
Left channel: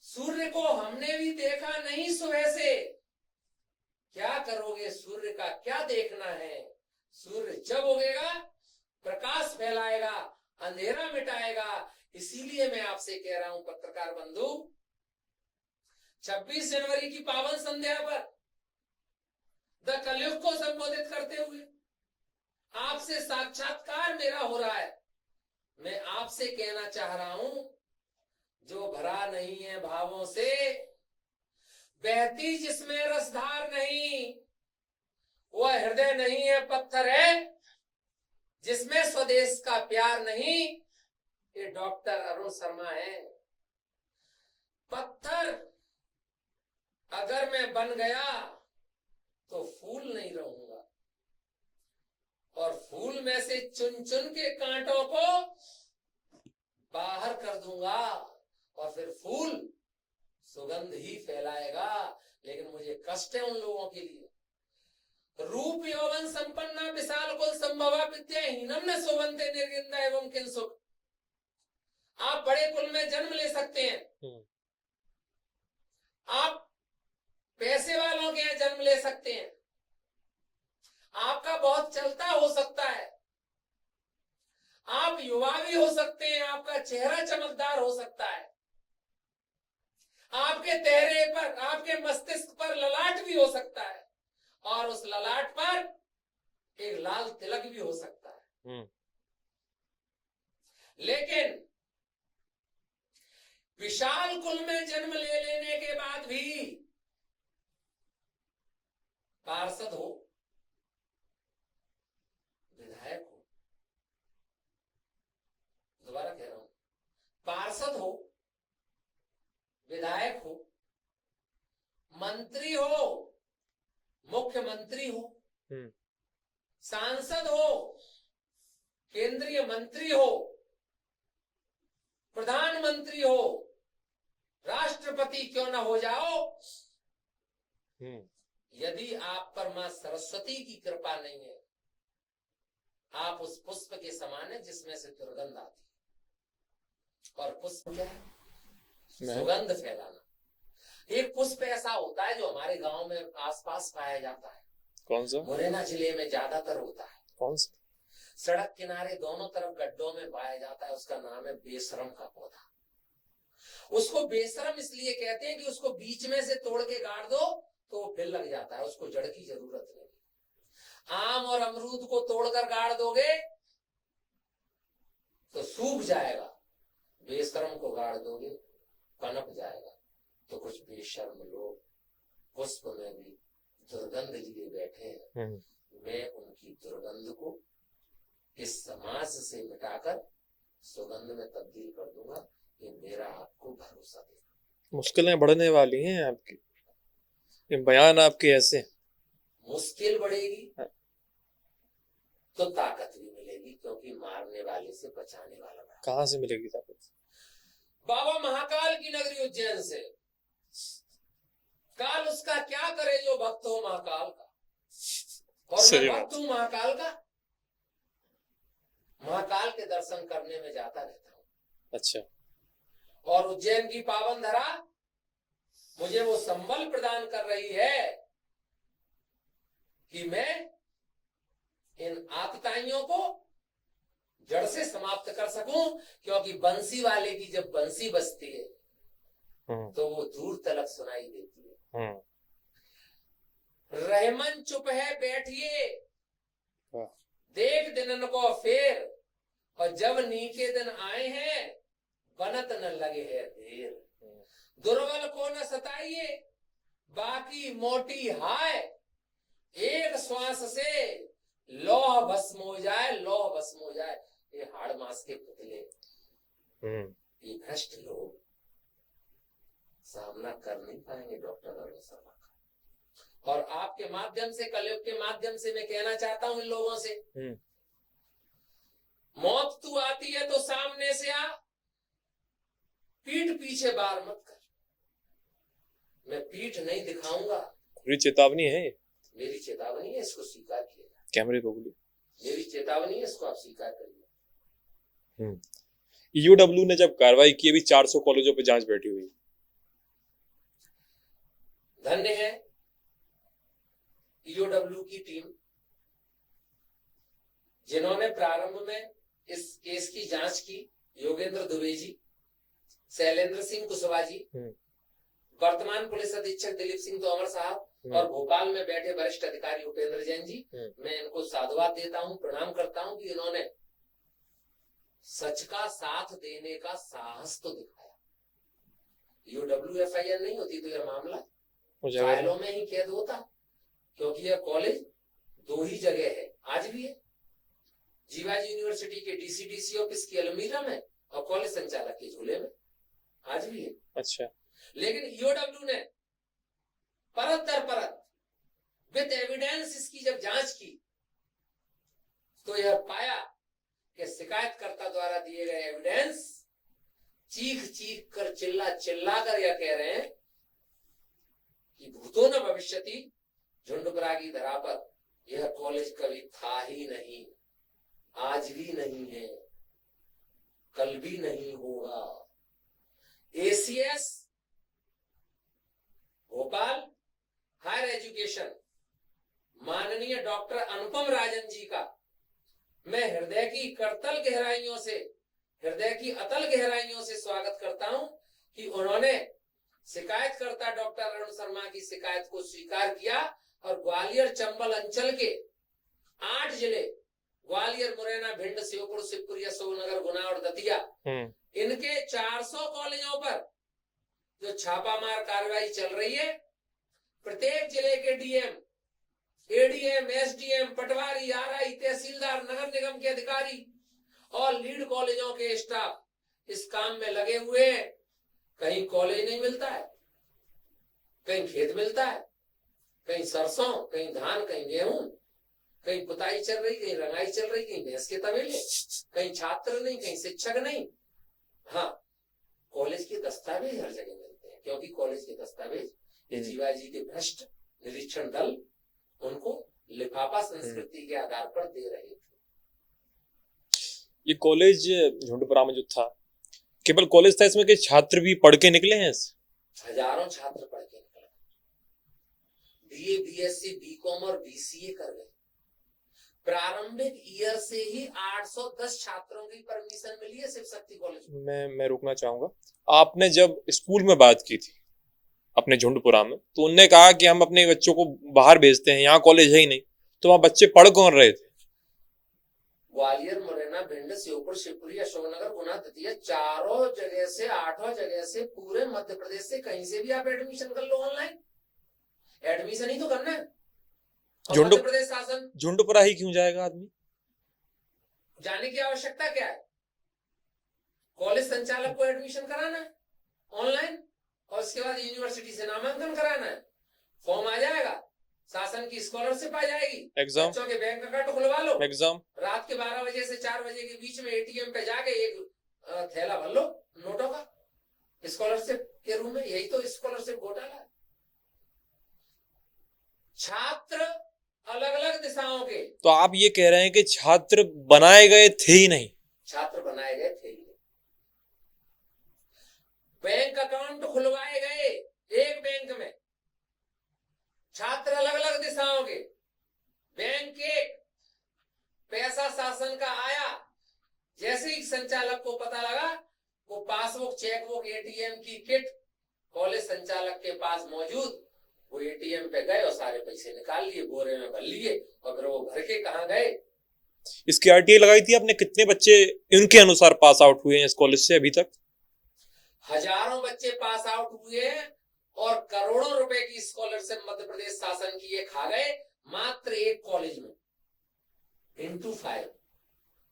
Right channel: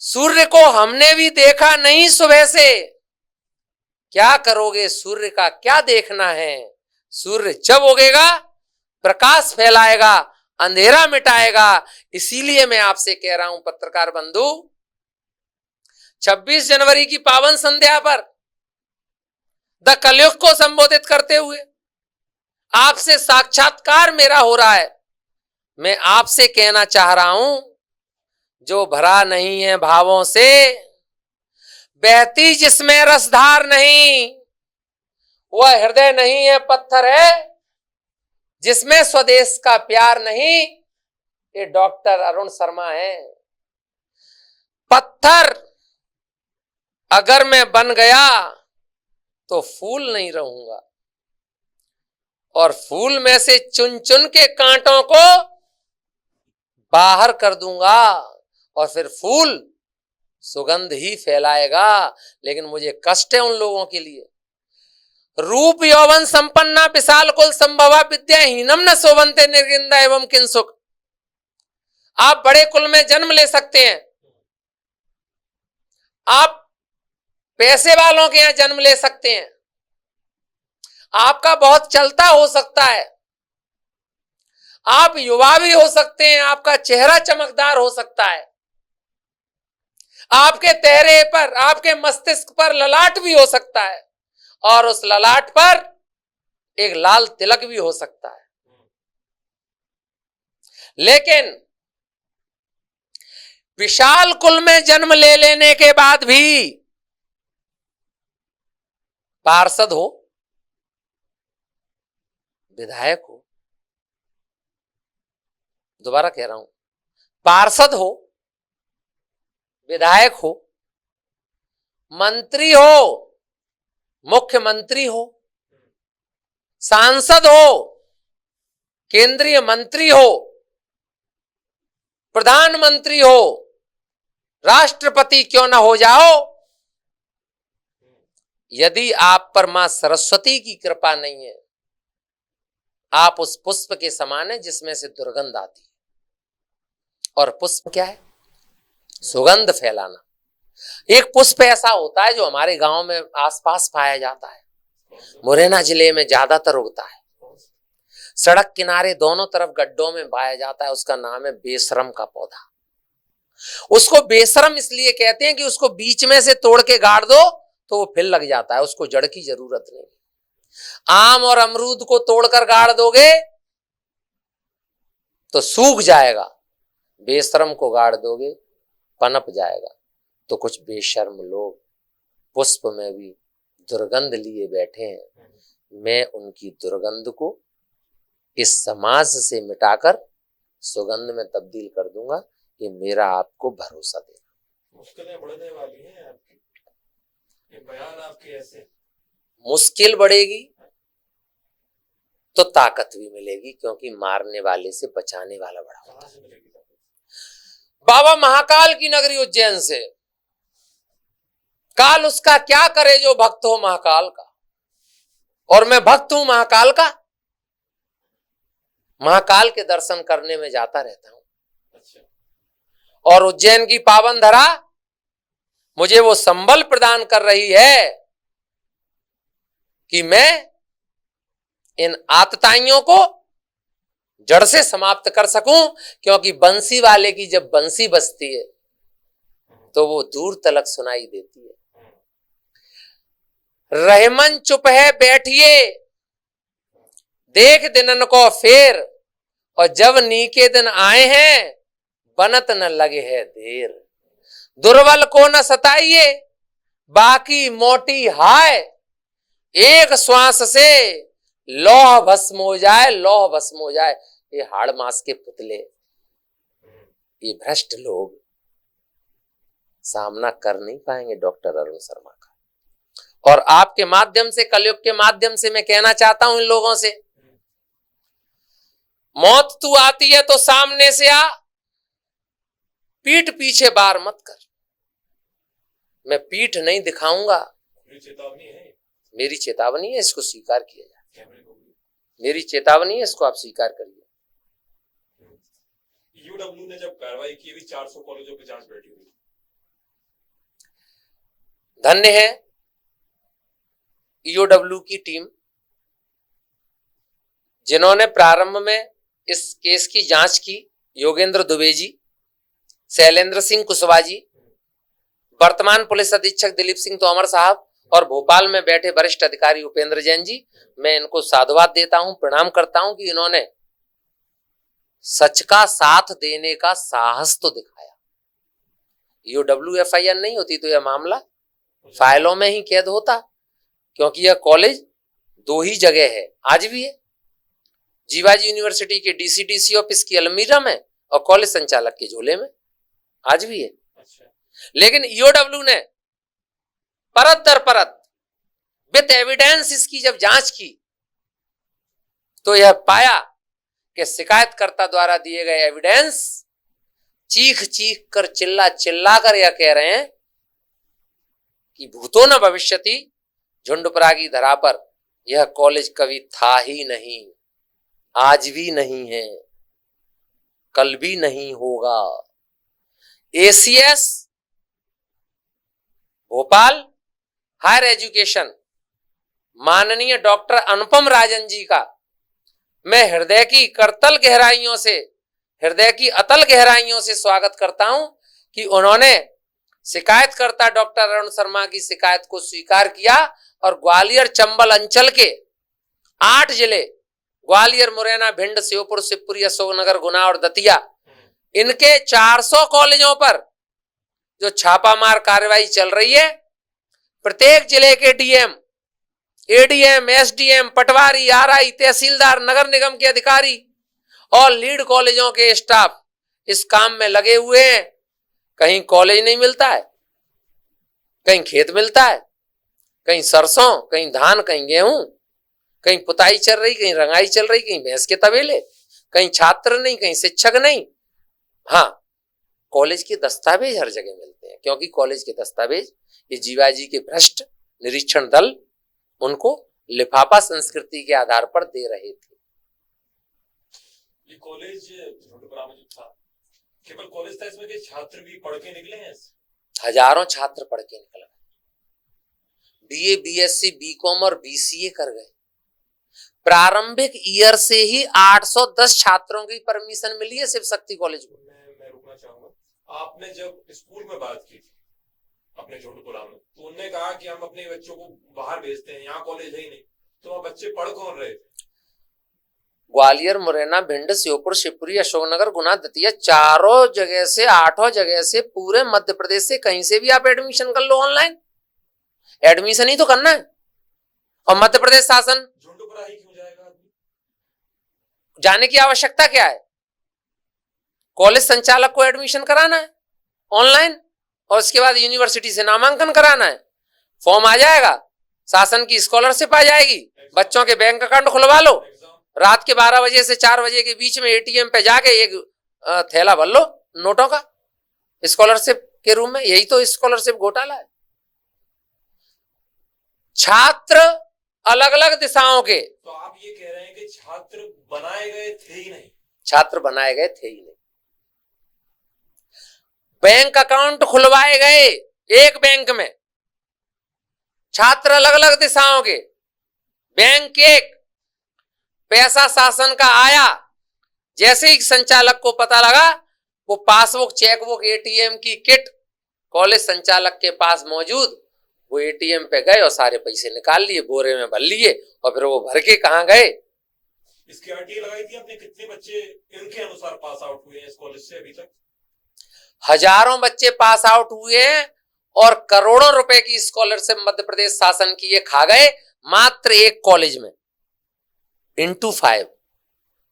सूर्य को हमने भी देखा नहीं सुबह से। क्या करोगे, सूर्य का क्या देखना है। सूर्य जब उगेगा प्रकाश फैलाएगा, अंधेरा मिटाएगा। इसीलिए मैं आपसे कह रहा हूं पत्रकार बंधु, 26 जनवरी की पावन संध्या पर द कलयुग को संबोधित करते हुए आपसे साक्षात्कार मेरा हो रहा है। मैं आपसे कहना चाह रहा हूं, जो भरा नहीं है भावों से, बहती जिसमें रसधार नहीं, वह हृदय नहीं है पत्थर है, जिसमें स्वदेश का प्यार नहीं। ये डॉक्टर अरुण शर्मा है। पत्थर अगर मैं बन गया तो फूल नहीं रहूंगा, और फूल में से चुन चुन के कांटों को बाहर कर दूंगा, और फिर फूल सुगंध ही फैलाएगा। लेकिन मुझे कष्ट है उन लोगों के लिए। रूप यौवन संपन्ना विशाल कुल संभवा विद्याहीनम न शोभन्ते निर्गिंदा एवं किंसुक। आप बड़े कुल में जन्म ले सकते हैं, आप पैसे वालों के यहां जन्म ले सकते हैं, आपका बहुत चलता हो सकता है, आप युवा भी हो सकते हैं, आपका चेहरा चमकदार हो सकता है, आपके चेहरे पर, आपके मस्तिष्क पर ललाट भी हो सकता है, और उस ललाट पर एक लाल तिलक भी हो सकता है। लेकिन विशाल कुल में जन्म ले लेने के बाद भी पार्षद हो, विधायक हो, दोबारा कह रहा हूं, पार्षद हो, विधायक हो, मंत्री हो, मुख्यमंत्री हो, सांसद हो, केंद्रीय मंत्री हो, प्रधानमंत्री हो, राष्ट्रपति क्यों ना हो जाओ, यदि आप पर मां सरस्वती की कृपा नहीं है, आप उस पुष्प के समान है जिसमें से दुर्गंध आती है। और पुष्प क्या है? सुगंध फैलाना। एक पुष्प ऐसा होता है जो हमारे गांव में आसपास पाया जाता है। कौन सा? मुरैना जिले में ज्यादातर उगता है। कौन सा? सड़क किनारे दोनों तरफ गड्ढों में पाया जाता है। उसका नाम है बेशरम का पौधा। उसको बेशरम इसलिए कहते हैं कि उसको बीच में से तोड़ के गाड़ दो तो वो फिर लग जाता है, उसको जड़ की जरूरत नहीं। आम और अमरूद को तोड़कर गाड़ दोगे तो सूख जाएगा, बेशरम को गाड़ दोगे पनप जाएगा। तो कुछ बेशर्म लोग पुष्प में भी दुर्गंध लिए बैठे हैं। मैं उनकी दुर्गंध को इस समाज से मिटाकर सुगंध में तब्दील कर दूंगा। ये मेरा आपको भरोसा देना। मुश्किलें बढ़ने वाली हैं आपकी, ये बयान आपके ऐसे। मुश्किल बढ़ेगी तो ताकत भी मिलेगी, क्योंकि मारने वाले से बचाने वाला बड़ा। कहाँ से मिलेगी ताकत? बाबा महाकाल की नगरी उज्जैन से। काल उसका क्या करे जो भक्त हो महाकाल का, और मैं भक्त हूं महाकाल का। महाकाल के दर्शन करने में जाता रहता हूं। अच्छा। और उज्जैन की पावन धरा मुझे वो संबल प्रदान कर रही है कि मैं इन आतताइयों को जड़ से समाप्त कर सकूं। क्योंकि बंसी वाले की जब बंसी बजती है तो वो दूर तलक सुनाई देती है। रहमन चुप है बैठिए, देख दिनन को फेर, और जब नीके दिन आए हैं बनत न लगे है देर। दुर्बल को न सताइए बाकी मोटी हाय, एक श्वास से लौह भस्म हो जाए, लौह भस्म हो जाए। ये हाड़ मास के पुतले, ये भ्रष्ट लोग सामना कर नहीं पाएंगे डॉक्टर अरुण शर्मा का। और आपके माध्यम से, कलयुग के माध्यम से मैं कहना चाहता हूं इन लोगों से, मौत तू आती है तो सामने से आ, पीठ पीछे बार मत कर। मैं पीठ नहीं दिखाऊंगा। पूरी चेतावनी है, मेरी चेतावनी है, इसको स्वीकार किया जाए। कैमरे को बोलिए, मेरी चेतावनी है, इसको आप स्वीकार करिए। ईओडब्ल्यू ने जब कार्रवाई की, अभी 400 कॉलेजों पे जांच बैठी हुई। धन्य है ईओडब्ल्यू की टीम, जिन्होंने प्रारंभ में इस केस की जांच की। योगेंद्र दुबे जी, शैलेंद्र सिंह कुशवाहा जी, वर्तमान पुलिस अधीक्षक दिलीप सिंह तोमर साहब, और भोपाल में बैठे वरिष्ठ अधिकारी उपेंद्र जैन जी। मैं इनको साधुवाद देता हूं, प्रणाम करता हूं कि इन्होंने सच का साथ देने का साहस तो दिखाया। ईओडब्ल्यू एफआईआर नहीं होती तो यह मामला फाइलों में ही कैद होता, क्योंकि यह कॉलेज 2 ही जगह है, आज भी है। जीवाजी यूनिवर्सिटी के डीसी ऑफिस की अलमीरा में और कॉलेज संचालक के झोले में, आज भी है। अच्छा। लेकिन ईओडब्ल्यू ने परत दर परत विद एविडेंस इसकी जब जांच की तो यह पाया कि शिकायतकर्ता द्वारा दिए गए एविडेंस चीख चीख कर, चिल्ला चिल्ला कर यह कह रहे हैं कि भूतो न भविष्यति, झुंडपुरा की धरा पर यह कॉलेज कभी था ही नहीं, आज भी नहीं है, कल भी नहीं होगा। एसीएस भोपाल हायर एजुकेशन माननीय डॉक्टर अनुपम राजन जी का मैं हृदय की करतल गहराइयों से, हृदय की अतल गहराइयों से स्वागत करता हूं कि उन्होंने शिकायतकर्ता डॉक्टर अरुण शर्मा की शिकायत को स्वीकार किया और ग्वालियर चंबल अंचल के 8 जिले, ग्वालियर, मुरैना, भिंड, श्योपुर, शिवपुरी, अशोकनगर, गुना और दतिया, इनके 400 कॉलेजों पर जो छापामार कार्रवाई चल रही है, प्रत्येक जिले के डीएम, एडीएम, एसडीएम, पटवारी, आरआई, तहसीलदार, नगर निगम के अधिकारी और लीड कॉलेजों के स्टाफ इस काम में लगे हुए हैं। कहीं कॉलेज नहीं मिलता है, कहीं खेत मिलता है, कहीं सरसों, कहीं धान, कहीं गेहूं, कहीं पुताई चल रही, कहीं रंगाई चल रही, कहीं भैंस के तबेले, कहीं छात्र नहीं, कहीं शिक्षक नहीं। हाँ, कॉलेज के दस्तावेज हर जगह मिलते हैं, क्योंकि कॉलेज के दस्तावेज ये जीवाजी के भ्रष्ट निरीक्षण दल उनको लिफाफा संस्कृति के आधार पर दे रहे थे। ये कॉलेज झुंडपुरा में जो था, केवल कॉलेज था इसमें कि छात्र भी पढ़ के निकले हैं हजारों छात्र पढ़ के निकले, बीए, बीएससी, बीकॉम और बीसीए कर गए। प्रारंभिक ईयर से ही 810 छात्रों की परमिशन मिली है शिव शक्ति कॉलेज में। मैं रुकना चाहूंगा। आपने जब स्कूल में बात की थी अपने झुंडपुरा में, तो उनने कहा कि हम अपने बच्चों को बाहर भेजते हैं, यहाँ कॉलेज है ही नहीं, तो वहां बच्चे पढ़ कौन रहे थे? ग्वालियर, मुरैना, भिंड, श्योपुर, शिवपुरी, अशोकनगर, गुना, दतिया, चारों जगह से, 8 जगह से, पूरे मध्य प्रदेश से कहीं से भी आप एडमिशन कर लो। ऑनलाइन एडमिशन ही तो करना है। और मध्य प्रदेश शासन झुंडपुरा ही क्यों जाएगा आदमी? जाने की आवश्यकता क्या है? कॉलेज संचालक को एडमिशन कराना है ऑनलाइन, और उसके बाद यूनिवर्सिटी से नामांकन कराना है, फॉर्म आ जाएगा, शासन की स्कॉलरशिप आ जाएगी, बच्चों के बैंक अकाउंट खुलवा लो, रात के 12 बजे से 4 बजे के बीच में एटीएम पे जाके एक थैला भर लो नोटों का स्कॉलरशिप के रूप में। यही तो स्कॉलरशिप घोटाला है। छात्र अलग अलग दिशाओं के, तो आप ये कह रहे हैं कि छात्र बनाए गए थे ही नहीं? छात्र बनाए गए थे ही नहीं। बैंक अकाउंट खुलवाए गए एक बैंक में, छात्र अलग अलग दिशाओं के, बैंक एक, पैसा शासन का आया, जैसे ही संचालक को पता लगा, वो पासबुक, चेकबुक, एटीएम की किट कॉलेज संचालक के पास मौजूद, वो एटीएम पे गए और सारे पैसे निकाल लिए, बोरे में भर लिए, और फिर वो भर के कहां गए? इसकी आरटीआई लगाई थी आपने? कितने बच्चे इनके अनुसार पास आउट हुए हैं इस कॉलेज से अभी तक? हजारों बच्चे पास आउट हुए हैं, और करोड़ों रुपए की स्कॉलरशिप मध्य प्रदेश शासन की ये खा गए मात्र एक कॉलेज में। इंटू 5,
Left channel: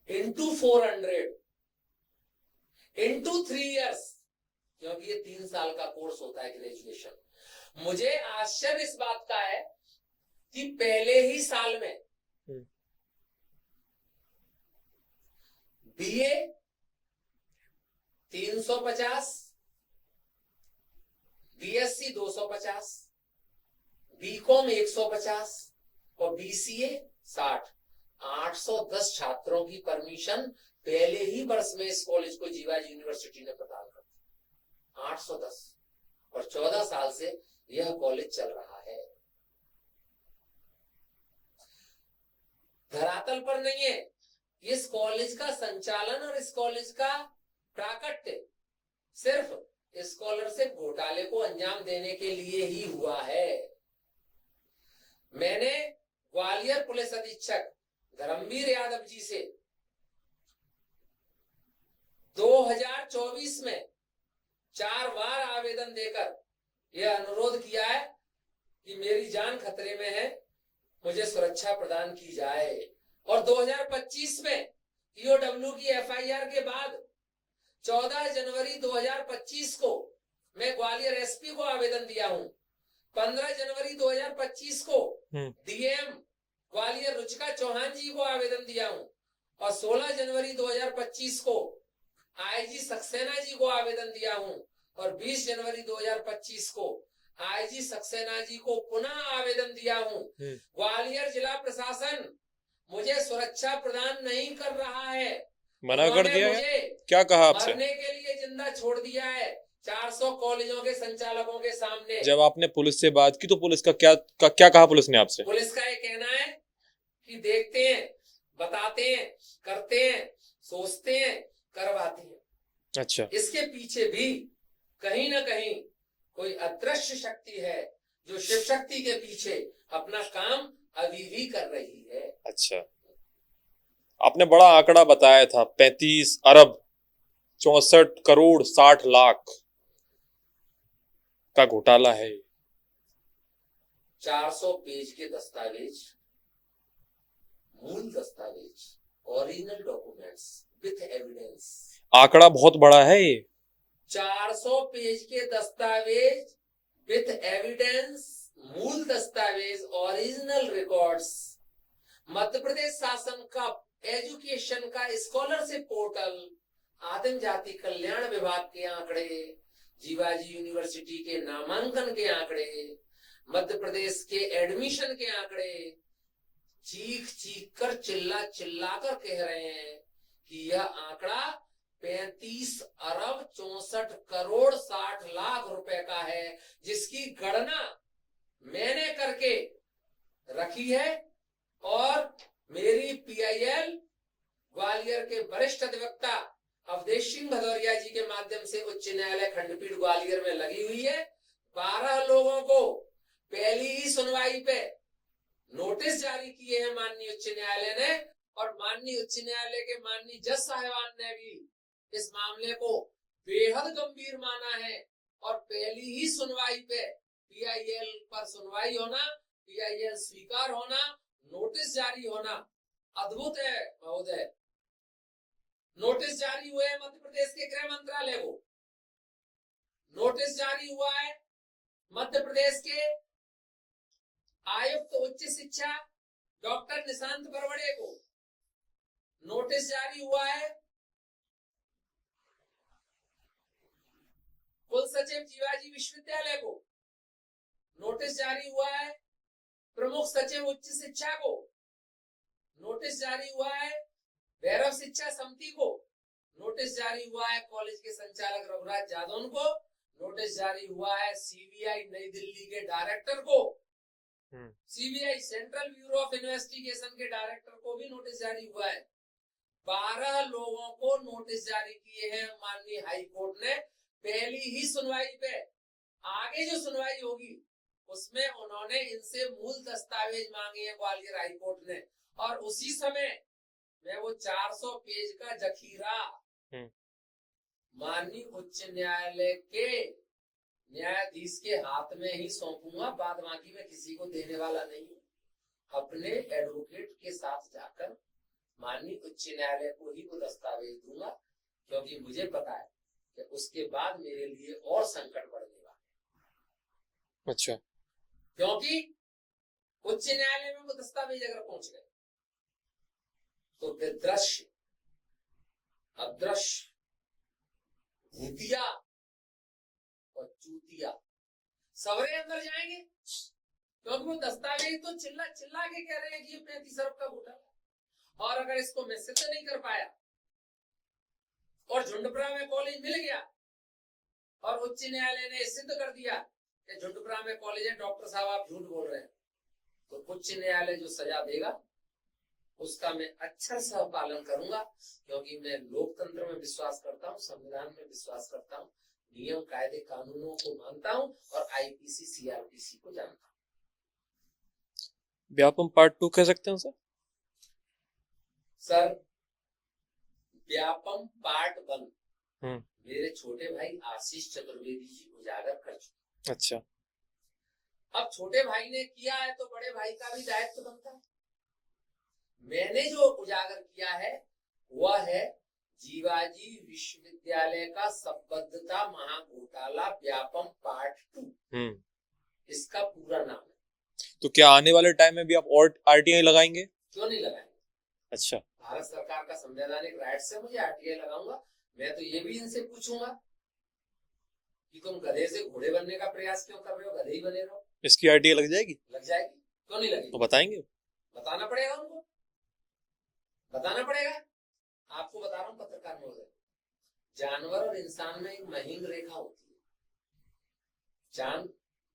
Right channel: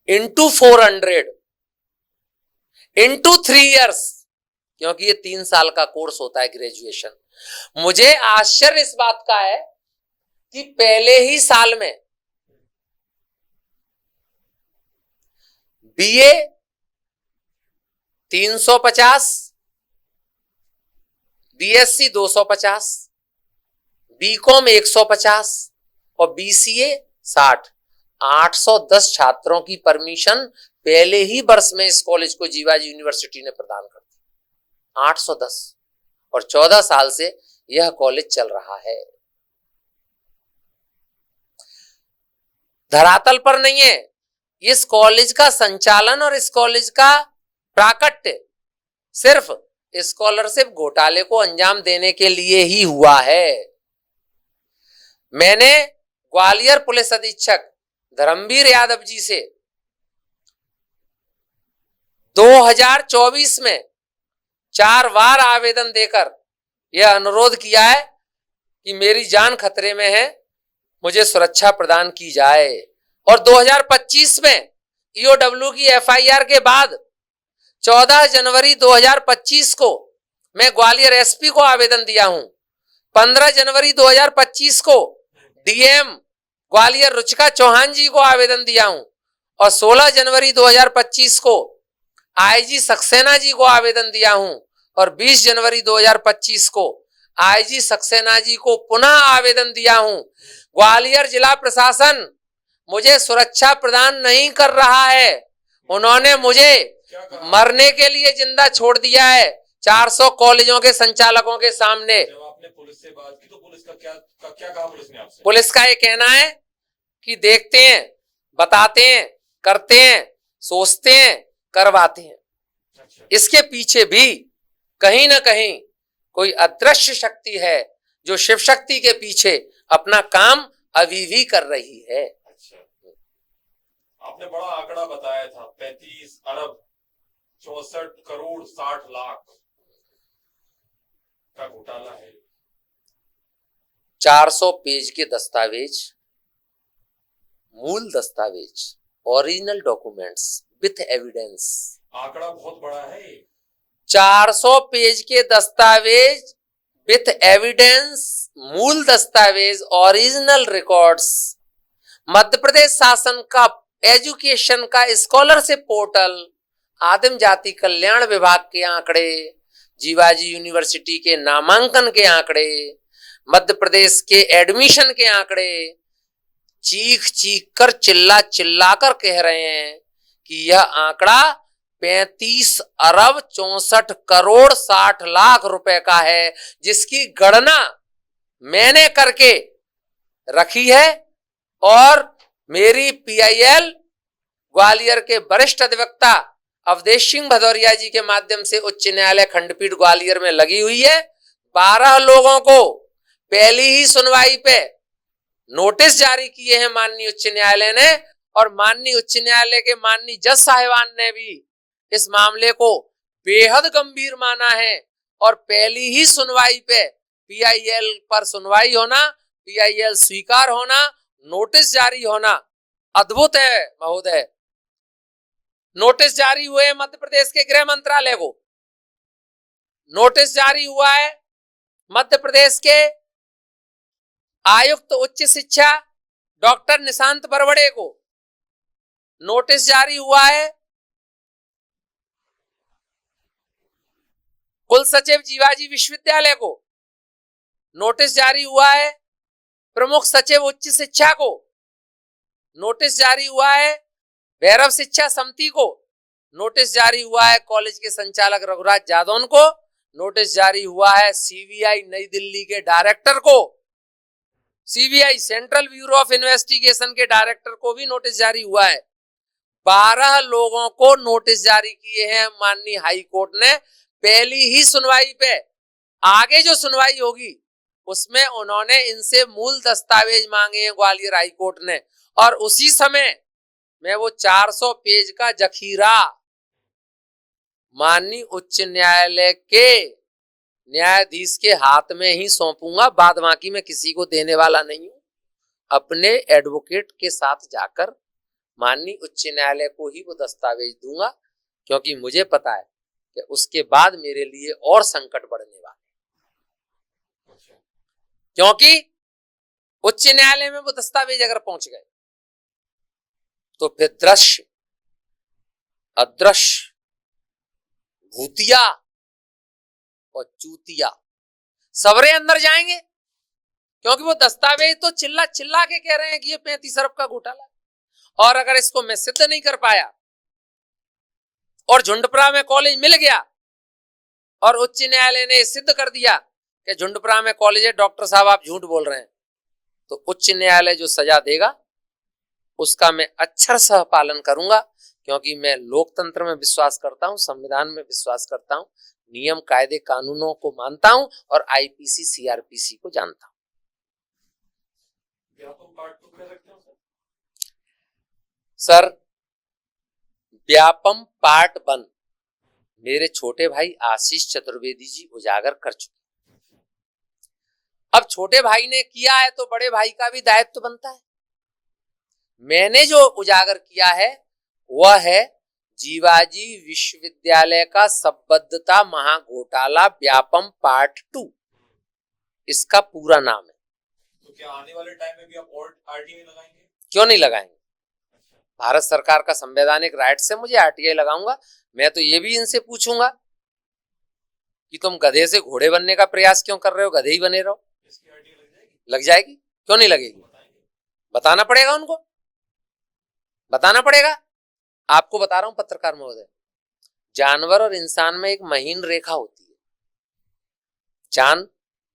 इंटू 400, इंटू 3 years, क्योंकि ये 3 साल का कोर्स होता है ग्रेजुएशन। मुझे आश्चर्य इस बात का है कि पहले ही साल में बीए 350, बीएससी 250, बीकॉम 150 और बीसीए 60, 810 छात्रों की परमिशन पहले ही वर्ष में इस कॉलेज को जीवाजी यूनिवर्सिटी ने प्रदान कर दी। 810, और 14 साल से यह कॉलेज चल रहा है। धरातल पर नहीं है। इस कॉलेज का संचालन और इस कॉलेज का प्राकट्य सिर्फ स्कॉलरशिप घोटाले को अंजाम देने के लिए ही हुआ है। मैंने ग्वालियर पुलिस अधीक्षक धर्मवीर यादव जी से 2024 में 4 बार आवेदन देकर यह अनुरोध किया है कि मेरी जान खतरे में है, मुझे सुरक्षा प्रदान की जाए। और 2025 में ईओडब्ल्यू की एफआईआर के बाद 14 जनवरी 2025 को मैं ग्वालियर एसपी को आवेदन दिया हूं। 15 जनवरी 2025 को डीएम ग्वालियर रुचिका चौहान जी को आवेदन दिया हूं, और 16 जनवरी 2025 को आईजी सक्सेना जी को आवेदन दिया हूं, और 20 जनवरी 2025 को आईजी सक्सेना जी को पुनः आवेदन दिया हूं। ग्वालियर जिला प्रशासन मुझे सुरक्षा प्रदान नहीं कर रहा है। उन्होंने मुझे क्या कहा? मरने के लिए जिंदा छोड़ दिया है 400 कॉलेजों के संचालकों के सामने। जब आपने पुलिस से बात की तो पुलिस का क्या कहा पुलिस ने आपसे? पुलिस का ये कहना है कि देखते हैं, बताते हैं, करते हैं, सोचते हैं, करवाते हैं। अच्छा, इसके पीछे भी कहीं ना कहीं कोई अदृश्य शक्ति है जो शिव शक्ति के पीछे अपना काम अभी भी कर रही है। अच्छा, आपने बड़ा आंकड़ा बताया था, 35 अरब 64 करोड़ 60 लाख का घोटाला है। 400 पेज के दस्तावेज, मूल दस्तावेज, ओरिजिनल डॉक्यूमेंट्स विथ एविडेंस। आंकड़ा बहुत बड़ा है ये। 400 पेज के दस्तावेज विथ एविडेंस, मूल दस्तावेज, ओरिजिनल रिकॉर्ड्स, मध्य प्रदेश शासन का एजुकेशन का स्कॉलरशिप पोर्टल, आदिम जाति कल्याण विभाग के आंकड़े, जीवाजी यूनिवर्सिटी के नामांकन के आंकड़े, मध्य प्रदेश के एडमिशन के आंकड़े, चीख चीख कर चिल्ला चिल्ला कर कह रहे हैं कि यह आंकड़ा 35 अरब 64 करोड़ 60 लाख रुपए का है, जिसकी गणना मैंने करके रखी है और मेरी पीआईएल ग्वालियर के वरिष्ठ अधिवक्ता अवधेश सिंह भदौरिया जी के माध्यम से उच्च न्यायालय खंडपीठ ग्वालियर में लगी हुई है। 12 लोगों को पहली ही सुनवाई पे नोटिस जारी किए हैं माननीय उच्च न्यायालय ने, और माननीय उच्च न्यायालय के माननीय जज साहिबान ने भी इस मामले को बेहद गंभीर माना है और पहली ही सुनवाई पे पीआईएल पर सुनवाई होना, पीआईएल स्वीकार होना, नोटिस जारी होना अद्भुत है महोदय। नोटिस जारी हुए हैं मध्य प्रदेश के गृह मंत्रालय को, नोटिस जारी हुआ है मध्य प्रदेश के आयुक्त उच्च शिक्षा डॉक्टर निशांत बरवड़े को, नोटिस जारी हुआ है कुल सचिव जीवाजी विश्वविद्यालय को, नोटिस जारी हुआ है प्रमुख सचिव उच्च शिक्षा को, नोटिस जारी हुआ है भैरव शिक्षा समिति को, नोटिस जारी हुआ है कॉलेज के संचालक रघुराज जादौन को, नोटिस जारी हुआ है सीबीआई नई दिल्ली के डायरेक्टर को, CBI central bureau of investigation के डायरेक्टर को भी नोटिस जारी हुआ है। 12 लोगों को नोटिस जारी किए हैं माननीय हाई कोर्ट ने पहली ही सुनवाई पे। आगे जो सुनवाई होगी उसमें उन्होंने इनसे मूल दस्तावेज मांगे हैं ग्वालियर हाई कोर्ट ने, और उसी समय मैं वो 400 पेज का जखीरा माननीय उच्च न्यायालय के न्यायाधीश के हाथ में ही सौंपूंगा। बाद बाकी मैं किसी को देने वाला नहीं हूं, अपने एडवोकेट के साथ जाकर माननीय उच्च न्यायालय को ही वो दस्तावेज दूंगा, क्योंकि मुझे पता है कि उसके बाद मेरे लिए और संकट बढ़ने वाला है। अच्छा, क्योंकि उच्च न्यायालय में वो दस्तावेज अगर पहुंच गए तो फिर दृश्य अदृश्य भूतिया और चूतिया सबरे अंदर जाएंगे, क्योंकि वो दस्तावेज तो चिल्ला चिल्ला के कह रहे हैं कि ये 35 अरब का घोटाला, और अगर इसको मैं सिद्ध नहीं कर पाया और झुंडपुरा में कॉलेज मिल गया और उच्च न्यायालय ने सिद्ध कर दिया कि झुंडपुरा में कॉलेज है, डॉक्टर साहब आप झूठ बोल रहे हैं, तो उच्च न्यायालय जो सजा देगा उसका मैं अक्षरशः पालन करूंगा, क्योंकि मैं लोकतंत्र में विश्वास करता हूं, संविधान में विश्वास करता हूं, नियम कायदे कानूनों को मानता हूं और आईपीसी सीआरपीसी को जानता हूं। व्यापम पार्ट 2 कह सकते हैं सर? सर, व्यापम पार्ट 1 मेरे छोटे भाई आशीष चतुर्वेदी जी उजागर कर चुके। अच्छा, अब छोटे भाई ने किया है तो बड़े भाई का भी दायित्व तो बनता है। मैंने जो उजागर किया है वह है जीवाजी विश्वविद्यालय का संबद्धता महाघोटाला व्यापम पार्ट 2। इसका पूरा नाम है। तो क्या आने वाले टाइम में भी आप और आरटीआई लगाएंगे? क्यों नहीं लगाएंगे? अच्छा, भारत सरकार का संवैधानिक राइट से मुझे आरटीआई लगाऊंगा। मैं तो ये भी इनसे पूछूंगा कि तुम गधे से घोड़े बनने का प्रयास क्यों कर रहे हो, गधे ही बने रहो। इसकी आरटीआई लग जाएगी? लग जाएगी, क्यों नहीं लगेगी? तो बताएंगे? बताना पड़ेगा, उनको बताना पड़ेगा। आपको बता रहा हूं पत्रकार महोदय, जानवर और इंसान में एक महीन रेखा होती है, जान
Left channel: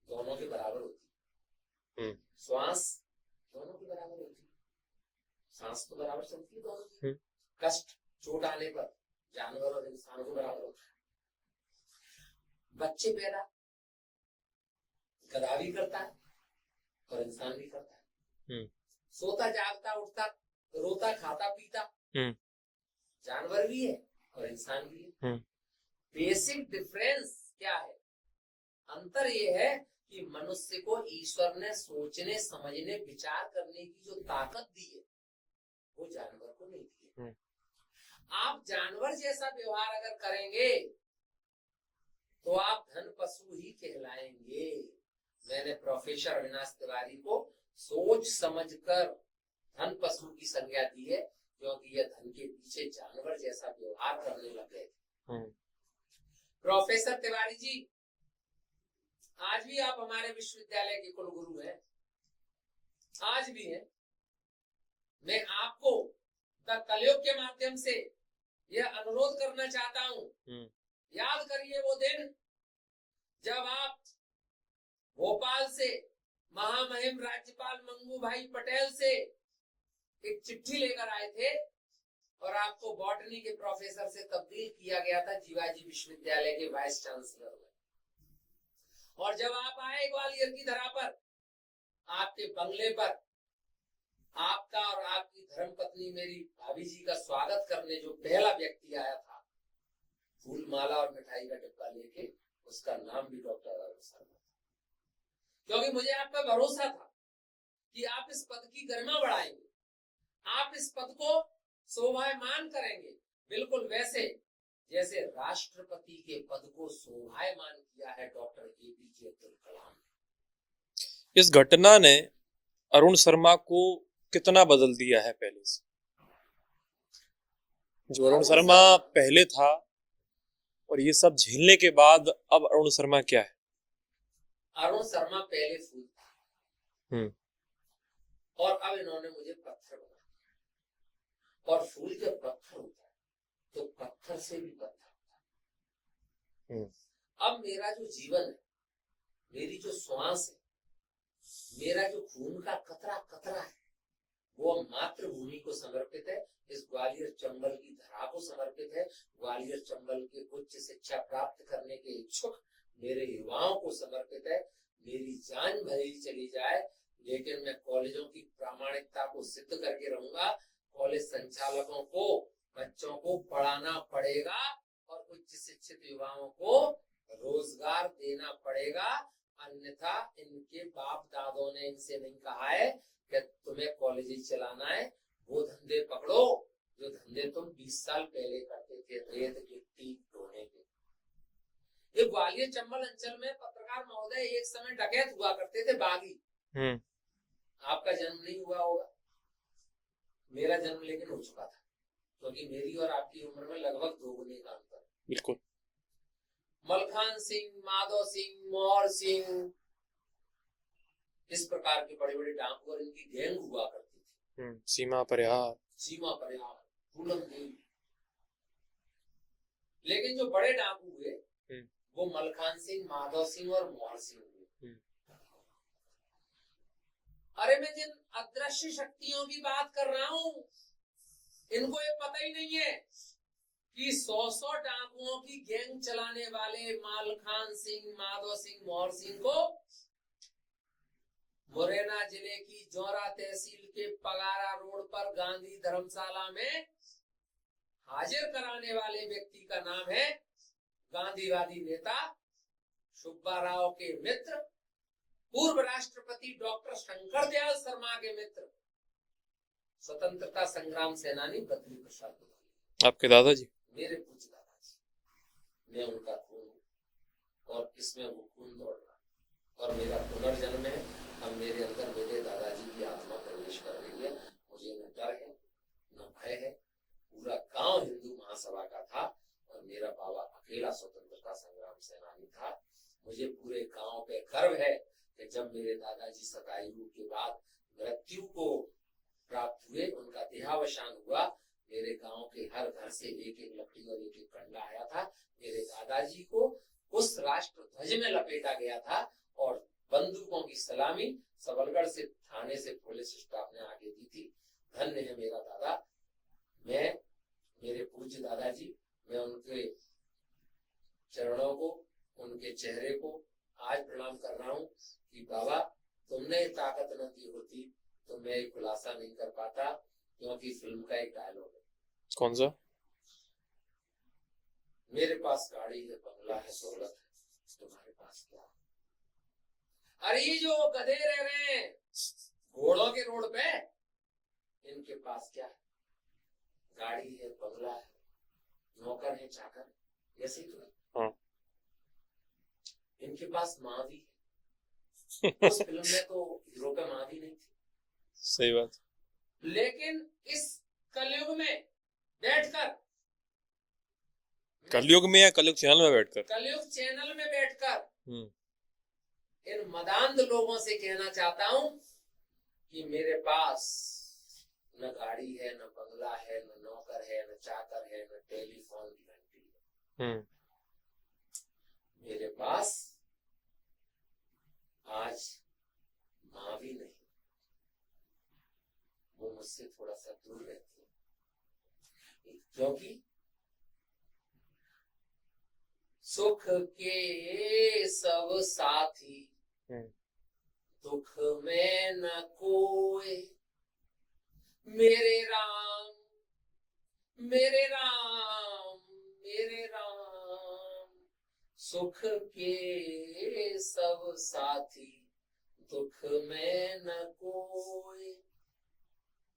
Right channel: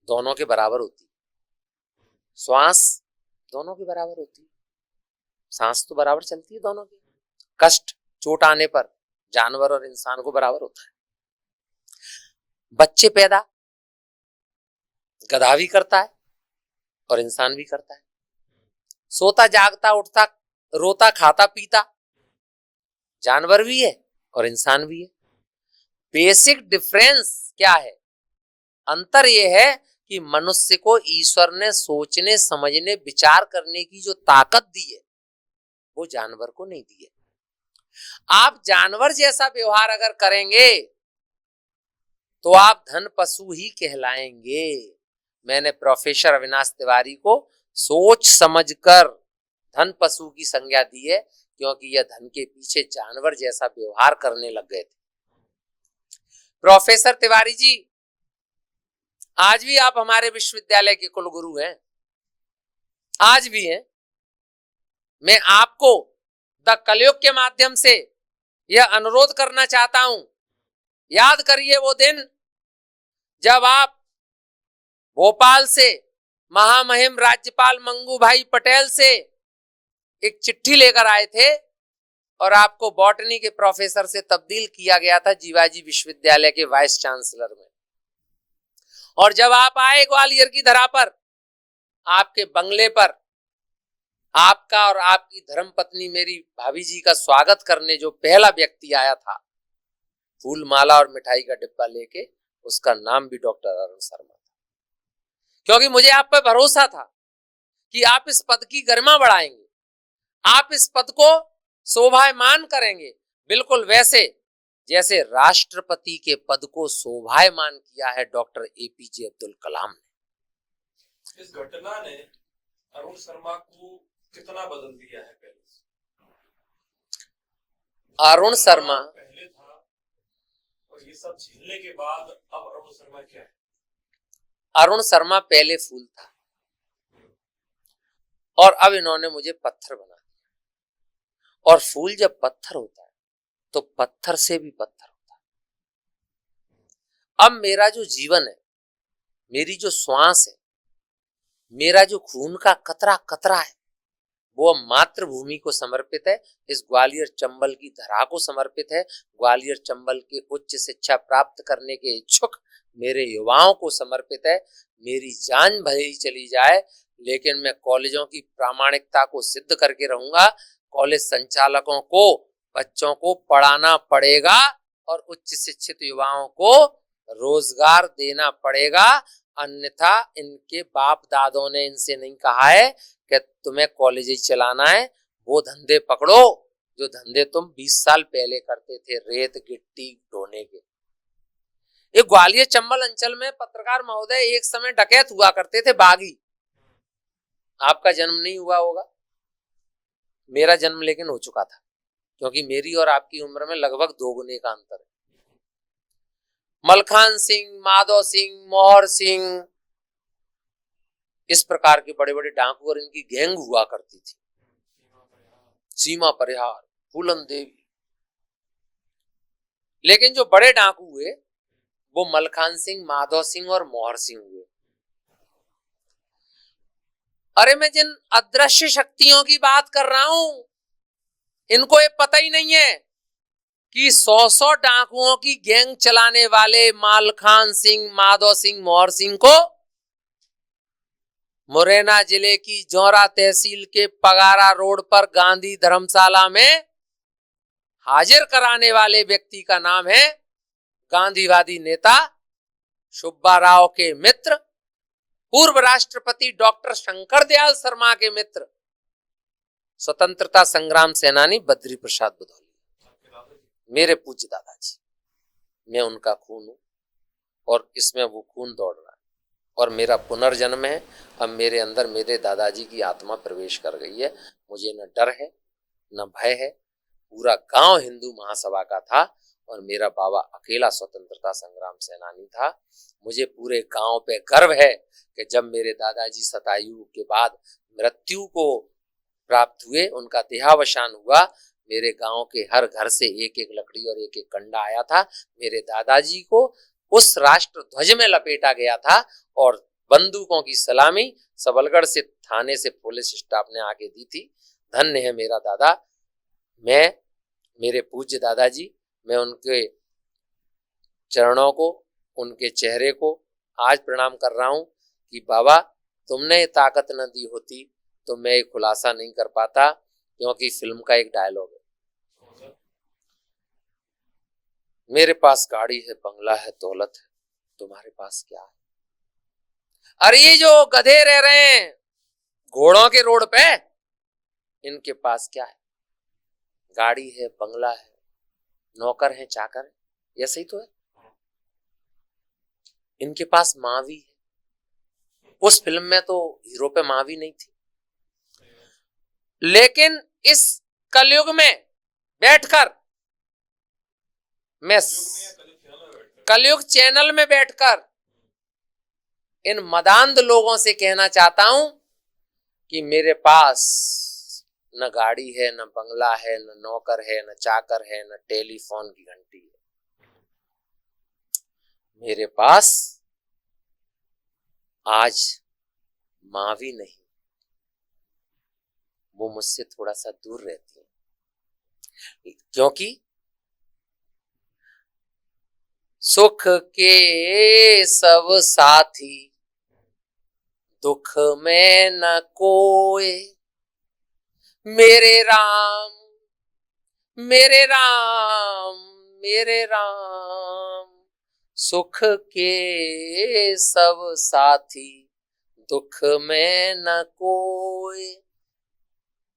दोनों के बराबर होती है, श्वास दोनों के बराबर होती है, सांस तो बराबर चलती है दोनों की, कष्ट चोट आने पर जानवर और इंसान को बराबर होता है। बच्चे पैदा गधा भी करता है और इंसान भी करता है, सोता जागता उठता रोता खाता पीता जानवर भी है और इंसान भी है। बेसिक डिफरेंस क्या है? अंतर यह है कि मनुष्य को ईश्वर ने सोचने समझने विचार करने की जो ताकत दी है वो जानवर को नहीं दी है। आप जानवर जैसा व्यवहार अगर करेंगे तो आप धन पशु ही कहलाएंगे। मैंने प्रोफेसर अविनाश तिवारी को सोच समझकर धन पशु की संज्ञा दी है, क्योंकि यह धन के पीछे जानवर जैसा व्यवहार करने लग गए थे। प्रोफेसर तिवारी जी, आज भी आप हमारे विश्वविद्यालय के कुलगुरु हैं, आज भी हैं। मैं आपको द कलयुग के माध्यम से यह अनुरोध करना चाहता हूं, याद करिए वो दिन जब आप भोपाल से महामहिम राज्यपाल मंगू भाई पटेल से एक चिट्ठी लेकर आए थे और आपको बॉटनी के प्रोफेसर से तब्दील किया गया था जीवाजी विश्वविद्यालय के वाइस चांसलर में। और जब आप आए ग्वालियर की धरा पर, आपके बंगले पर आपका और आपकी धर्मपत्नी मेरी भाभी जी का स्वागत करने जो पहला व्यक्ति आया था, फूल माला और मिठाई का डिब्बा लेके, उसका नाम भी डॉक्टर अरुण शर्मा था। क्योंकि मुझे आप पर भरोसा था कि आप इस पद की गरिमा बढ़ाएंगे, आप इस पद को शोभायमान करेंगे, बिल्कुल वैसे जैसे राष्ट्रपति के पद को शोभायमान किया है डॉक्टर एपीजे अब्दुल कलाम ने। इस घटना ने अरुण शर्मा को कितना बदल दिया है पहले से? जो अरुण शर्मा पहले था और ये सब झेलने के बाद अब अरुण शर्मा क्या है? अरुण शर्मा पहले फूल था और अब इन्होंने मुझे पत्थर बना दिया। और फूल जब पत्थर होता है तो पत्थर से भी पत्थर होता है। अब मेरा जो जीवन है, मेरी जो श्वास है, मेरा जो खून का कतरा कतरा है, वो मातृभूमि को समर्पित है, इस ग्वालियर चंबल की धरा को समर्पित है, ग्वालियर चंबल के उच्च शिक्षा प्राप्त करने के इच्छुक मेरे युवाओं को समर्पित है। मेरी जान भले ही चली जाए, लेकिन मैं कॉलेजों की प्रामाणिकता को सिद्ध करके रहूंगा। कॉलेज संचालकों को बच्चों को पढ़ाना पड़ेगा और उच्च शिक्षित युवाओं को रोजगार देना पड़ेगा, अन्यथा इनके बाप दादों ने इनसे नहीं कहा है कि तुम्हें कॉलेज ही चलाना है, वो धंधे पकड़ो जो धंधे तुम 20 साल पहले करते थे, रेत गिट्टी ढोने के। ये ग्वालियर चंबल अंचल में पत्रकार महोदय एक समय डकैत हुआ करते थे, बागी। आपका जन्म नहीं हुआ होगा, मेरा जन्म लेकिन हो चुका था, क्योंकि मेरी और आपकी उम्र में लगभग 2 गुने का अंतर है। बिल्कुल। मलखान सिंह, माधव सिंह, मोहर सिंह, इस प्रकार के बड़े बड़े डाकू और इनकी गैंग हुआ करती थी। सीमा परिहार, फूलन देवी। लेकिन जो बड़े डाकू हुए वो मलखान सिंह, माधव सिंह और मोहर सिंह हुए। अरे मैं जिन अदृश्य शक्तियों की बात कर रहा हूं, इनको ये पता ही नहीं है कि 100 डाकुओं की गैंग चलाने वाले मलखान सिंह, माधव सिंह, मोहर सिंह को मुरैना जिले की जौरा तहसील के पगारा रोड पर गांधी धर्मशाला में हाजिर कराने वाले व्यक्ति का नाम है गांधीवादी नेता सुब्बा राव के मित्र, पूर्व राष्ट्रपति डॉक्टर शंकर दयाल शर्मा के मित्र, स्वतंत्रता संग्राम सेनानी बद्री प्रसाद बुधौली। आपके दादाजी? मेरे पूज्य दादाजी। मैं उनका खून हूं और इसमें वो खून दौड़ रहा है और मेरा पुनर्जन्म है। अब मेरे अंदर मेरे दादाजी की आत्मा प्रवेश कर गई है। मुझे न डर है न भय है। पूरा गांव हिंदू महासभा का था और मेरा बाबा अकेला स्वतंत्रता संग्राम सेनानी था। मुझे पूरे गांव पे गर्व है कि जब मेरे दादाजी शतायु के बाद मृत्यु को प्राप्त हुए, उनका देहावसान हुआ, मेरे गांव के हर घर से एक एक लकड़ी और एक एक कंडा आया था। मेरे दादाजी को उस राष्ट्र ध्वज में लपेटा गया था और बंदूकों की सलामी सबलगढ़ से थाने से पुलिस स्टाफ ने आके दी थी। धन्य है मेरा दादा। मैं, मेरे पूज्य दादाजी, मैं उनके चरणों को, उनके चेहरे को आज प्रणाम कर रहा हूं कि बाबा तुमने ताकत न दी होती तो मैं एक खुलासा नहीं कर पाता, क्योंकि फिल्म का एक डायलॉग है। कौन सा? मेरे पास गाड़ी है, बंगला है, दौलत है, तुम्हारे पास क्या है? अरे ये जो गधे रह रहे हैं घोड़ों के रोड पे, इनके पास क्या है? गाड़ी है, बंगला है, नौकर है, चाकर है, ऐसे ही तो है। इनके पास माँ भी है। उस फिल्म में तो हीरो पे माँ भी नहीं थी। सही बात। लेकिन इस कलयुग में बैठकर मैं, कलयुग में या कलयुग चैनल में बैठकर? कलयुग चैनल में बैठकर इन मदांध लोगों से कहना चाहता हूं कि मेरे पास न गाड़ी है, न बंगला है, न नौकर है, न चाकर है, न टेलीफोन की घंटी है। मेरे पास आज माँ भी नहीं, वो मुझसे थोड़ा सा दूर रहती है, क्योंकि सुख के सब साथी दुख में न कोई, मेरे राम मेरे राम मेरे राम, सुख के सब साथी दुख में न कोई।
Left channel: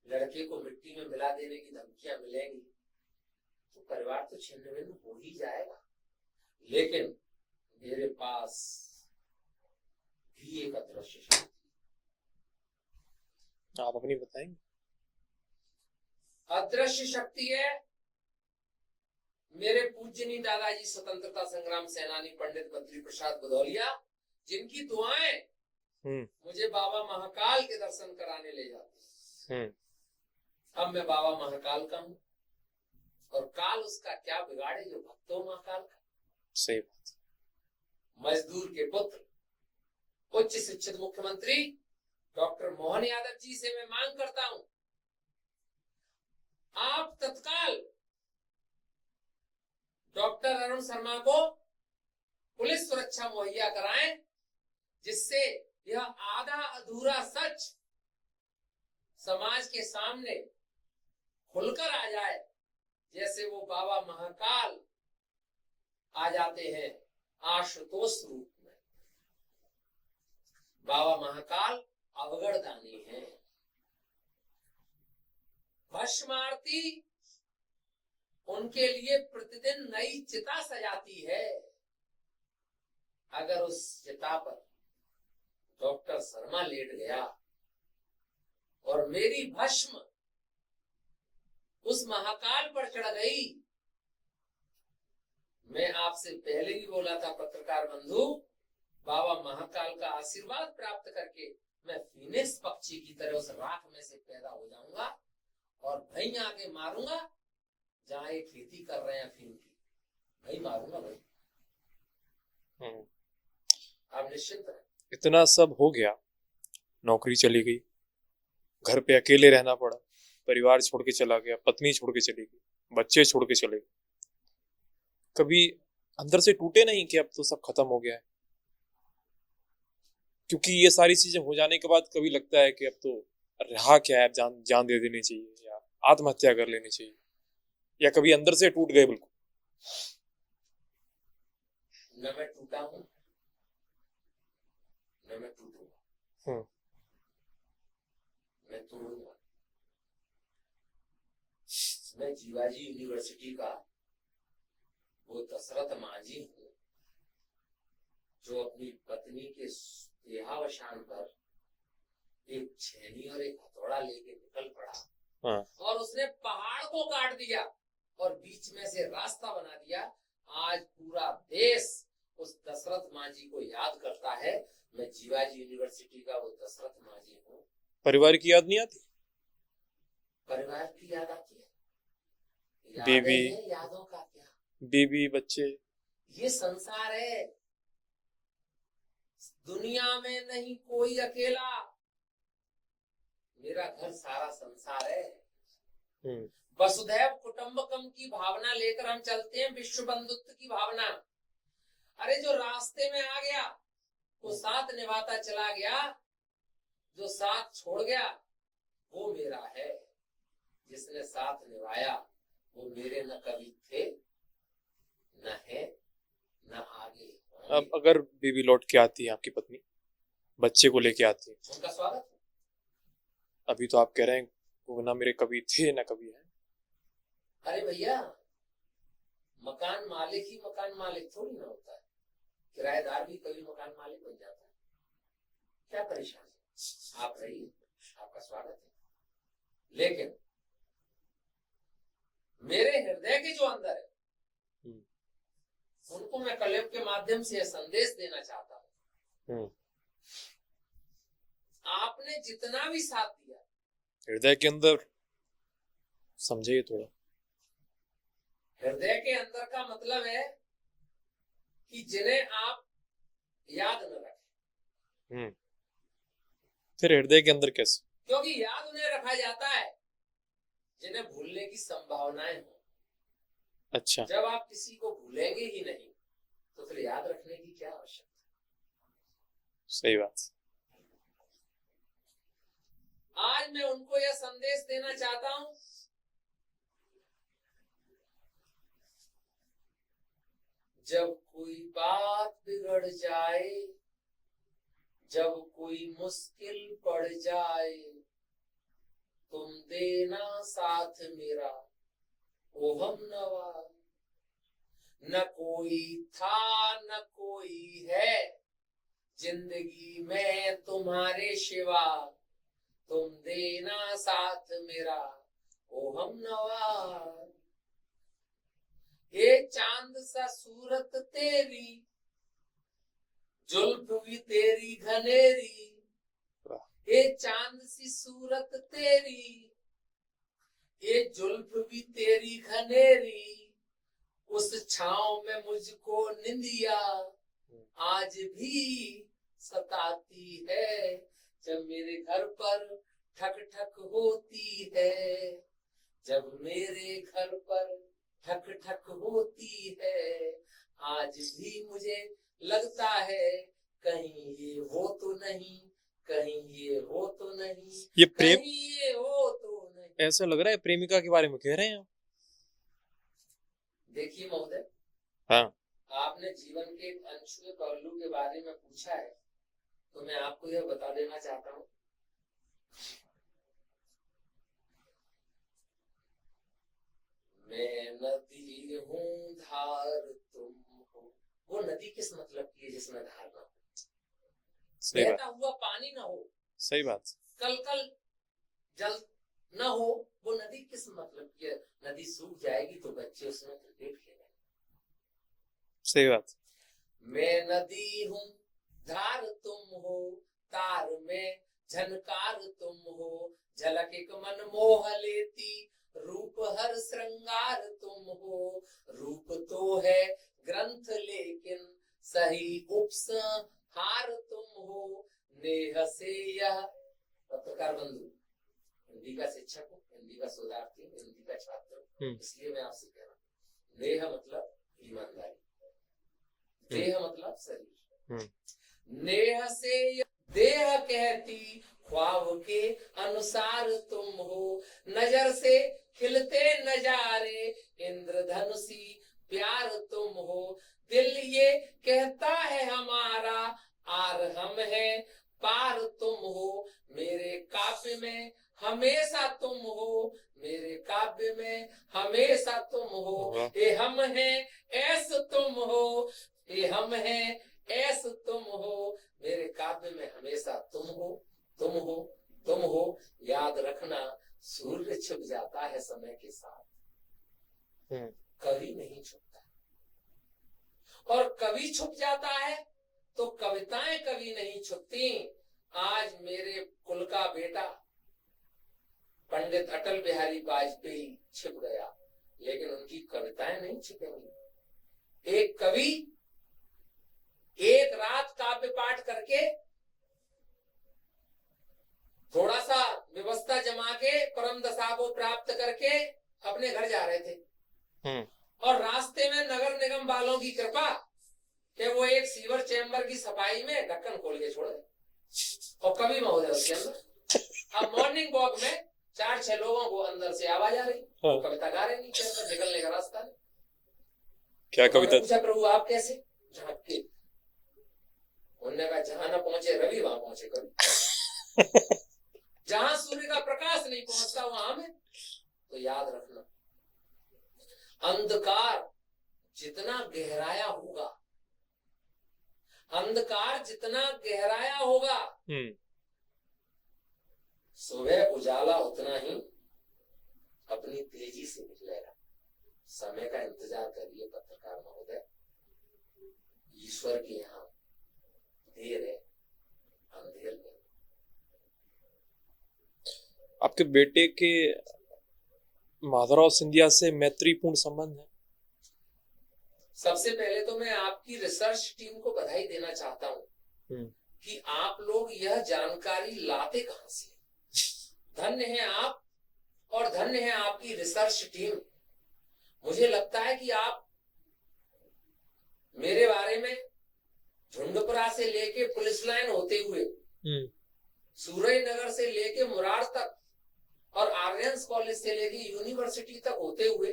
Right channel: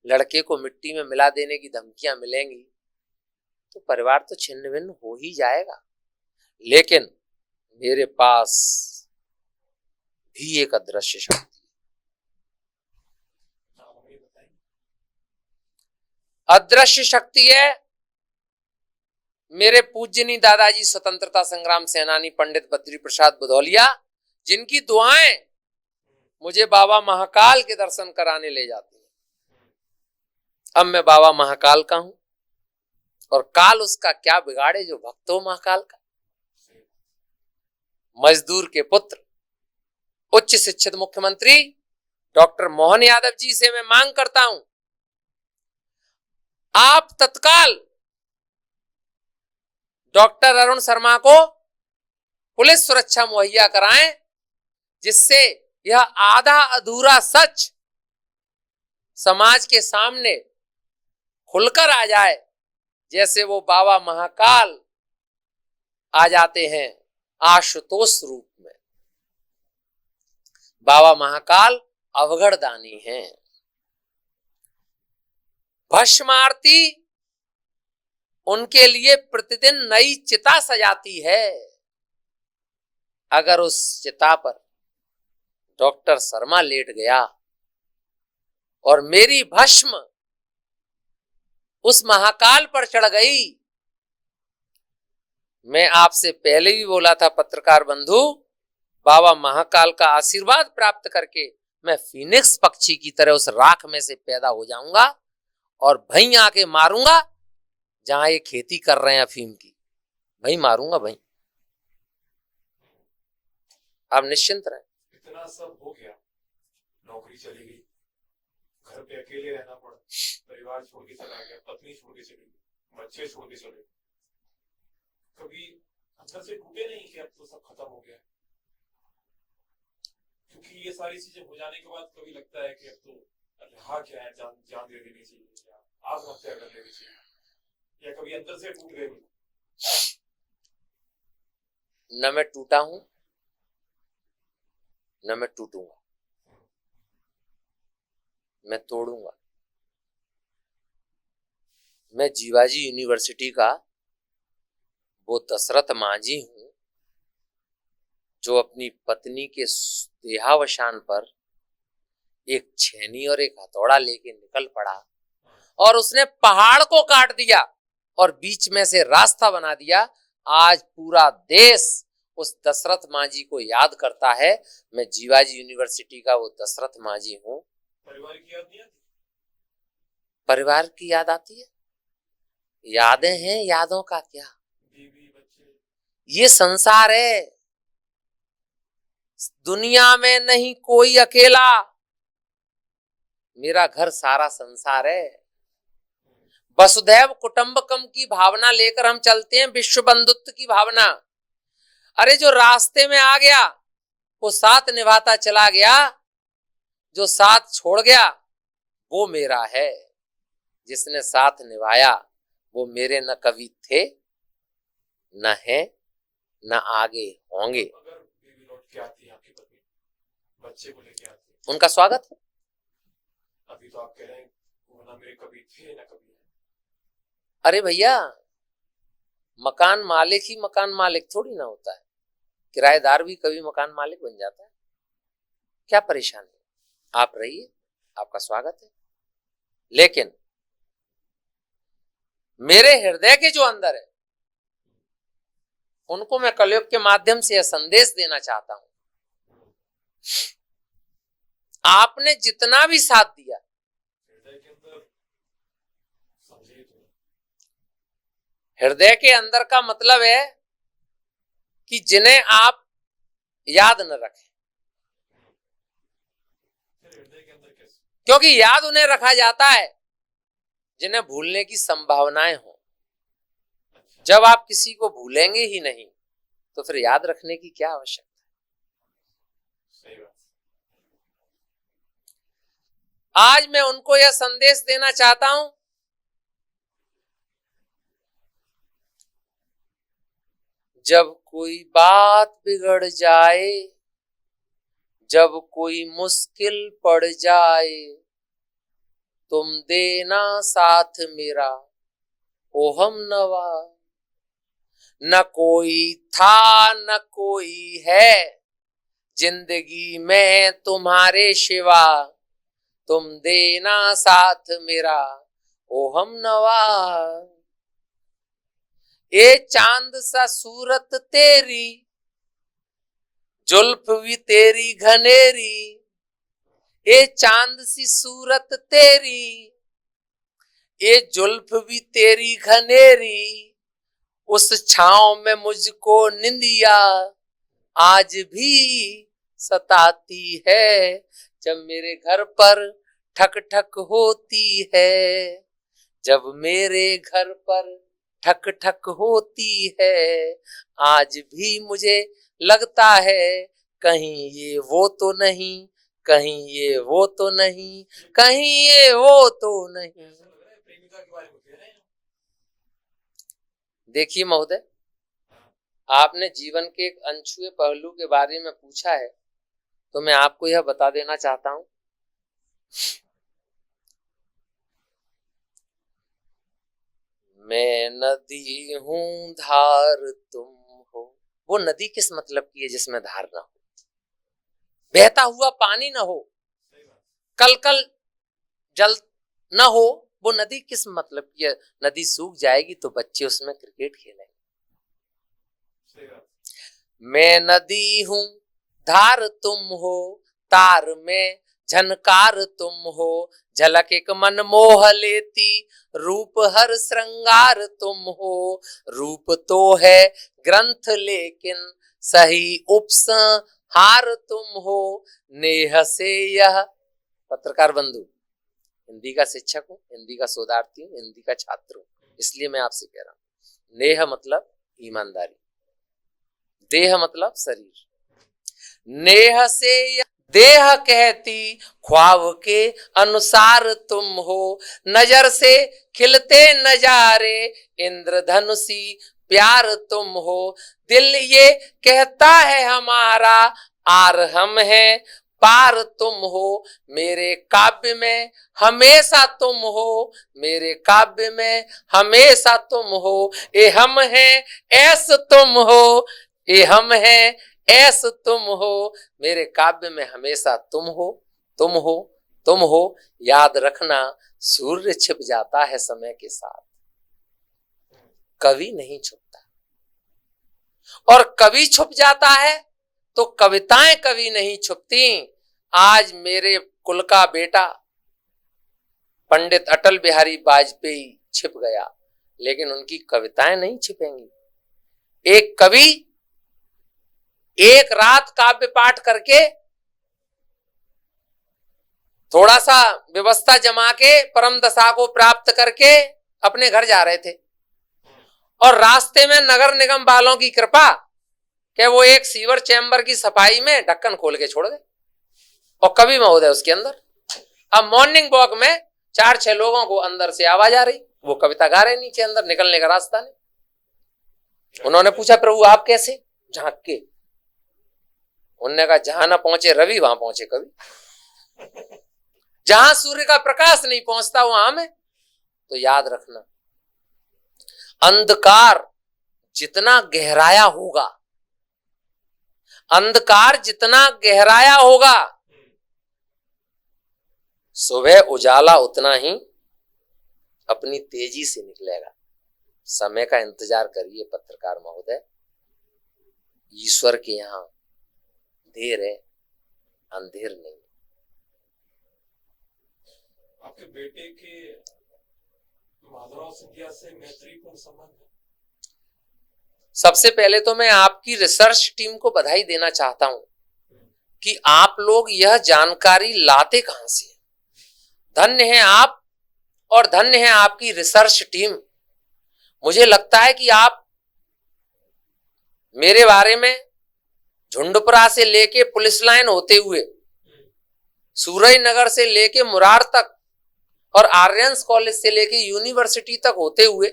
लड़के को मिट्टी में मिला देने की धमकियां मिलेंगी तो परिवार तो छिन्न भिन्न हो ही जाएगा, लेकिन मेरे पास भी एक अदृश्य शक्ति। आप अपनी बताएंगे? अदृश्य शक्ति है मेरे पूज्यनीय दादाजी स्वतंत्रता संग्राम सेनानी पंडित बद्री प्रसाद भदौलिया, जिनकी दुआएं मुझे बाबा महाकाल के दर्शन कराने ले जाती हैं। अब मैं बाबा महाकाल का हूं, और काल उसका क्या बिगाड़े जो भक्त हो महाकाल का। सही बात। मजदूर के पुत्र उच्च शिक्षित मुख्यमंत्री डॉक्टर मोहन यादव जी से मैं मांग करता हूं, आप तत्काल डॉक्टर अरुण शर्मा को पुलिस सुरक्षा मुहैया कराएं, जिससे यह आधा अधूरा सच समाज के सामने खुलकर आ जाए, जैसे वो बाबा महाकाल आ जाते हैं आशुतोष रूप में। बाबा महाकाल अवघड़दानी हैं। भस्मारती उनके लिए प्रतिदिन नई चिता सजाती है। अगर उस चिता पर डॉक्टर शर्मा लेट गया और मेरी भस्म उस महाकाल पर चढ़ गई, मैं आपसे पहले भी बोला था पत्रकार बंधु, बाबा महाकाल का आशीर्वाद प्राप्त करके मैं फीनिक्स पक्षी की तरह उस राख में से पैदा हो जाऊंगा और वहीं आके मारूंगा जहां ये खेती कर रहे हैं अफीम की, वहीं मारूंगा वहीं। आप निश्चिंत रहें। इतना सब हो गया, नौकरी चली गई, घर पे अकेले रहना पड़ा, परिवार छोड़ के चला गया, पत्नी छोड़ के चली गई, बच्चे छोड़ के चले गए, कभी अंदर से टूटे नहीं कि अब तो सब खत्म हो गया है? क्योंकि ये सारी चीजें हो जाने के बाद कभी लगता है कि अब तो रहा क्या है, जान दे देनी चाहिए या आत्महत्या कर लेनी चाहिए, या कभी अंदर से टूट गए बिल्कुल? न मैं टूटा हूं न मैं टूटूंगा, मैं तोड़ूंगा। मैं जीवाजी यूनिवर्सिटी का वो दशरथ मांझी हूं जो अपनी पत्नी के देहावसान पर एक छेनी और एक हथौड़ा लेके निकल पड़ा और उसने पहाड़ को काट दिया और बीच में से रास्ता बना दिया। आज पूरा देश उस दशरथ मांझी को याद करता है। मैं जीवाजी यूनिवर्सिटी का वो दशरथ मांझी हूं। परिवार की याद नहीं आती? परिवार की याद आती है, यादें हैं, यादों का क्या, बीवी बच्चे, ये संसार है, दुनिया में नहीं कोई अकेला, मेरा घर सारा संसार है। वसुधैव कुटुंबकम की भावना लेकर हम चलते हैं, विश्व बंधुत्व की भावना। अरे जो रास्ते में आ गया वो साथ निभाता चला गया, जो साथ छोड़ गया वो मेरा है। जिसने साथ निभाया वो मेरे न कभी थे, न है, न आगे होंगे। अगर बीवी लौट के आती है, आपकी पत्नी बच्चे को लेके आती है, उनका स्वागत है। अभी तो आप कह रहे हैं वो ना मेरे कभी थे ना कभी है। अरे भैया, मकान मालिक ही मकान मालिक थोड़ी ना होता है, किराएदार भी कभी मकान मालिक बन जाता है। क्या परेशानी है? आप रहिए, आपका स्वागत है। लेकिन मेरे हृदय के जो अंदर है उनको मैं कलयुग के माध्यम से यह संदेश देना चाहता हूं, आपने जितना भी साथ दिया, हृदय के अंदर समझिए थोड़ा। हृदय के अंदर का मतलब है कि जिन्हें आप याद न रखें। फिर हृदय के अंदर कैसे? क्योंकि याद उन्हें रखा जाता है जिन्हें भूलने की संभावनाएं हो। अच्छा। जब आप किसी को भूलेंगे ही नहीं तो फिर याद रखने की क्या आवश्यकता? सही बात। आज मैं उनको यह संदेश देना चाहता हूं, जब कोई बात बिगड़ जाए, जब कोई मुश्किल पड़ जाए, तुम देना साथ मेरा ओ हम नवा। न कोई था न कोई है जिंदगी में तुम्हारे सिवा, तुम देना साथ मेरा ओ हम नवा। ए चांद सा सूरत तेरी, जुल्फ भी तेरी घनेरी, ए चांद सी सूरत तेरी, ए जुल्फ भी तेरी घनेरी, उस छांव में मुझको निंदिया आज भी सताती है, जब मेरे घर पर ठक ठक होती है, जब मेरे घर पर ठक ठक होती है, आज भी मुझे लगता है कहीं ये वो तो नहीं, कहीं ये वो तो नहीं, कहीं ये वो तो नहीं। ऐसा लग रहा है प्रेमिका के बारे में कह रहे हैं। देखिए महोदय, हाँ। आपने जीवन के एक अनछुए पहलू के बारे में पूछा है, तो मैं आपको यह बता देना चाहता हूं, मैं नदी हूं धार तुम हो। वो नदी किस मतलब की है जिसमें धार ना हो, बहता हुआ पानी ना हो, सही बात, कल कल जल ना हो, वो नदी किस मतलब की है? नदी सूख जाएगी तो बच्चे उसमें क्रिकेट खेलेंगे। सही बात। मैं नदी हूं धार तुम हो, तार में झनकार तुम हो, झलक एक मन मोह लेती, रूप हर श्रृंगार तुम हो। रूप तो है ग्रंथ लेकिन सही उपसंहार तुम हो। नेह से यह, पत्रकार बंधु, हिंदी का शिक्षक हूँ, हिंदी का शोधार्थी हूँ, हिंदी का छात्र हूँ, इसलिए मैं आपसे कह रहा हूँ, नेह मतलब ईमानदारी, देह मतलब शरीर। नेह से देह कहती ख्वाब के अनुसार तुम हो, नजर से खिलते नजारे इंद्रधनुषी प्यार तुम हो। दिल ये कहता है हमारा आर हम है पार तुम हो, मेरे काव्य में हमेशा तुम हो, मेरे काव्य में हमेशा तुम हो। ए हम हैं ऐस तुम हो, ए हम हैं ऐस तुम हो, मेरे काव्य में हमेशा तुम हो, तुम हो, तुम हो। याद रखना सूर्य छिप जाता है समय के साथ, कवि नहीं छुपता, और कवि छुप जाता है तो कविताएं कभी नहीं छुपती। आज मेरे कुल का बेटा पंडित अटल बिहारी वाजपेयी छिप गया, लेकिन उनकी कविताएं नहीं छिपेंगी। एक कवि एक रात काव्य पाठ करके थोड़ा सा व्यवस्था जमा के परम दशा को प्राप्त करके अपने घर जा रहे थे, और रास्ते में नगर निगम वालों की कृपा कि वो एक सीवर चैम्बर की सफाई में ढक्कन खोल के छोड़ गए, और कवि महोदय उसके अंदर। अब मॉर्निंग वॉक में 4-6 लोगों को अंदर से आवाज आ रही, वो कविता गा रहे नीचे, अंदर निकलने का रास्ता नहीं। उन्होंने पूछा प्रभु आप कैसे? झांक के। उन्होंने कहा जहां ना पहुंचे रवि वहां पहुंचे कवि। जहां सूर्य का प्रकाश नहीं पहुंचता वहां में। तो याद रखना, अंधकार जितना गहराया होगा, अंधकार जितना गहराया होगा, सुबह उजाला उतना ही अपनी तेजी से निकलेगा। समय का इंतजार करिए पत्रकार महोदय, ईश्वर के यहां देर है, अंधेर नहीं। आपके बेटे के माधवराव सिंधिया से मैत्रीपूर्ण संबंध है। सबसे पहले तो मैं आपकी रिसर्च टीम को बधाई देना चाहता हूं कि आप लोग यह जानकारी लाते कहां से। धन्य है आप और धन्य है आपकी रिसर्च टीम। मुझे लगता है कि आप मेरे बारे में झुंडपुरा से लेके पुलिस लाइन होते हुए सूरज नगर से लेके मुरार तक और आर्यंस कॉलेज से लेके यूनिवर्सिटी तक होते हुए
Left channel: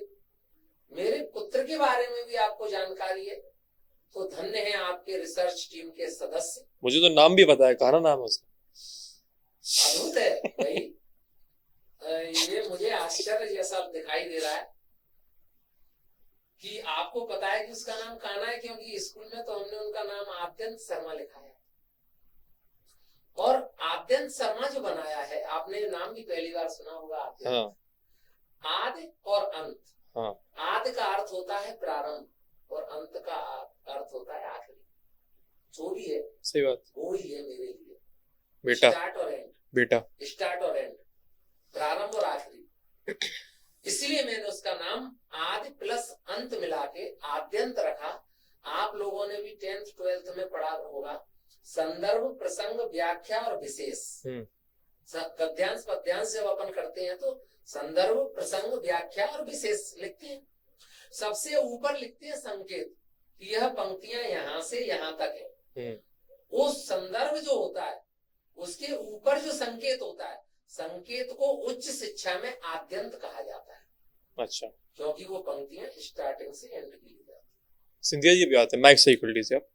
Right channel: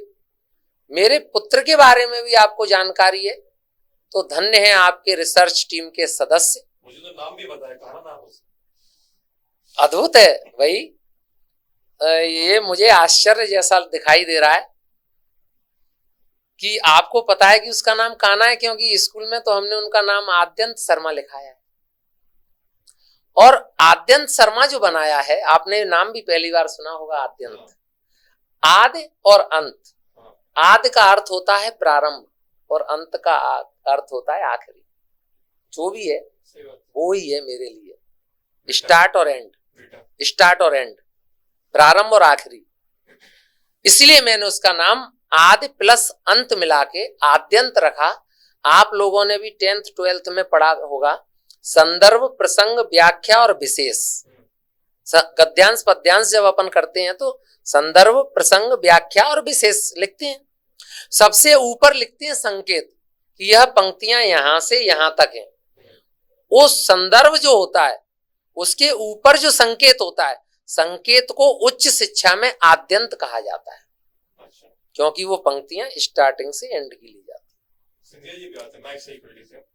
मेरे पुत्र के बारे में भी आपको जानकारी है, तो धन्य है आपके रिसर्च टीम के सदस्य। मुझे तो नाम भी पता है, कहा नाम है उसका। अद्भुत है भाई, ये मुझे आश्चर्य जैसा दिखाई दे रहा है कि आपको पता है कि उसका नाम कान्हा है, क्योंकि स्कूल में तो हमने उनका नाम आद्यंत शर्मा लिखा है। और आद्यंत शर्मा जो बनाया है, आपने नाम भी पहली बार सुना होगा आद्यंत। हाँ। आदि और अंत। हाँ। आदि का अर्थ होता है प्रारंभ और अंत का अर्थ होता है आखिरी। जो भी है सही बात, वो ही है मेरे लिए। स्टार्ट और एंड बेटा, स्टार्ट और एंड, प्रारंभ और आखिरी। इसलिए मैंने उसका नाम आदि प्लस अंत मिला के आद्यंत रखा। आप लोगों ने भी 10th 12th में पढ़ा होगा, संदर्भ, प्रसंग, व्याख्या और विशेष। गद्यांश पद्यांश जब अपन करते हैं तो संदर्भ, प्रसंग, व्याख्या और विशेष लिखते हैं। सबसे ऊपर लिखते हैं संकेत, कि यह पंक्तियां यहां से यहां तक हैं। वो संदर्भ जो होता है उसके ऊपर जो संकेत होता है, संकेत को उच्च शिक्षा में आद्यंत कहा जाता है। अच्छा, क्योंकि वो पंक्तियां स्टार्टिंग से एंड की ली जाती है। सिंधिया जी भी आते हैं, माइक सही कर लीजिए आप।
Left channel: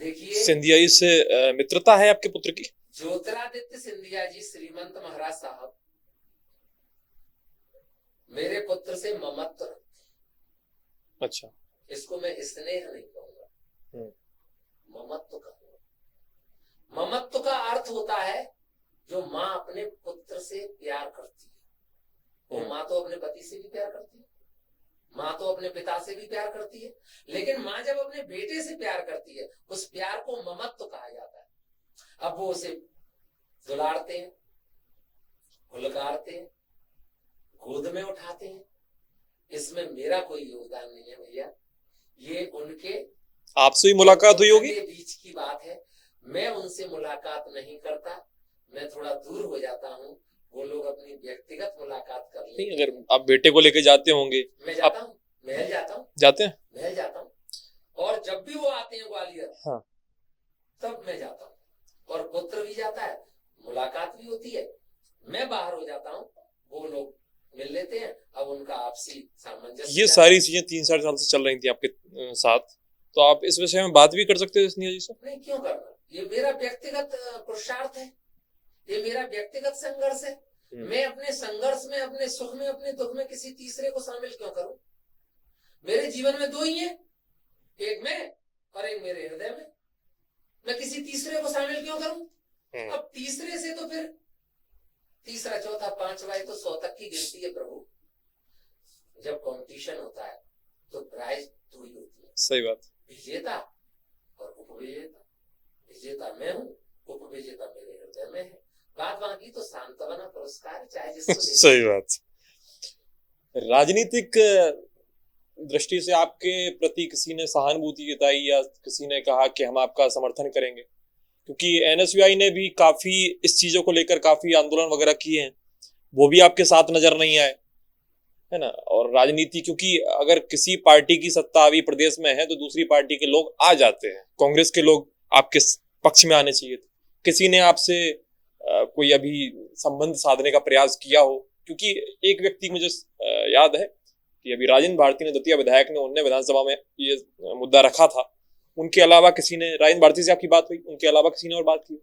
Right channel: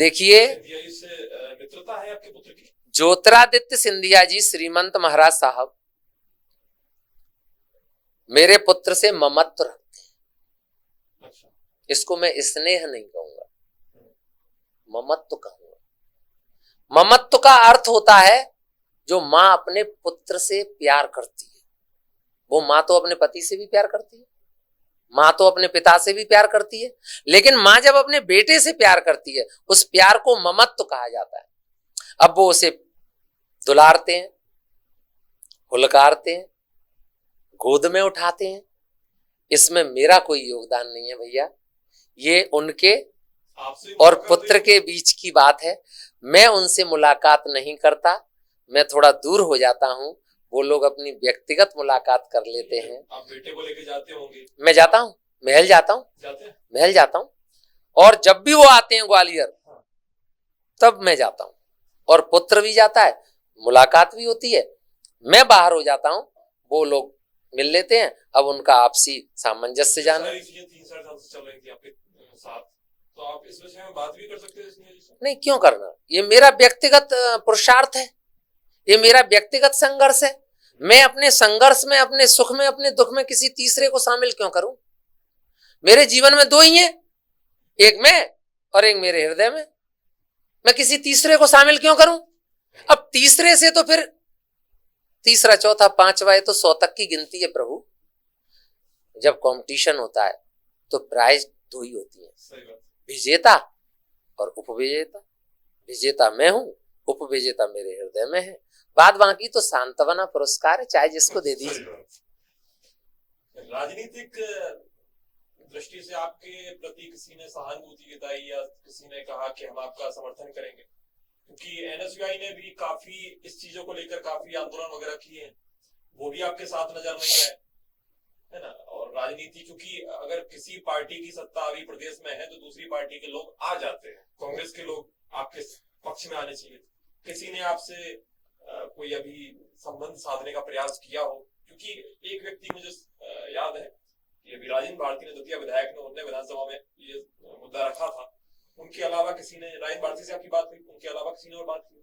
देखिए, सिंधिया जी से मित्रता है आपके पुत्र की? ज्योतिरादित्य सिंधिया जी श्रीमंत महाराज साहब मेरे पुत्र से ममत्व रखते हैं। अच्छा, इसको मैं स्नेह नहीं कहूंगा, ममत्व कहूंगा। ममत्व का अर्थ होता है जो माँ अपने पुत्र से प्यार करती है। वो माँ तो अपने पति से भी प्यार करती है, माँ तो अपने पिता से भी प्यार करती है, लेकिन माँ जब अपने बेटे से प्यार करती है उस प्यार को ममत्व कहा जाता है। अब वो उसे दुलारते हैं, हुलकारते हैं, गोद में उठाते हैं। इसमें मेरा कोई योगदान नहीं है भैया, ये उनके आपसे ही मुलाकात और पुत्र के बीच की बात है। मैं उनसे मुलाकात नहीं करता, मैं थोड़ा दूर हो जाता हूँ। वो लोग अपनी व्यक्तिगत मुलाकात कर लेते हैं। आप बेटे को लेके जाते होंगे? मैं जाता हूँ, महल जाता हूँ। जाते हैं? महल जाता हूँ, और जब भी वो आते हैं ग्वालियर, हाँ, तब मैं जाता हूँ। और पुत्र भी जाता है, मुलाकात भी होती है। मैं बाहर हो जाता हूँ, वो लोग मिल लेते हैं। अब उनका आपसी सामंजस्य। ये सारी चीजें 3-4 साल से चल रही थी आपके साथ, तो आप इस विषय में बात भी कर सकते हो सिंधिया जी से? नहीं, क्यों करना, ये मेरा व्यक्तिगत पुरुषार्थ है, ये मेरा व्यक्तिगत संघर्ष है। मैं अपने संघर्ष में, अपने सुख में, अपने दुख में किसी तीसरे को शामिल क्यों करूं? मेरे जीवन में दो ही हैं, एक मैं और एक मेरे हृदय में। मैं किसी तीसरे को शामिल क्यों करूं? अब तीसरे से तो फिर तीसरा, चौथा, पांचवा, तो 100 तक की गिनती है प्रभु। जब कंपटीशन होता है तो प्राइज दो ही होती है। सही बात। विजेता और उपविजेता। विजेता मैं हूं, उपविजेता मेरे हृदय में है। बाद बाकी तो सांत्वना पुरस्कार है, चाहे जिसको दे। सही बात। राजनीतिक दृष्टि से आपके प्रति किसी ने सहानुभूति जताई या किसी ने कहा कि हम आपका समर्थन करेंगे? क्योंकि एनएसयूआई ने भी काफी इस चीजों को लेकर काफी आंदोलन वगैरह किए हैं, वो भी आपके साथ नजर नहीं आए, है ना? और राजनीति, क्योंकि अगर किसी पार्टी की सत्ता अभी प्रदेश में है तो दूसरी पार्टी के लोग आ जाते हैं। कांग्रेस के लोग आपके पक्ष में आने चाहिए थे। किसी ने आपसे कोई अभी संबंध साधने का प्रयास किया हो? क्योंकि एक व्यक्ति मुझे याद है कि अभी राजेंद्र भारती ने, दतिया विधायक ने, उन्होंने विधानसभा में ये मुद्दा रखा था। उनके अलावा किसी ने, राजेंद्र भारती से आपकी बात हुई, उनके अलावा किसी ने और बात की?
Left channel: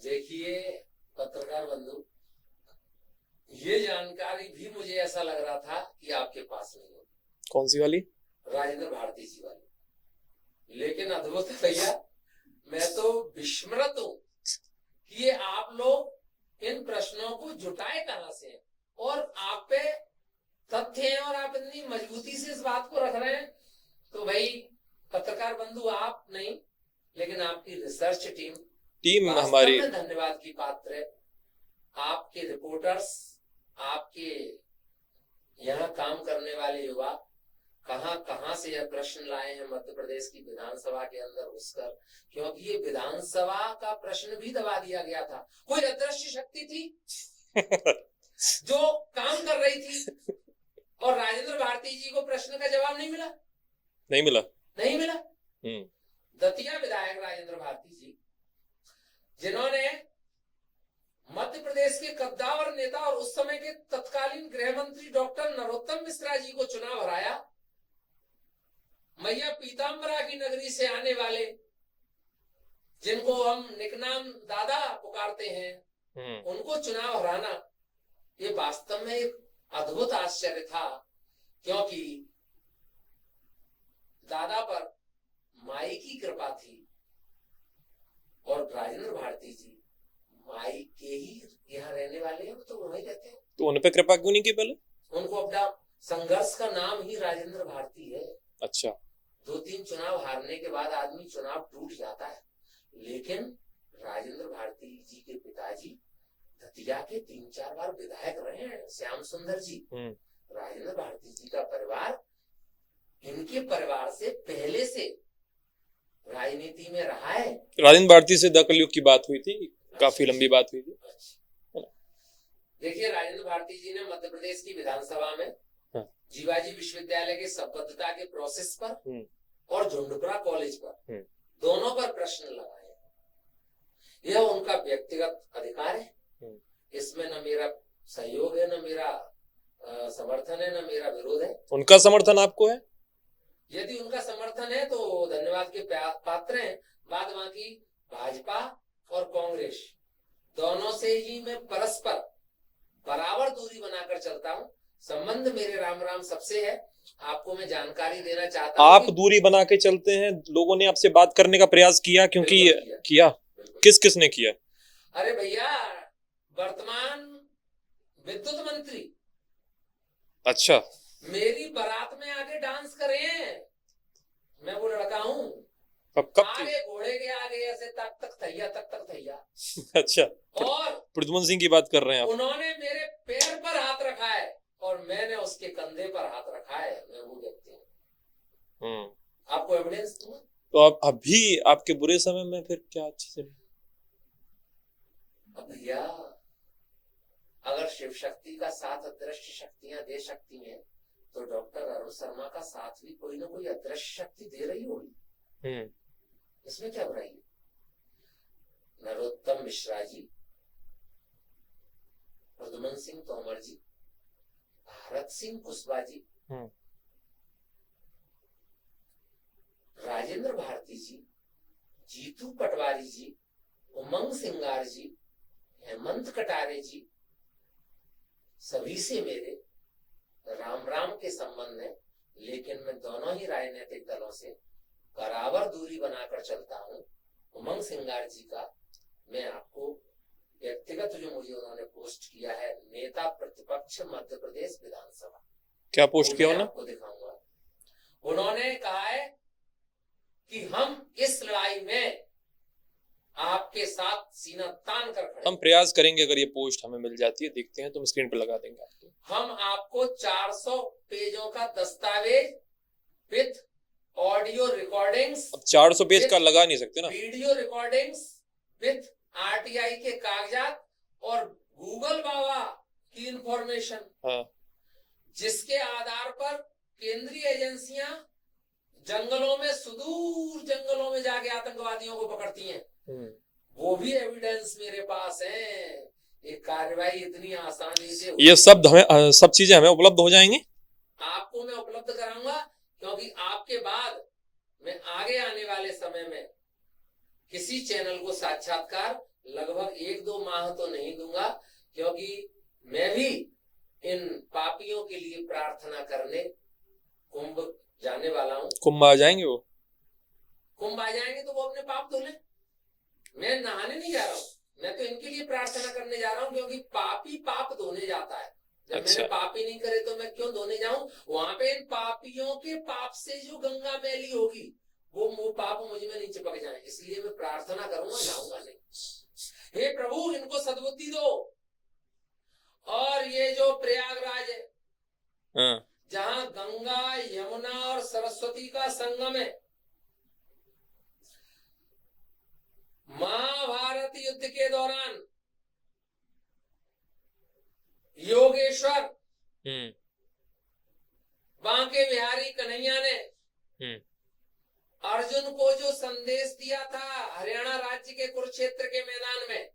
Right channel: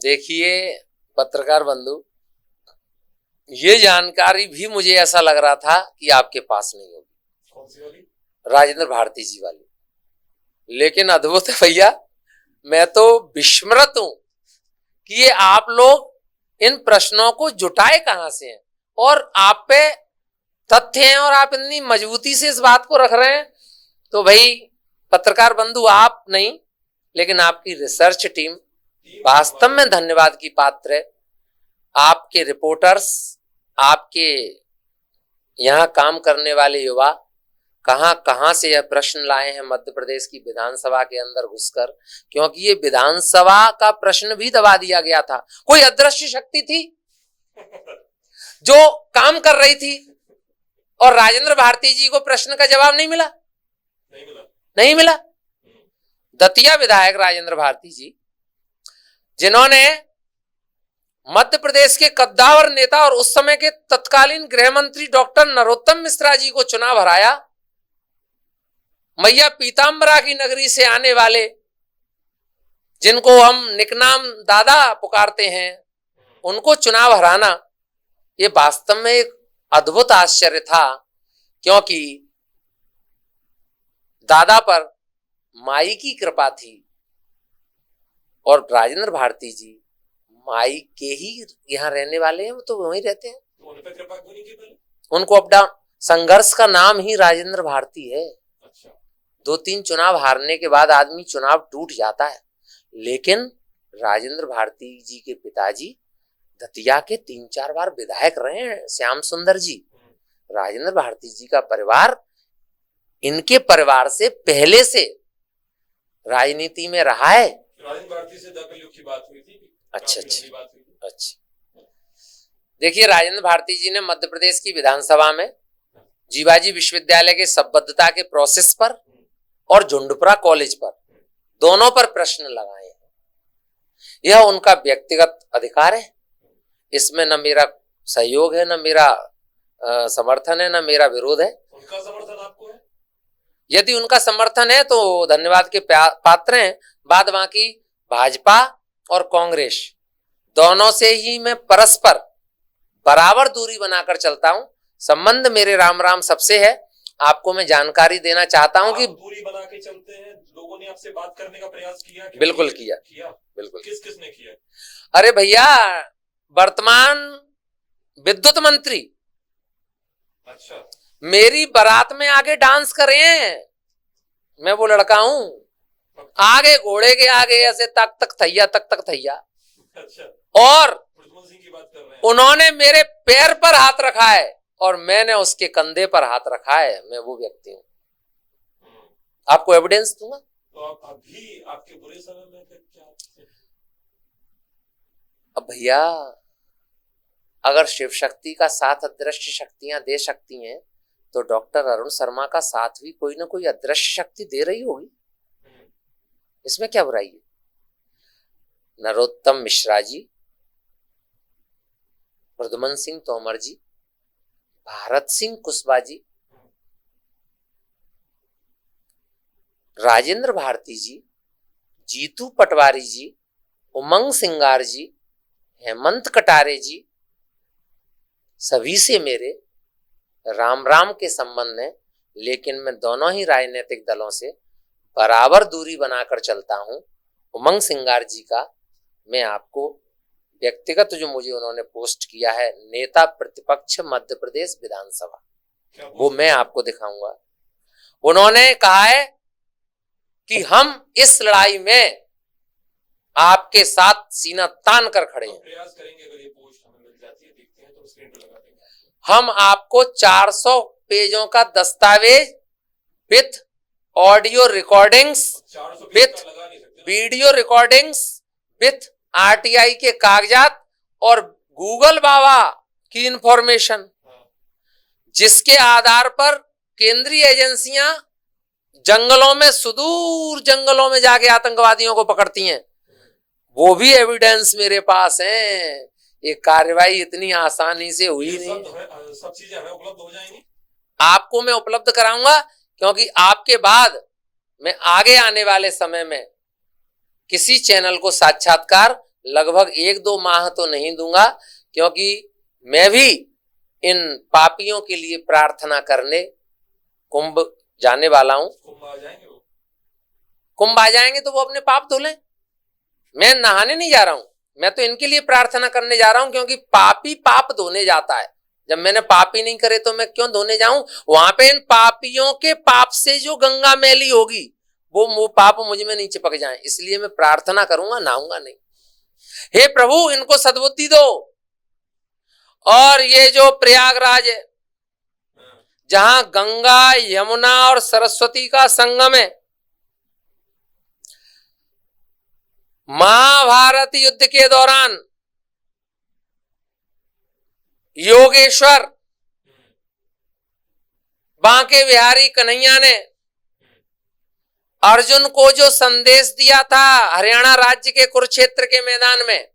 देखिए पत्रकार बंधु, ये जानकारी भी मुझे ऐसा लग रहा था कि आपके पास नहीं होगी। कौन सी वाली? राजेंद्र भारती जी वाली। लेकिन अद्भुत है भैया, मैं तो विस्मृत हूं कि ये आप लोग इन प्रश्नों को जुटाए कहां से हैं, और आप पे तथ्य हैं और आप इतनी मजबूती से इस बात को रख रहे हैं। तो भाई पत्रकार बंधु, आप नहीं लेकिन आपकी रिसर्च टीम वास्तव में धन्यवाद की पात्र है। आपके रिपोर्टर्स, आपके यहाँ काम करने वाले युवा कहां कहां से यह प्रश्न लाए हैं मध्य प्रदेश की विधानसभा के अंदर घुसकर, क्योंकि ये विधानसभा का प्रश्न भी दबा दिया गया था। कोई अदृश्य शक्ति थी जो काम कर रही थी और राजेंद्र भारती जी को प्रश्न का जवाब नहीं मिला। नहीं मिला। दतिया विधायक राजेंद्र भारती जी, जिन्होंने मध्य प्रदेश के कद्दावर नेता और उस समय के तत्कालीन गृह मंत्री डॉक्टर नरोत्तम मिश्रा जी को चुनाव हराया, मैया पीताम्बरा की नगरी से आने वाले, जिनको हम निकनाम दादा पुकारते हैं, उनको चुनाव हराना ये वास्तव में एक अद्भुत आश्चर्य था, क्योंकि दादा पर माई की कृपा थी और राजेंद्र भारती जी माई के ही यहाँ रहने वाले हैं, वो तो वहीं रहते हैं, तो उन पे कृपा क्यों नहीं की पहले? उनको अप डाउन, संघर्ष का नाम ही राजेंद्र भारती है। अच्छा, 2-3 चुनाव हारने के बाद आदमी चुनाव टूट जाता है, लेकिन राजेंद्र भारती जी के पिताजी दतिया के 3-4 बार विधायक रहे हैं, श्याम सुंदर जी। राजेंद्र भारती जी का परिवार इनके परिवार से पहले से राजनीति में रहा है। राजेंद्र भारती से द कलयुग की बात हुई थी, काफी लंबी बात हुई थी। अच्छा, देखिए राजेंद्र भारती जी ने मध्य प्रदेश की विधानसभा में जीवाजी विश्वविद्यालय के संबद्धता के प्रोसेस पर और झुंडपुरा कॉलेज पर, दोनों पर प्रश्न लगाए हैं। यह उनका व्यक्तिगत अधिकार है, इसमें न मेरा सहयोग है, न मेरा समर्थन है, न मेरा विरोध है। उनका समर्थन आपको है? यदि उनका समर्थन है तो धन्यवाद के पात्र हैं। बाद बाकी भाजपा और कांग्रेस दोनों से ही मैं परस्पर बराबर दूरी बनाकर चलता हूं। संबंध मेरे राम राम सबसे है। आपको मैं जानकारी देना चाहता हूं आप कि दूरी बना के चलते हैं, लोगों ने आपसे बात करने का प्रयास किया? क्योंकि बिल्कुल किया। बिल्कुल। किस किस ने किया? अरे भैया, वर्तमान विद्युत मंत्री अच्छा, मेरी बारात में आके डांस कर रहे हैं। मैं वो लड़का हूं, आगे घोड़े के आगे ऐसे तक तक थैया। अच्छा, और प्रद्युमन सिंह की बात कर रहे हैं? उन्होंने मेरे पैर पर हाथ रखा है और मैंने उसके कंधे पर हाथ रखा है। मैं वो व्यक्ति हूँ। आपको एविडेंस दूंगा। तो आप अभी आपके बुरे समय में फिर क्या चीजें? अब भैया, अगर शिव शक्ति का साथ अदृश्य शक्तियां दे सकती हैं, तो डॉक्टर अरुण शर्मा का साथ भी कोई ना कोई अदृश्य शक्ति दे रही होगी। इसमें क्या बुराई है? नरोत्तम मिश्रा जी, प्रद्युमन सिंह तोमर जी, भारत सिंह कुशवाहा जी, राजेंद्र भारती जी, जीतू पटवारी जी, उमंग सिंगार जी, हेमंत कटारे जी, सभी से मेरे राम राम के संबंध है। लेकिन मैं दोनों ही राजनीतिक दलों से बराबर दूरी बनाकर चलता हूं। उमंग सिंगार जी का मैं आपको व्यक्तिगत जो मुझे उन्होंने पोस्ट किया है, नेता प्रतिपक्ष मध्य प्रदेश विधानसभा, क्या पोस्ट वो मैं आपको दिखाऊंगा। उन्होंने कहा है कि हम इस लड़ाई में आपके साथ सीना तान कर खड़े। हम प्रयास करेंगे, अगर ये पोस्ट हमें मिल जाती है, देखते हैं तो हम स्क्रीन पर लगा देंगे। हम आपको 400 पेजों का दस्तावेज विथ ऑडियो रिकॉर्डिंग्स, 400 पेज का लगा नहीं सकते ना, वीडियो रिकॉर्डिंग्स विथ आरटीआई के कागजात और गूगल बाबा की इंफॉर्मेशन, जिसके आधार पर केंद्रीय एजेंसियां जंगलों में, सुदूर जंगलों में जाके आतंकवादियों को पकड़ती हैं, वो भी एविडेंस मेरे पास है। ये कार्रवाई इतनी आसानी से हुई। ये सब चीजें हमें उपलब्ध हो जाएंगी, आपको मैं उपलब्ध कराऊंगा, क्योंकि आपके बाद मैं आगे आने वाले समय में किसी चैनल को साक्षात्कार लगभग 1-2 माह तो नहीं दूंगा, क्योंकि मैं भी इन पापियों के लिए प्रार्थना करने कुंभ जाने वाला हूं। कुंभ आ जाएंगे? वो कुंभ आ जाएंगे तो वो अपने पाप धो लें। मैं नहाने नहीं जा रहा हूं, मैं तो इनके लिए प्रार्थना करने जा रहा हूं, क्योंकि पापी पाप धोने जाता है। जब मैंने पाप ही नहीं करे तो मैं क्यों धोने जाऊं? वहां पे इन पापियों के पाप से जो गंगा मैली होगी, वो पाप मुझ में नहीं चिपक जाए, इसलिए मैं प्रार्थना करूंगा, नहाऊंगा नहीं। हे प्रभु, इनको सद्बुद्धि दो। और ये जो प्रयागराज है, हाँ। जहां गंगा यमुना और सरस्वती का संगम है। महाभारत युद्ध के दौरान योगेश्वर बांके बिहारी कन्हैया ने अर्जुन को जो संदेश दिया था हरियाणा राज्य के कुरुक्षेत्र के मैदान में,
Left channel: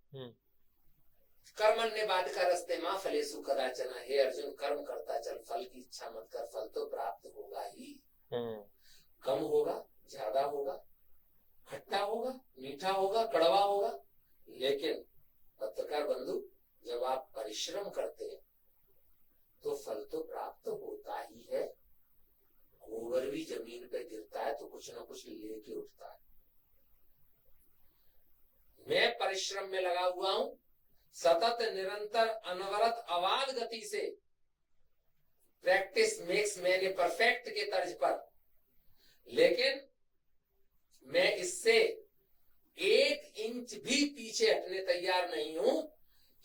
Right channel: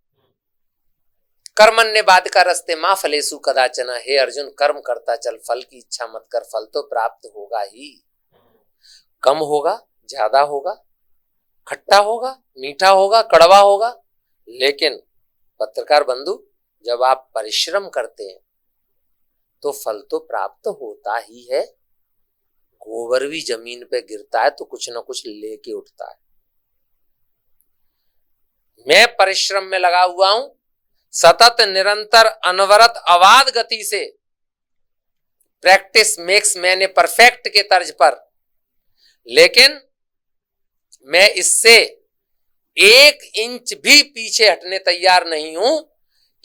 कर्मण्य बाधिका रस्ते मां फलेसु कदाचन, हे अर्जुन कर्म करता चल, फल की इच्छा मत कर, फल तो प्राप्त होगा ही। कम होगा, ज्यादा होगा, खट्टा होगा, मीठा होगा, कड़वा होगा, लेकिन पत्रकार बंधु जब आप परिश्रम करते हैं तो फल तो प्राप्त होता ही है। गोबर भी जमीन पे गिरता है तो कुछ ना कुछ लेके उठता है। मैं परिश्रम में लगा हुआ हूं, सतत निरंतर अनवरत अबाध गति से, practice makes man a perfect के तर्ज पर, लेकिन मैं इससे 1 इंच भी पीछे हटने तैयार नहीं हूं,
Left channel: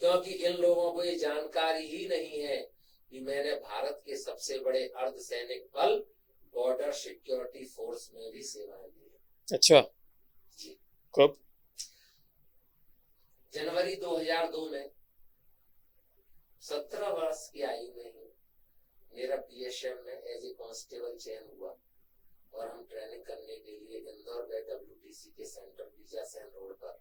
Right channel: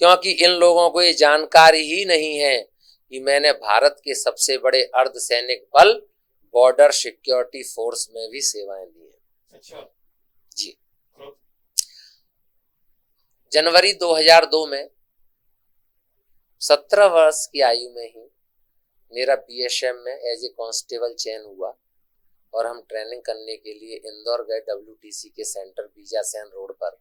क्योंकि इन लोगों को ये जानकारी ही नहीं है कि मैंने भारत के सबसे बड़े अर्धसैनिक बल बॉर्डर सिक्योरिटी फोर्स में भी सेवाएं दी है। अच्छा जी। कब? जनवरी 2002 में 17 वर्ष की आयु में ही मेरा बीएसएफ में एज ए कांस्टेबल चयन हुआ और हम ट्रेनिंग करने के लिए इंदौर गए WTC के सेंटर बीजासैन रोड पर,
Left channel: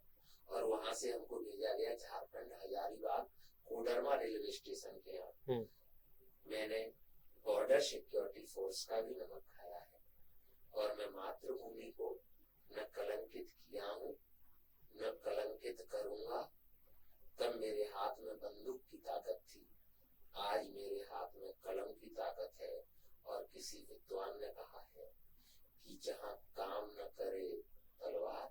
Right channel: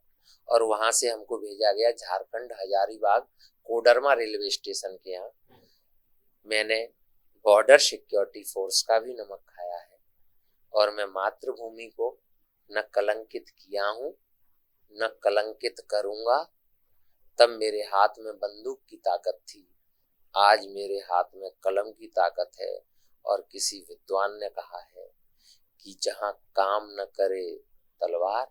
और वहां से हमको भेजा गया झारखंड हजारीबाग कोडरमा रेलवे स्टेशन के यहाँ। मैंने बॉर्डर सिक्योरिटी फोर्स का भी नमक खाया है और मैं मातृभूमि को न कलंकित किया हूं न कलंकित करूंगा। तब मेरे हाथ में बंदूक की ताकत थी, आज मेरे हाथ में कलम की ताकत है। और किसी विद्वान ने कहा है कि जहां काम न करे तलवार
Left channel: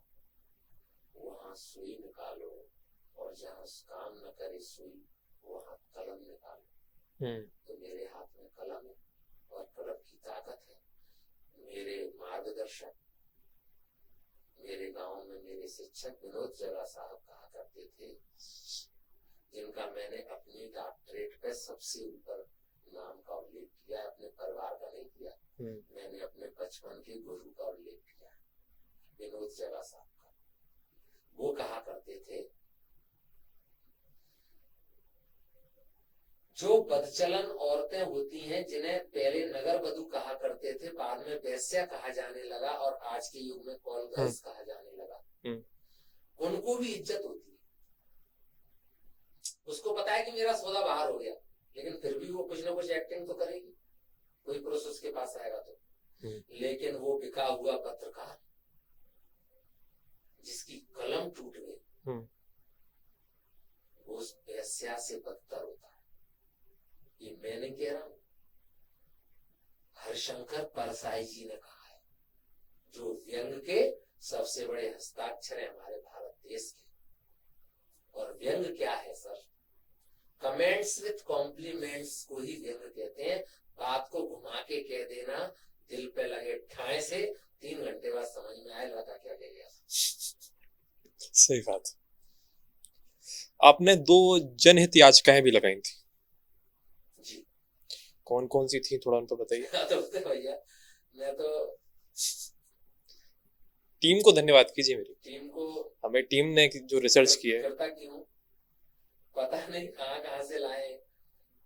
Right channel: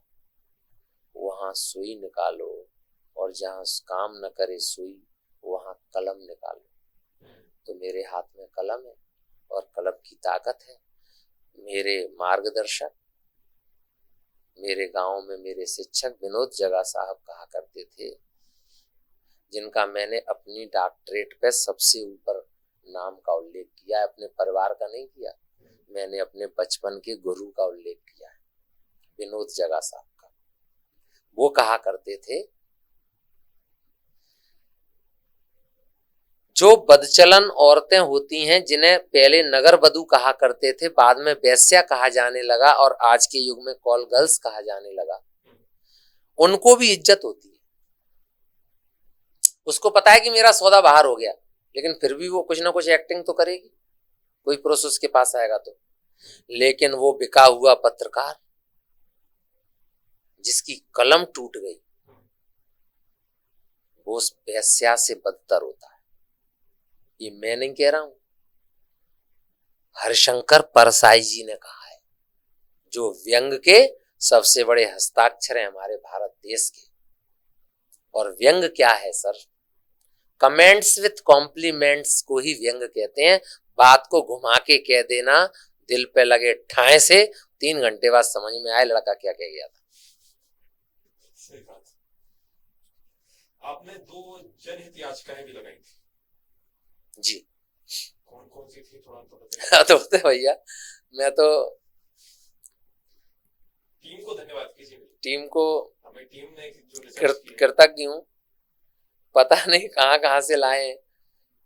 वहां सुई निकालो, और जहां काम न करे सुई वहां कलम निकालो। तो मेरे हाथ में कलम है और कलम की ताकत है। मेरे मार्गदर्शक, मेरे गांव में मेरे शिक्षक विनोद जगा साहब कहा करते थे, जिनका मैंने अपनी डॉक्टरेट पे सबसे ऊपर नाम का उल्लेख किया है, अपने परिवार का नहीं किया, मैंने अपने बचपन के गुरु का उल्लेख किया है, विनोद जगा साहब का। वो कहा करते थे, जो बदचलन औरतें होती हैं जिन्हें पहले नगर बधू कहा करते थे, बाद में वेश्या कहा जाने लगा और आज के युग में कॉल गर्ल्स कहा जाने लगा, उनको भी इज्जत होती है। उसको पता है कि मेरा सौदा बाहर हो गया, लेकिन फिर भी वो कुछ ना कुछ एक्टिंग तो करेगी, कोई पुरुष उसके पास आएगा तो। लेकिन वो बिका हुआ पत्रकार जिसकी कलम टूट गई, वो उस वेश्या से बदतर होता है। ये मैं नहीं कह रहा हूं, हरिशंकर परसाई जी ने कहा है, जो व्यंग के सबसे बड़े हस्ताक्षर हैं हमारे भारत देश के। और व्यंग क्या है सर? कमेंट्स विथ कॉम्प्लीमेंट्स को ही व्यंग कहते हैं। बात को घुमा के कह देना, दिल पे लगे ठाए से 3 घंटे बाद समझ में आए लड़का क्या कह गया था। सही बात। आपने 2 जनहित याचिकाएं भी लगाई थी जी। कौन कौन सी थी, थोड़ा उनको बताइए। तो भैया मैं तो टीम को धन्यवाद कीजिए, मेरी टीम को, हमें टीम ने जो रिसर्च किया कृतज्ञ हूँ। पता नहीं कहाँ कहाँ से लाए हैं,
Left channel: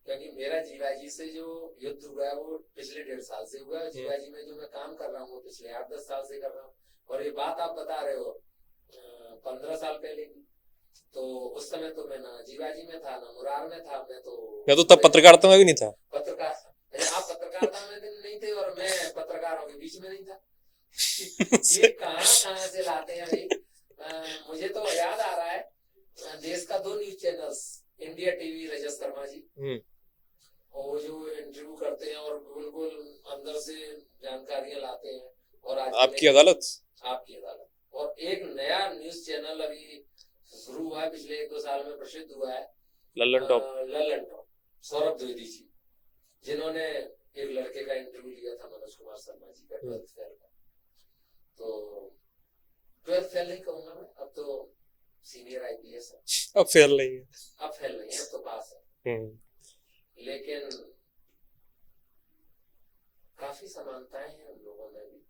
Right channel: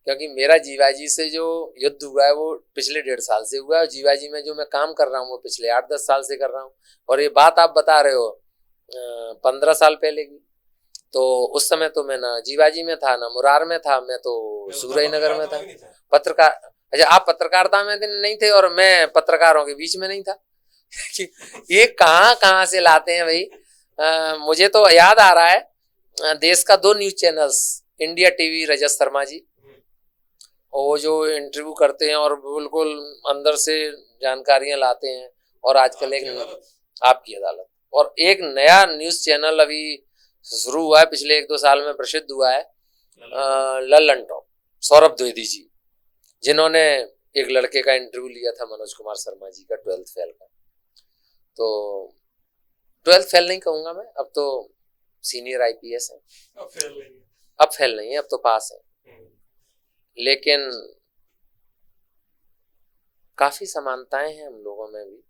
क्योंकि मेरा जीवाजी से जो युद्ध हुआ है वो पिछले 1.5 साल से हुआ है। जीवाजी में जो मैं काम कर रहा हूँ वो पिछले 8-10 साल से कर रहा हूँ। और ये बात आप बता रहे हो 15 साल पहले की, तो उस समय तो मैं ना जीवाजी में था ना मुरार में था, मैं तो तब पत्रकारिता में भी नहीं था। पत्रकार, अच्छा आप पत्रकारिता में नहीं थे और मैं पत्रकारों के बीच में नहीं था। ये कहाँ से लाते हैं भाई। मुझे तो याद आ रहा है, देश का 2 news channels, India TV Rajat Sharma ji, और वो जो इंटरव्यू करते हैं और बिल्कुल अंदर से जानकारियां लाते हैं, और आजकल आपकी अदालत, और एक नया न्यूज चैनल अभी शुरू हुआ है, पिछले 1-2 साल में प्रसिद्ध हुआ है, लल्लन टॉप, सौरभ द्विवेदी जी, जिन्होंने एक लड़के का इंटरव्यू लिया था, मनोज कुमार शर्मा जी का, 12th फेल का। तो 12th फेल नहीं कहूंगा मैं, अब तो सीनियर IPS है। अब फेल नहीं है, अब फेल नहीं है, अब तो पास है। लेकिन काफी समानताएं हैं हम लोगों में भी।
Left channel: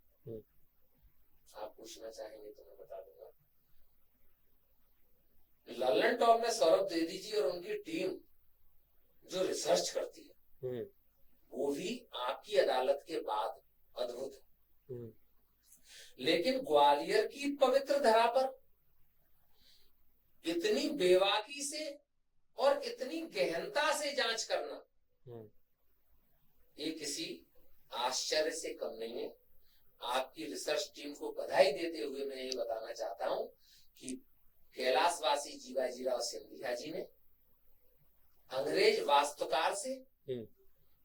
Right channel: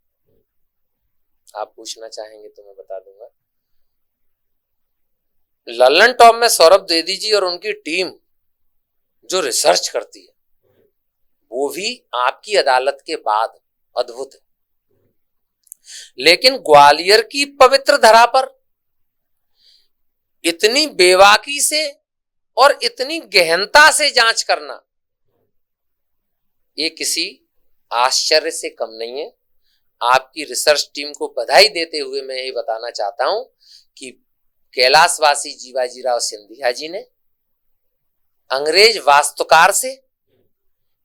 आप पूछना चाहेंगे तो मैं बता दूंगा। लल्लन टॉप में सौरभ द्विवेदी जी और उनकी टीम जो रिसर्च करती है वो भी आपकी अदालत के बाद अद्भुत है। लेकिन ग्वालियर की पवित्र धरा पर इतनी बेबाकी से और इतनी गहनता से जांच करना ये किसी आश्चर्य से कम नहीं है। आपकी रिसर्च टीम को बधाई देते हुए मैं ये बताना चाहता हूं कि कैलाशवासी जीवाजीराव सिंधिया जी ने अंग्रेज वास्तुकार से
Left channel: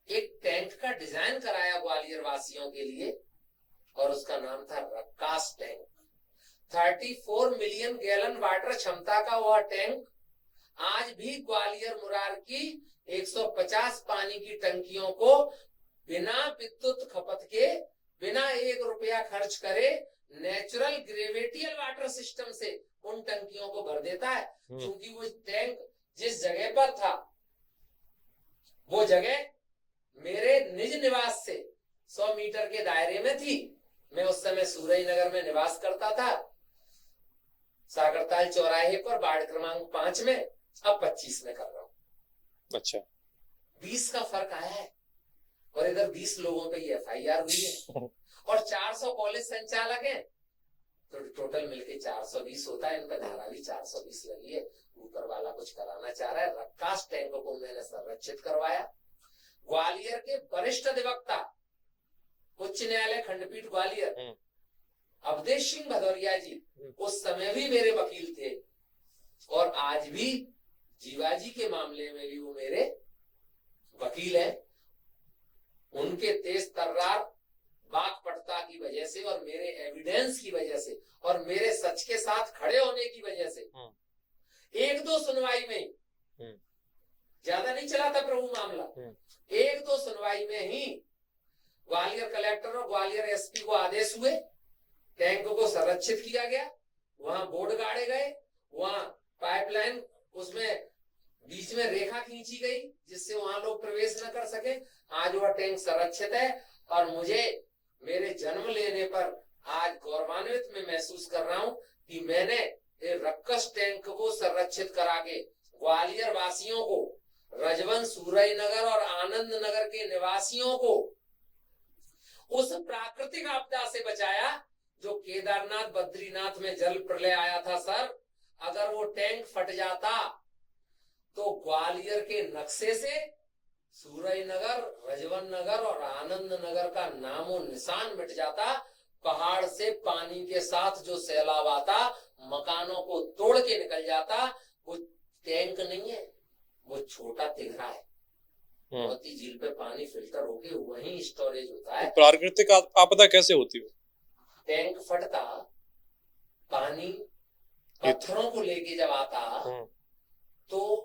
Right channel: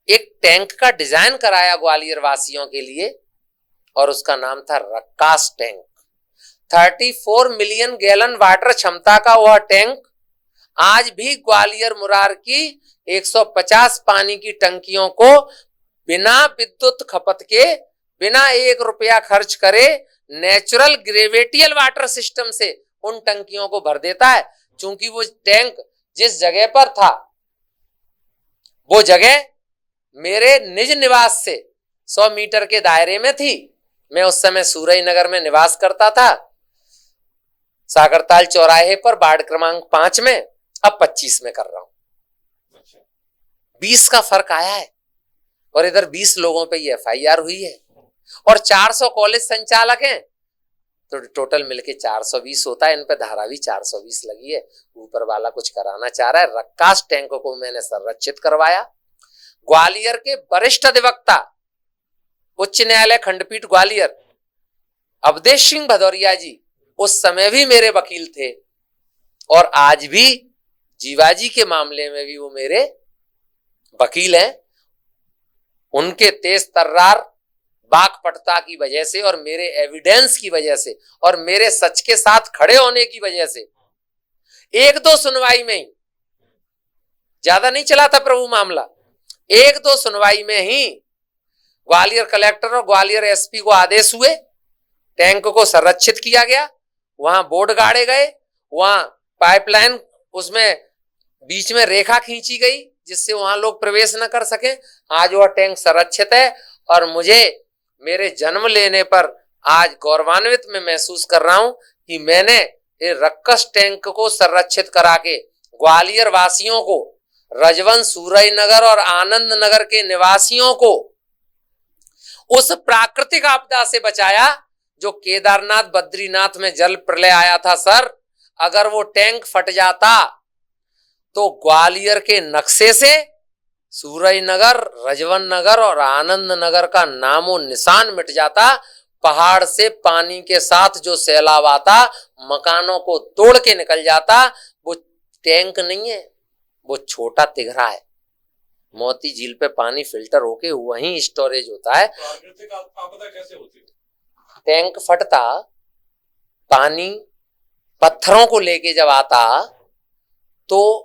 एक टैंक का डिजाइन कराया ग्वालियर वासियों के लिए और उसका नाम था रक्कास टैंक। 34 मिलियन गैलन वाटर क्षमता का वह टैंक आज भी ग्वालियर मुरार की 150 पानी की टंकियों को बिना विद्युत खपत के, बिना 1 रुपया खर्च करे नेचुरल ग्रेविटियल वाटर सिस्टम से उन टंकियों को भर देता है। क्योंकि वो टैंक जिस जगह पर था वो जगह मेरे निज निवास से 100 मीटर के दायरे में थी। मैं उस समय सूरज नगर में निवास करता था, सागरताल चौराहे पर वार्ड क्रमांक 5 में, अब 25 में कर रहा हूं। अच्छा, 20 का फर्क आया है और इधर 20 लोगों पे ये FIR हुई है और 400 कॉलेज संचालक हैं तो टोटल मिलके 420 होता है। इन पे धारा भी 420 लगी है। ऊपर वाला कुछ कराना चाह रहा है। रक्कास टैंक को मैंने संरक्षित करवाया। ग्वालियर के वरिष्ठ अधिवक्ता उच्च न्यायालय खंडपीठ ग्वालियर अवधेश सिंह भदौरिया जी उस समय भी मेरे वकील थे और आज भी जीवाजी के मामले में भी वो मेरे वकील हैं। उनके तेज तर्रार वाकपटुता की वजह से और मेरे एविडेंस की वजह से और मेरे सच के साथ खड़े होने की वजह से 1-2 सुनवाई में ही, ज्यादा नहीं चला था प्रभु मामला, 1-2 सुनवाई में ही ग्वालियर कलेक्टर और ग्वालियर SP को आदेश हुए, टैंक को संरक्षित किया गया, वहां बोर्ड गाड़े गए, वहां पाइपलाइन उसमें बीच में रेखा खींची गई जिससे वहां लोग प्रवेश न कर सके। आज वह टैंक संरक्षित है और मुझे मेरे जन्म लेने पर आज गौरवान्वित में महसूस कर रहा हूं कि मैंने ये रक्कस टैंक को संरक्षित करा के ग्वालियर वासियों को, रजवन, सूरज नगर और आनंद नगर के निवासियों को उस प्राकृतिक आपदा से बचाया जो केदारनाथ बद्रीनाथ में जल प्रलय आया था। सर, अगर वो टैंक फट जाता तो ग्वालियर के नक्शे से सूरज नगर, रजवन नगर और आनंद नगर का नामो निशान मिट जाता। पहाड़ से पानी के साथ जो सैलाब आता मकानों को तोड़ के निकल जाता। वो टैंक नहीं है, वो छोटा तिघरा है। मोती झील पे पानी फिल्टर होके वहीं स्टोरेज होता है। प्राकृतिक आपदा कैसे होती है? टैंक फटता, पानी पत्थरों को लेके जब आता तो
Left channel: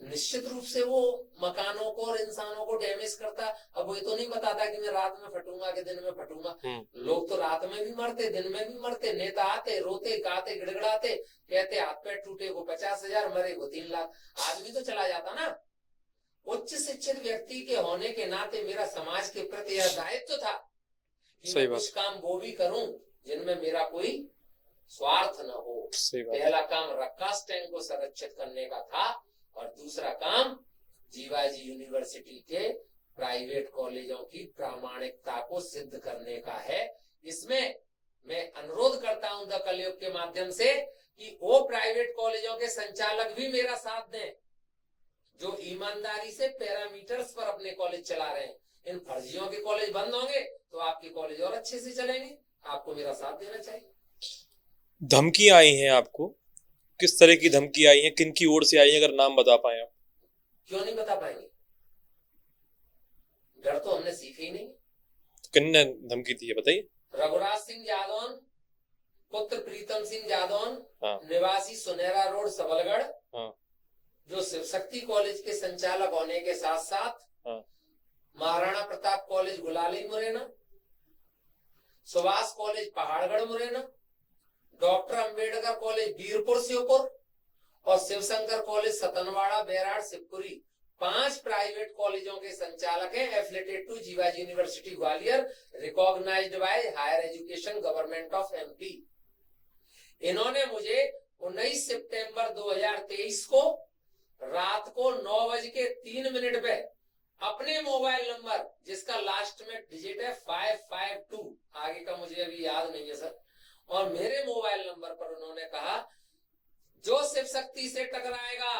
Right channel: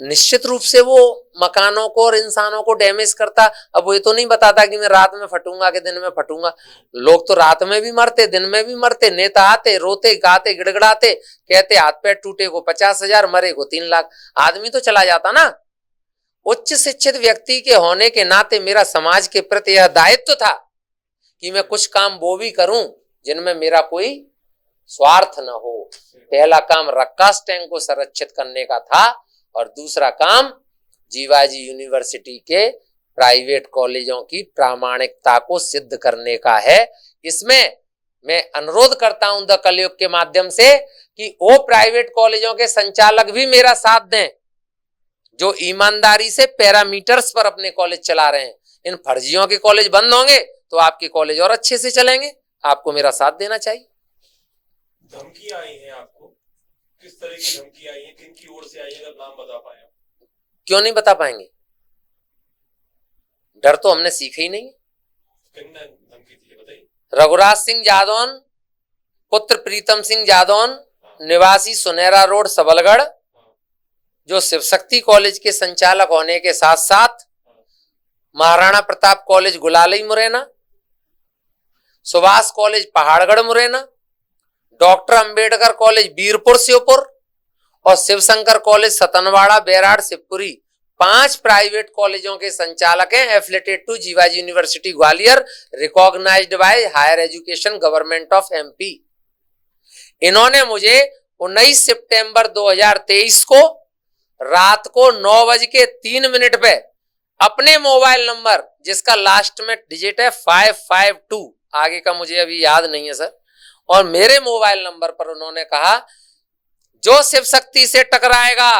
निश्चित रूप से वो मकानों को और इंसानों को डैमेज करता। अब वो ये तो नहीं बताता कि मैं रात में फटूंगा कि दिन में फटूंगा। लोग तो रात में भी मरते, दिन में भी मरते। नेता आते, रोते गाते गिड़गिड़ाते, कहते हाथ पैर टूटे को 50,000, मरे को 3 लाख। आदमी तो चला जाता ना। उच्च शिक्षित व्यक्ति के होने के नाते मेरा समाज के प्रति यह दायित्व था कि मैं कुछ काम वो भी करूं जिनमें मेरा कोई स्वार्थ न हो। पहला काम रक्कास टैंक को संरक्षित करने का था और दूसरा काम जीवाजी यूनिवर्सिटी के प्राइवेट कॉलेजों की प्रामाणिकता को सिद्ध करने का है। इसमें मैं अनुरोध करता हूं द कलयुग के माध्यम से कि वो प्राइवेट कॉलेजों के संचालक भी मेरा साथ दें जो ईमानदारी से पैरामीटर्स पर अपने कॉलेज चला रहे हैं। इन फर्जियों के कॉलेज बंद होंगे तो आपके कॉलेज और अच्छे से चलेंगे। आपको मेरा साथ देना चाहिए। धमकी आई हैं आपको, किस तरह की धमकी आई है, किन की ओर से आई है, अगर नाम बता पाए आप? क्यों नहीं बता पाएंगे? डर तो हमने सीखा ही नहीं। किन्ने धमकी दी है बताइए? रघुराज सिंह जादौन पुत्र प्रीतम सिंह जादौन, निवासी सुनहरा रोड सबलगढ़, जो शिव शक्ति कॉलेज के संचालक होने के साथ साथ Maharana Pratap college Gulali Morena, Subhash college Pahadgarh Morena, doctor Ambedkar college Birpur Sheopur और शिवशंकर कॉलेज सतनवाड़ा बैराड़ शिवपुरी 5 प्राइवेट कॉलेजों के संचालक हैं, affiliated to Jiwaji university Gwalior, recognised by higher education government of MP. इन्होंने मुझे 19 सितंबर 2023 को रात को 9:03 पे अपने मोबाइल नंबर, जिसका लास्ट में डिजिट है 552, आगे का मुझे अभी याद नहीं है सर, और मेरे मोबाइल नंबर पर उन्होंने कहा जो शिव शक्ति से टकराएगा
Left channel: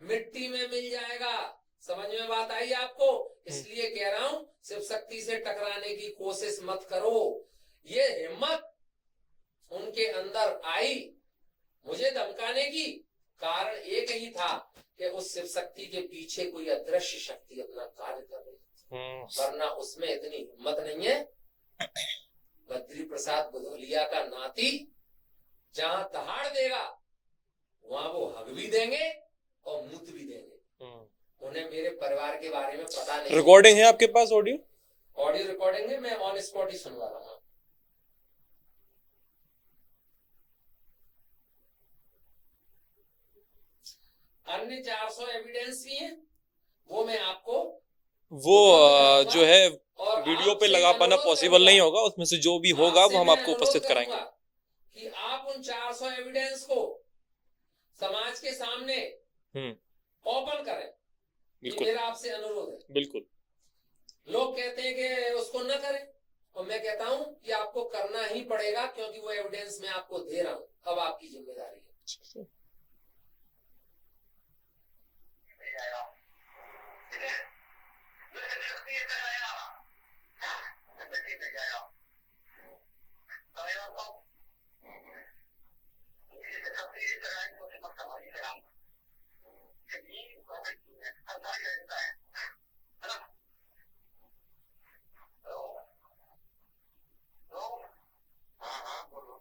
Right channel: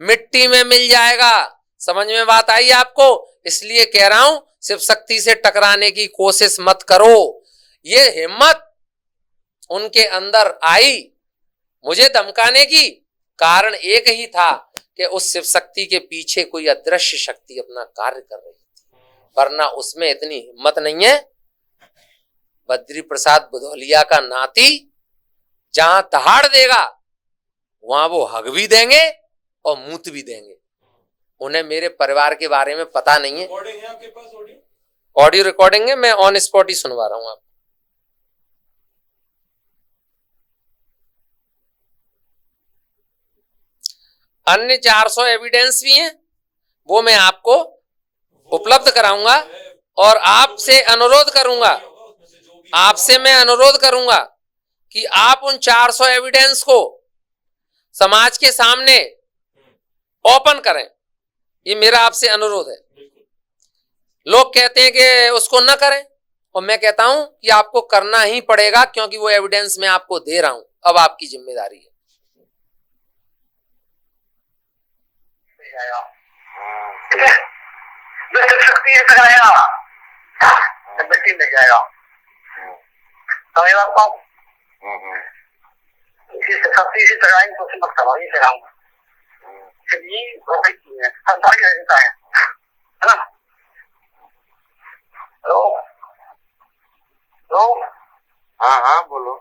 मिट्टी में मिल जाएगा। समझ में बात आई आपको? इसलिए कह रहा हूं शिव शक्ति से टकराने की कोशिश मत करो। ये हिम्मत उनके अंदर आई मुझे धमकाने की, कारण एक ही था कि उस शिव शक्ति के पीछे कोई अदृश्य शक्ति अपना कार्य कर रही थी, वरना उसमें इतनी हिम्मत नहीं है। बद्री प्रसाद बुधौलिया का नाती जहां दहाड़ देगा वहां वो हग भी देंगे और मूत भी देंगे। उन्हें मेरे परिवार के बारे में पता नहीं है। रिकॉर्डिंग है आपके पास? ऑडियो ऑडियो रिकॉर्डिंग है, मैं ऑन स्पॉट ही सुनवा रहा हूं आपको। अन्य 400 एविडेंस भी हैं, वो मैं आपको उपलब्ध कराऊंगा और आपसे अनुरोध करूंगा, नहीं होगा उसमें से जो भी होगा, आपसे मैं अनुरोध करूंगा कि आप उन 400 एविडेंस को समाज के सामने ओपन करें। ये मेरा आपसे अनुरोध है। बिल्कुल। लोग कहते हैं कि उसको न करें, और मैं कहता हूं कि आपको करना ही पड़ेगा, क्योंकि वो एविडेंस मैं आपको दे रहा हूं, अब आपकी जिम्मेदारी है। शक्ति से टकराएगा मिट्टी मिल जाएगा। समझ आपको? शक्ति से टकराएंगे तो मत करो, ये कह रहा हूँ। संसारी रहता है ना? हेलो हेलो, हाँ हाँ बोलो।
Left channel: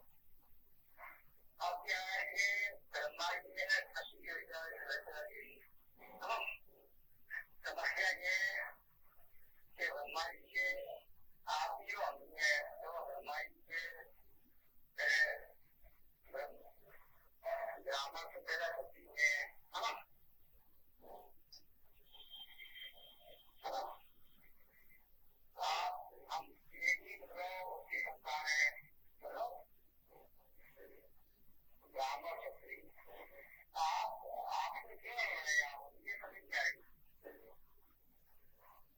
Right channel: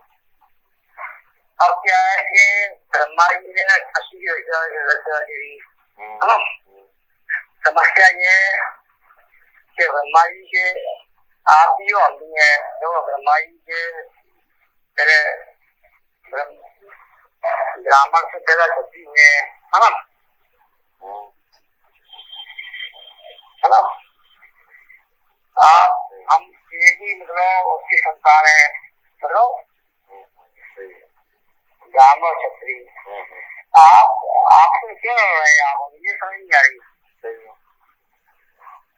अब क्या है कि ब्रह्मा जी ने समस्या ये कि ब्रह्मा जी के आप ही होती है, जो ब्रह्मा जी के पहले ब्राह्मण से पैदा करती है ना, है ना? आप हम एक ही मतलब उसकी संतान है, मतलब ब्राह्मण क्षत्रिय। आपसे क्यों लड़ रहे हैं आप? ये समझ नहीं आ रही।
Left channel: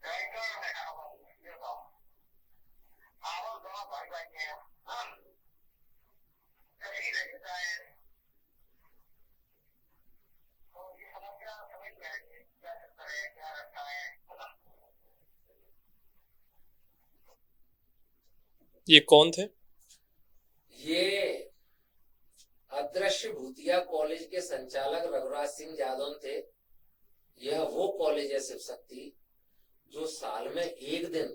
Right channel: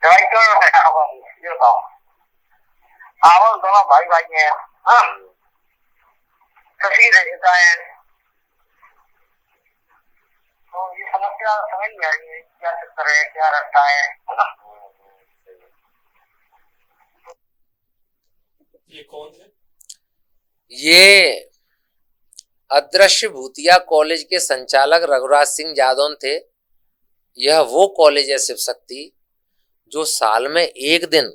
दवाई क्यों लड़ रहे हैं आप? ये बताओ। आप दोनों भाई भाई हैं, हाँ? शशि रहता है, तो ये समस्या समझ नहीं आ रही है, क्या चक्कर है, क्या रास्ता है ना? ये कौन थे? ये अदृश्य भूतिया कॉलेज के संचालक रघुराज सिंह जादौन थे। यह वो कॉलेज है शिव शक्ति जो साल में एक दिन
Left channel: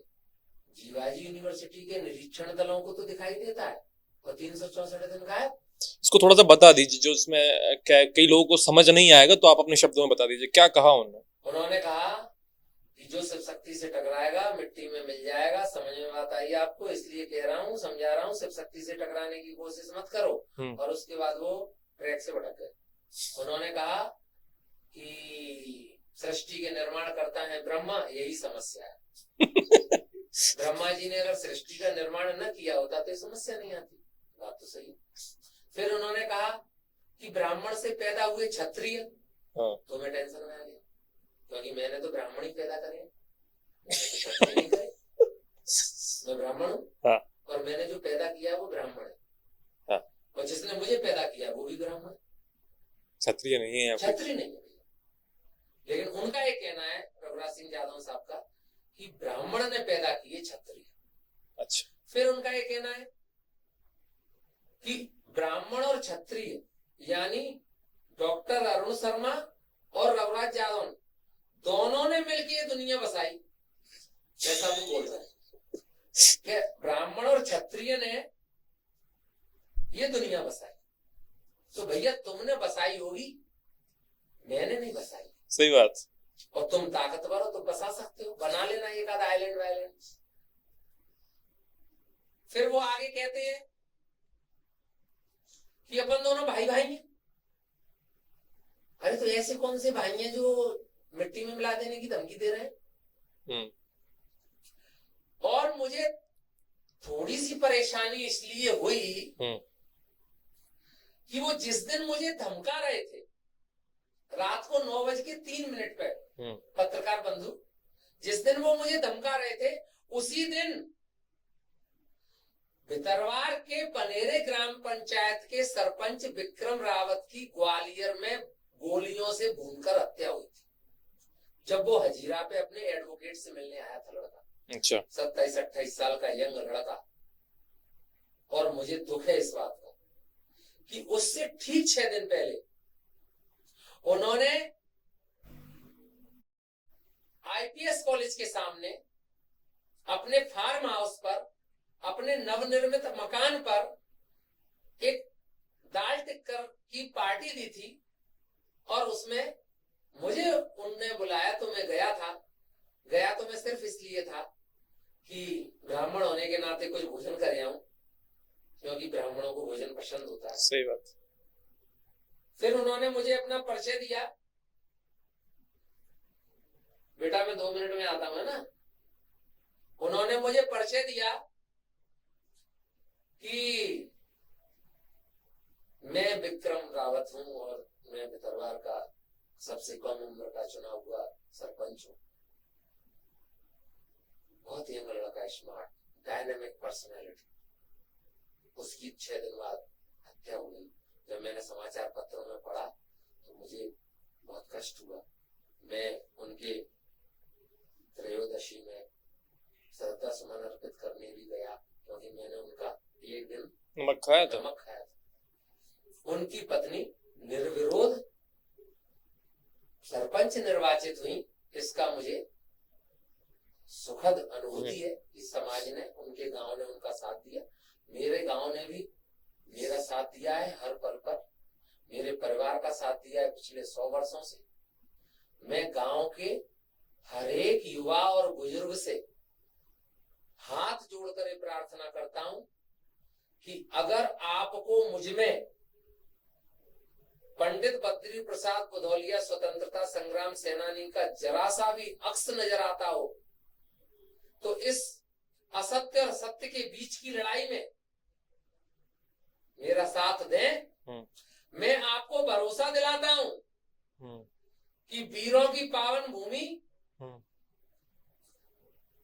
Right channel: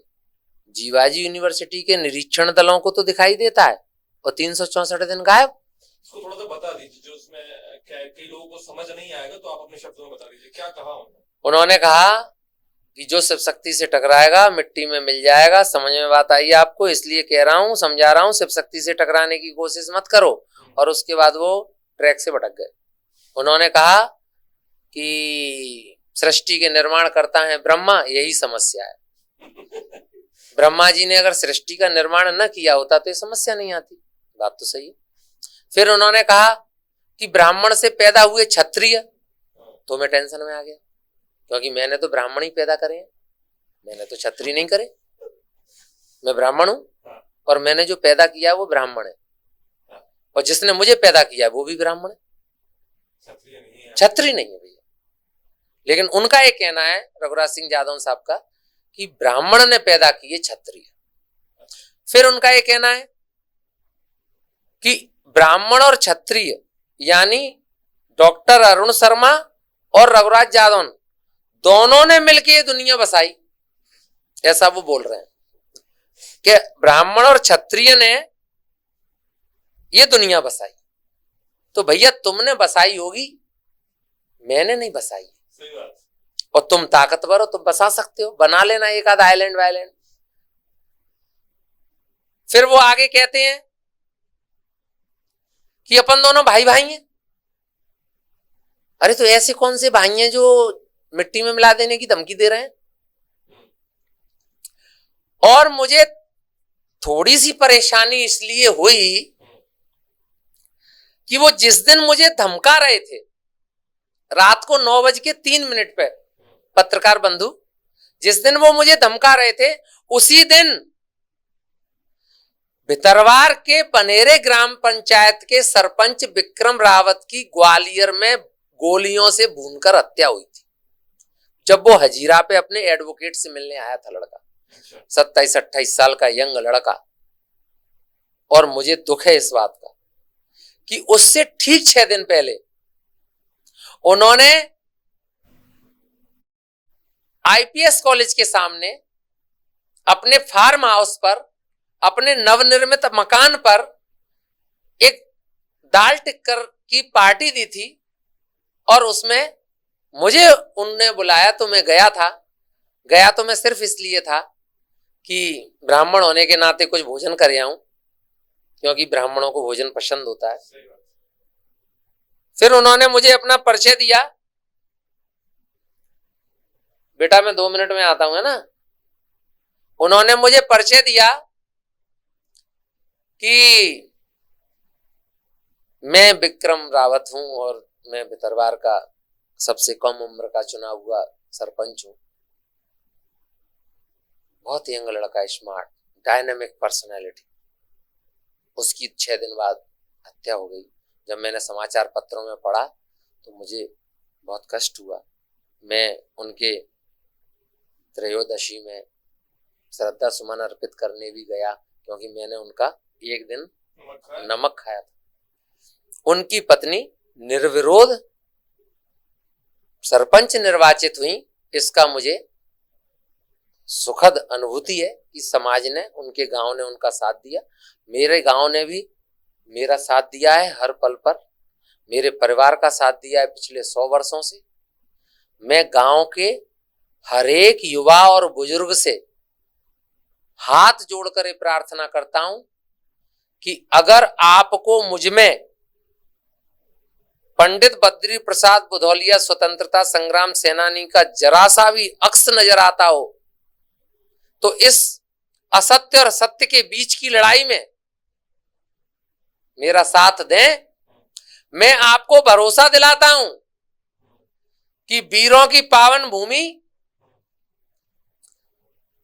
जीवाजी यूनिवर्सिटी के निरीक्षण दलों को तो दिखाई देता है और 364 दिन गायब। इसको थोड़ा सा बता दीजिए, जो इसमें कई लोगों को समझ नहीं आएगा, तो आप अपने शब्दों में बता दीजिए क्या कहा उन्होंने। उन्होंने कहा कि जो शिव शक्ति से टकराएगा मिट्टी में मिल जाएगा। समझ में बात आई आपको? इसलिए कह रहा हूँ, समझा रहा हूँ, शिव शक्ति से टकराने की कोशिश मत करो। और उसके बाद वो ट्रैक से भटक गए। उन्होंने कहा कि सृष्टि के निर्माण करता है ब्रह्मा, यही समस्या है। ब्रह्मा जी ने अगर सृष्टि का निर्माण न किया होता तो ये समस्या नहीं आती। बात तो सही है। फिर उन्होंने कहा कि ब्राह्मण से पैदा हुए क्षत्रिय, तो मैं टेंशन में आ गया, क्योंकि मैंने तो ब्राह्मण ही पैदा करे हैं, मैंने तो क्षत्रिय नहीं करे। मैं ब्राह्मण हूं और मैंने जो पैदा किया वो ब्राह्मण है, और जिसने मुझे पैदा किया वो भी ब्राह्मण है, क्षत्रिय नहीं है। क्षत्रिय नहीं है भैया। लेकिन उनका ये कहना है, रघुराज सिंह जादौन साहब का, कि ब्राह्मण ने पैदा किए क्षत्रिय। अच्छा। फिर उनका ये कहना है कि ब्राह्मण और क्षत्रिय यानी डॉक्टर अरुण शर्मा और रघुराज जादौन दोनों ने मिलकर ये दुनिया बसाई, ऐसा वो बोल रहे हैं कि ब्राह्मण और क्षत्रिय ने ये दुनिया बसाई। तो भैया तुमने बसाई होगी, मैंने नहीं बसाई। सही बात। और तुम ताकतवर हो, तुम बसा सकते हो, बना लेना एक आध आइलैंड वाइलैंड। फिर वो आगे कहते हैं कि अपन दोनों भाई भाई हैं। अरे तो ऐसे कौन से भाई हैं जो मिट्टी में मिला देने की धमकी दे रहे हैं। हम्म। और मुझे थोड़ी सी परेशानी इसलिए हुई कि वो जिस दिन मुझे धमका रहे थे रात को 9:03 पे, पत्रकार बंधु, जिस दिन वो मुझे धमका रहे थे उसी दिन भितरवार के पनेरे ग्राम पंचायत के सरपंच विक्रम रावत की ग्वालियर में गोलियों से भूनकर हत्या हुई थी, जब वो हजीरा पे अपने एडवोकेट से मिलने आया था लड़का। अच्छा। 27-28 साल का यंग लड़का। और मुझे दुख है इस बात का कि उससे ठीक 6 दिन पहले उन्होंने आईपीएस कॉलेज के सामने अपने फार्म हाउस पर, अपने नवनिर्मित मकान पर एक दाल टिक्कर की पार्टी दी थी और उसमें मुझे उनने बुलाया तो मैं गया था। गया तो मैं सिर्फ इसलिए था कि ब्राह्मण होने के नाते कुछ भोजन कर आऊं, क्योंकि ब्राह्मणों को भोजन पसंद होता है। सही बात। फिर उन्होंने मुझे अपना परिचय दिया। बेटा मैं 2 मिनट में आता हूं, है ना। उन्होंने मुझे परिचय दिया कि मैं विक्रम रावत हूं और मैं भितरवार का सबसे कम उम्र का चुना हुआ सरपंच हूं। बहुत यंग लड़का, स्मार्ट, डायनामिक पर्सनैलिटी। उसकी 6 दिन बाद हत्या हो गई। जब मैंने समाचार पत्रों में पढ़ा तो मुझे बहुत कष्ट हुआ। मैं उनके त्रयोदशी में श्रद्धा सुमन अर्पित करने भी गया, क्योंकि मैंने उनका एक दिन नमक खाया था। उनकी पत्नी निर्विरोध सरपंच निर्वाचित हुई, इसका मुझे सुखद अनुभूति है कि समाज ने, उनके गांव ने उनका साथ दिया। मेरे गांव ने भी मेरा साथ दिया है हर पल पर, मेरे परिवार का साथ दिया है पिछले 100 वर्षों से। मैं गांव के हर एक युवा और बुजुर्ग से हाथ जोड़कर प्रार्थना करता हूं कि अगर आपको मुझ में पंडित बद्री प्रसाद बुधौलिया स्वतंत्रता संग्राम सेनानी का जरा सा भी अक्स नजर आता हो तो इस असत्य और सत्य के बीच की लड़ाई में मेरा साथ दें। मैं आपको भरोसा दिलाता हूं कि वीरों की पावन भूमि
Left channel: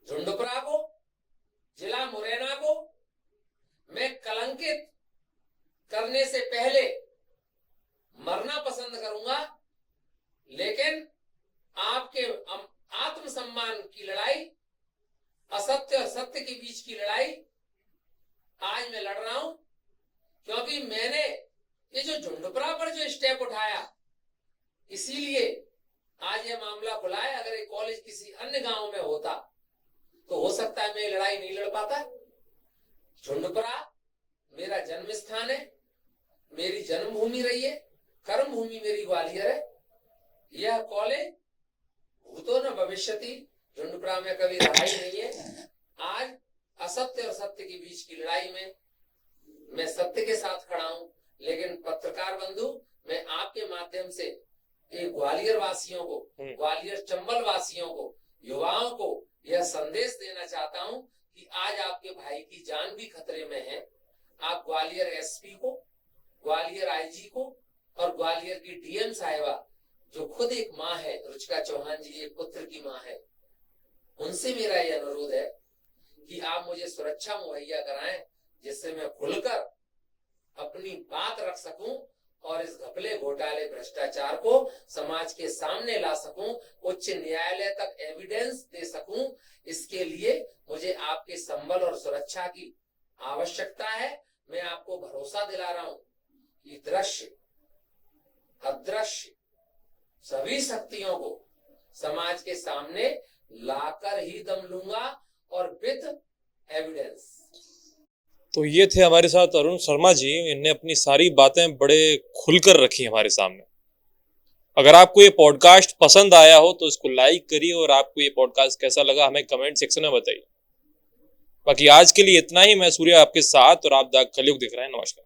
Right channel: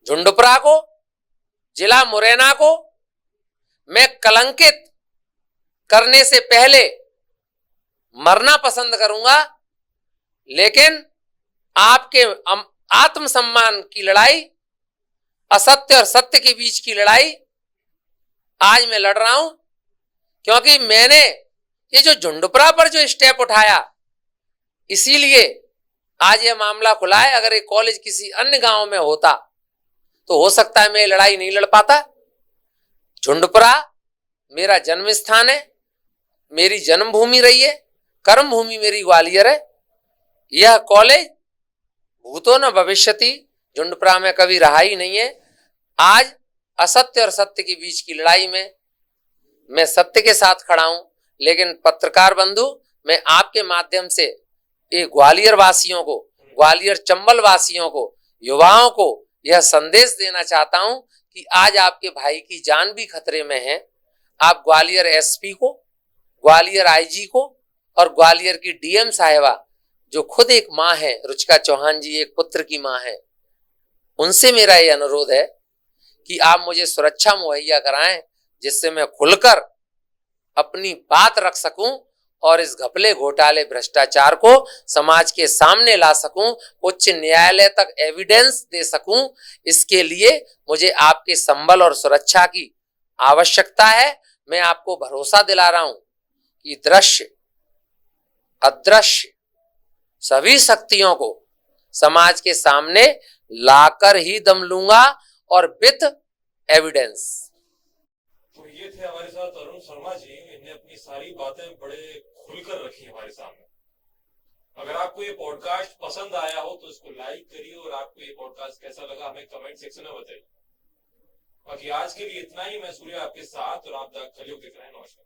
झुंडपुरा को, जिला मुरैना को मैं कलंकित करने से पहले मरना पसंद करूंगा, लेकिन आपके आत्मसम्मान की लड़ाई, असत्य और सत्य के बीच की लड़ाई आज मैं लड़ रहा हूं, क्योंकि मैंने ये जो झुंडपुरा पर जो स्टेप उठाया इसीलिए आज ये मामला खुला है। अगर ये कॉलेज किसी अन्य गांव में होता तो हो सकता है मैं ये लड़ाई नहीं लड़ पाता। झुंडपुरा मेरा जन्म स्थान है, मेरी जन्मभूमि रही है, कर्म भूमि मेरी ग्वालियर है। यह कॉलेज भूतो न भविष्यति झुंडपुरा में कभी रहा ही नहीं है। आज असत्य और सत्य के बीच की लड़ाई में मैं सत्य के साथ खड़ा हूं, लेकिन पत्रकार बंधु, मैं आपके माध्यम से ये ग्वालियर वासियों को, ग्वालियर चंबल वासियों को, युवाओं को यह संदेश देना चाहता हूं कि आज आपके भाई की जान भी खतरे में है। आप ग्वालियर एसपी को, ग्वालियर आईजी को और ग्वालियर की डीएम साहिबा, जो खुद एक माँ है, रुचिका चौहान जी एक पुत्र की माँ है, उनसे मेरा ये अनुरोध है कि आप मुझे सुरक्षा मुहैया कराएं, जिससे मैं खुलकर अपनी बात रख सकूं और इस घपले घोटाले भ्रष्टाचार को समाज के सामने ला सकूं, उच्च न्यायालय तक एविडेंस दे सकूं। इसके लिए मुझे आपके संबल और सुरक्षा की आवश्यकता है। मैं आपको भरोसा दिला रहा हूं कि दृश्य अदृश्य सभी शक्तियों को समाज के सामने लाकर ही दम लूंगा और विद एविडेंस। तो ये थे हमारे साथ अरुण शर्मा जी। इन्हें अपनी सारी बातें बड़े खुलकर रखी हमारे सामने। अगर आपको ये पॉडकास्ट पसंद आया हो तो इसको लाइक करिए और आपको ये पॉडकास्ट कैसा लगा हमें कमेंट सेक्शन में बताइए। बाकी आज के लिए इतना ही। मैं सूर्य आपके साथ और आप द कलयुग देख रहे हैं। नमस्कार।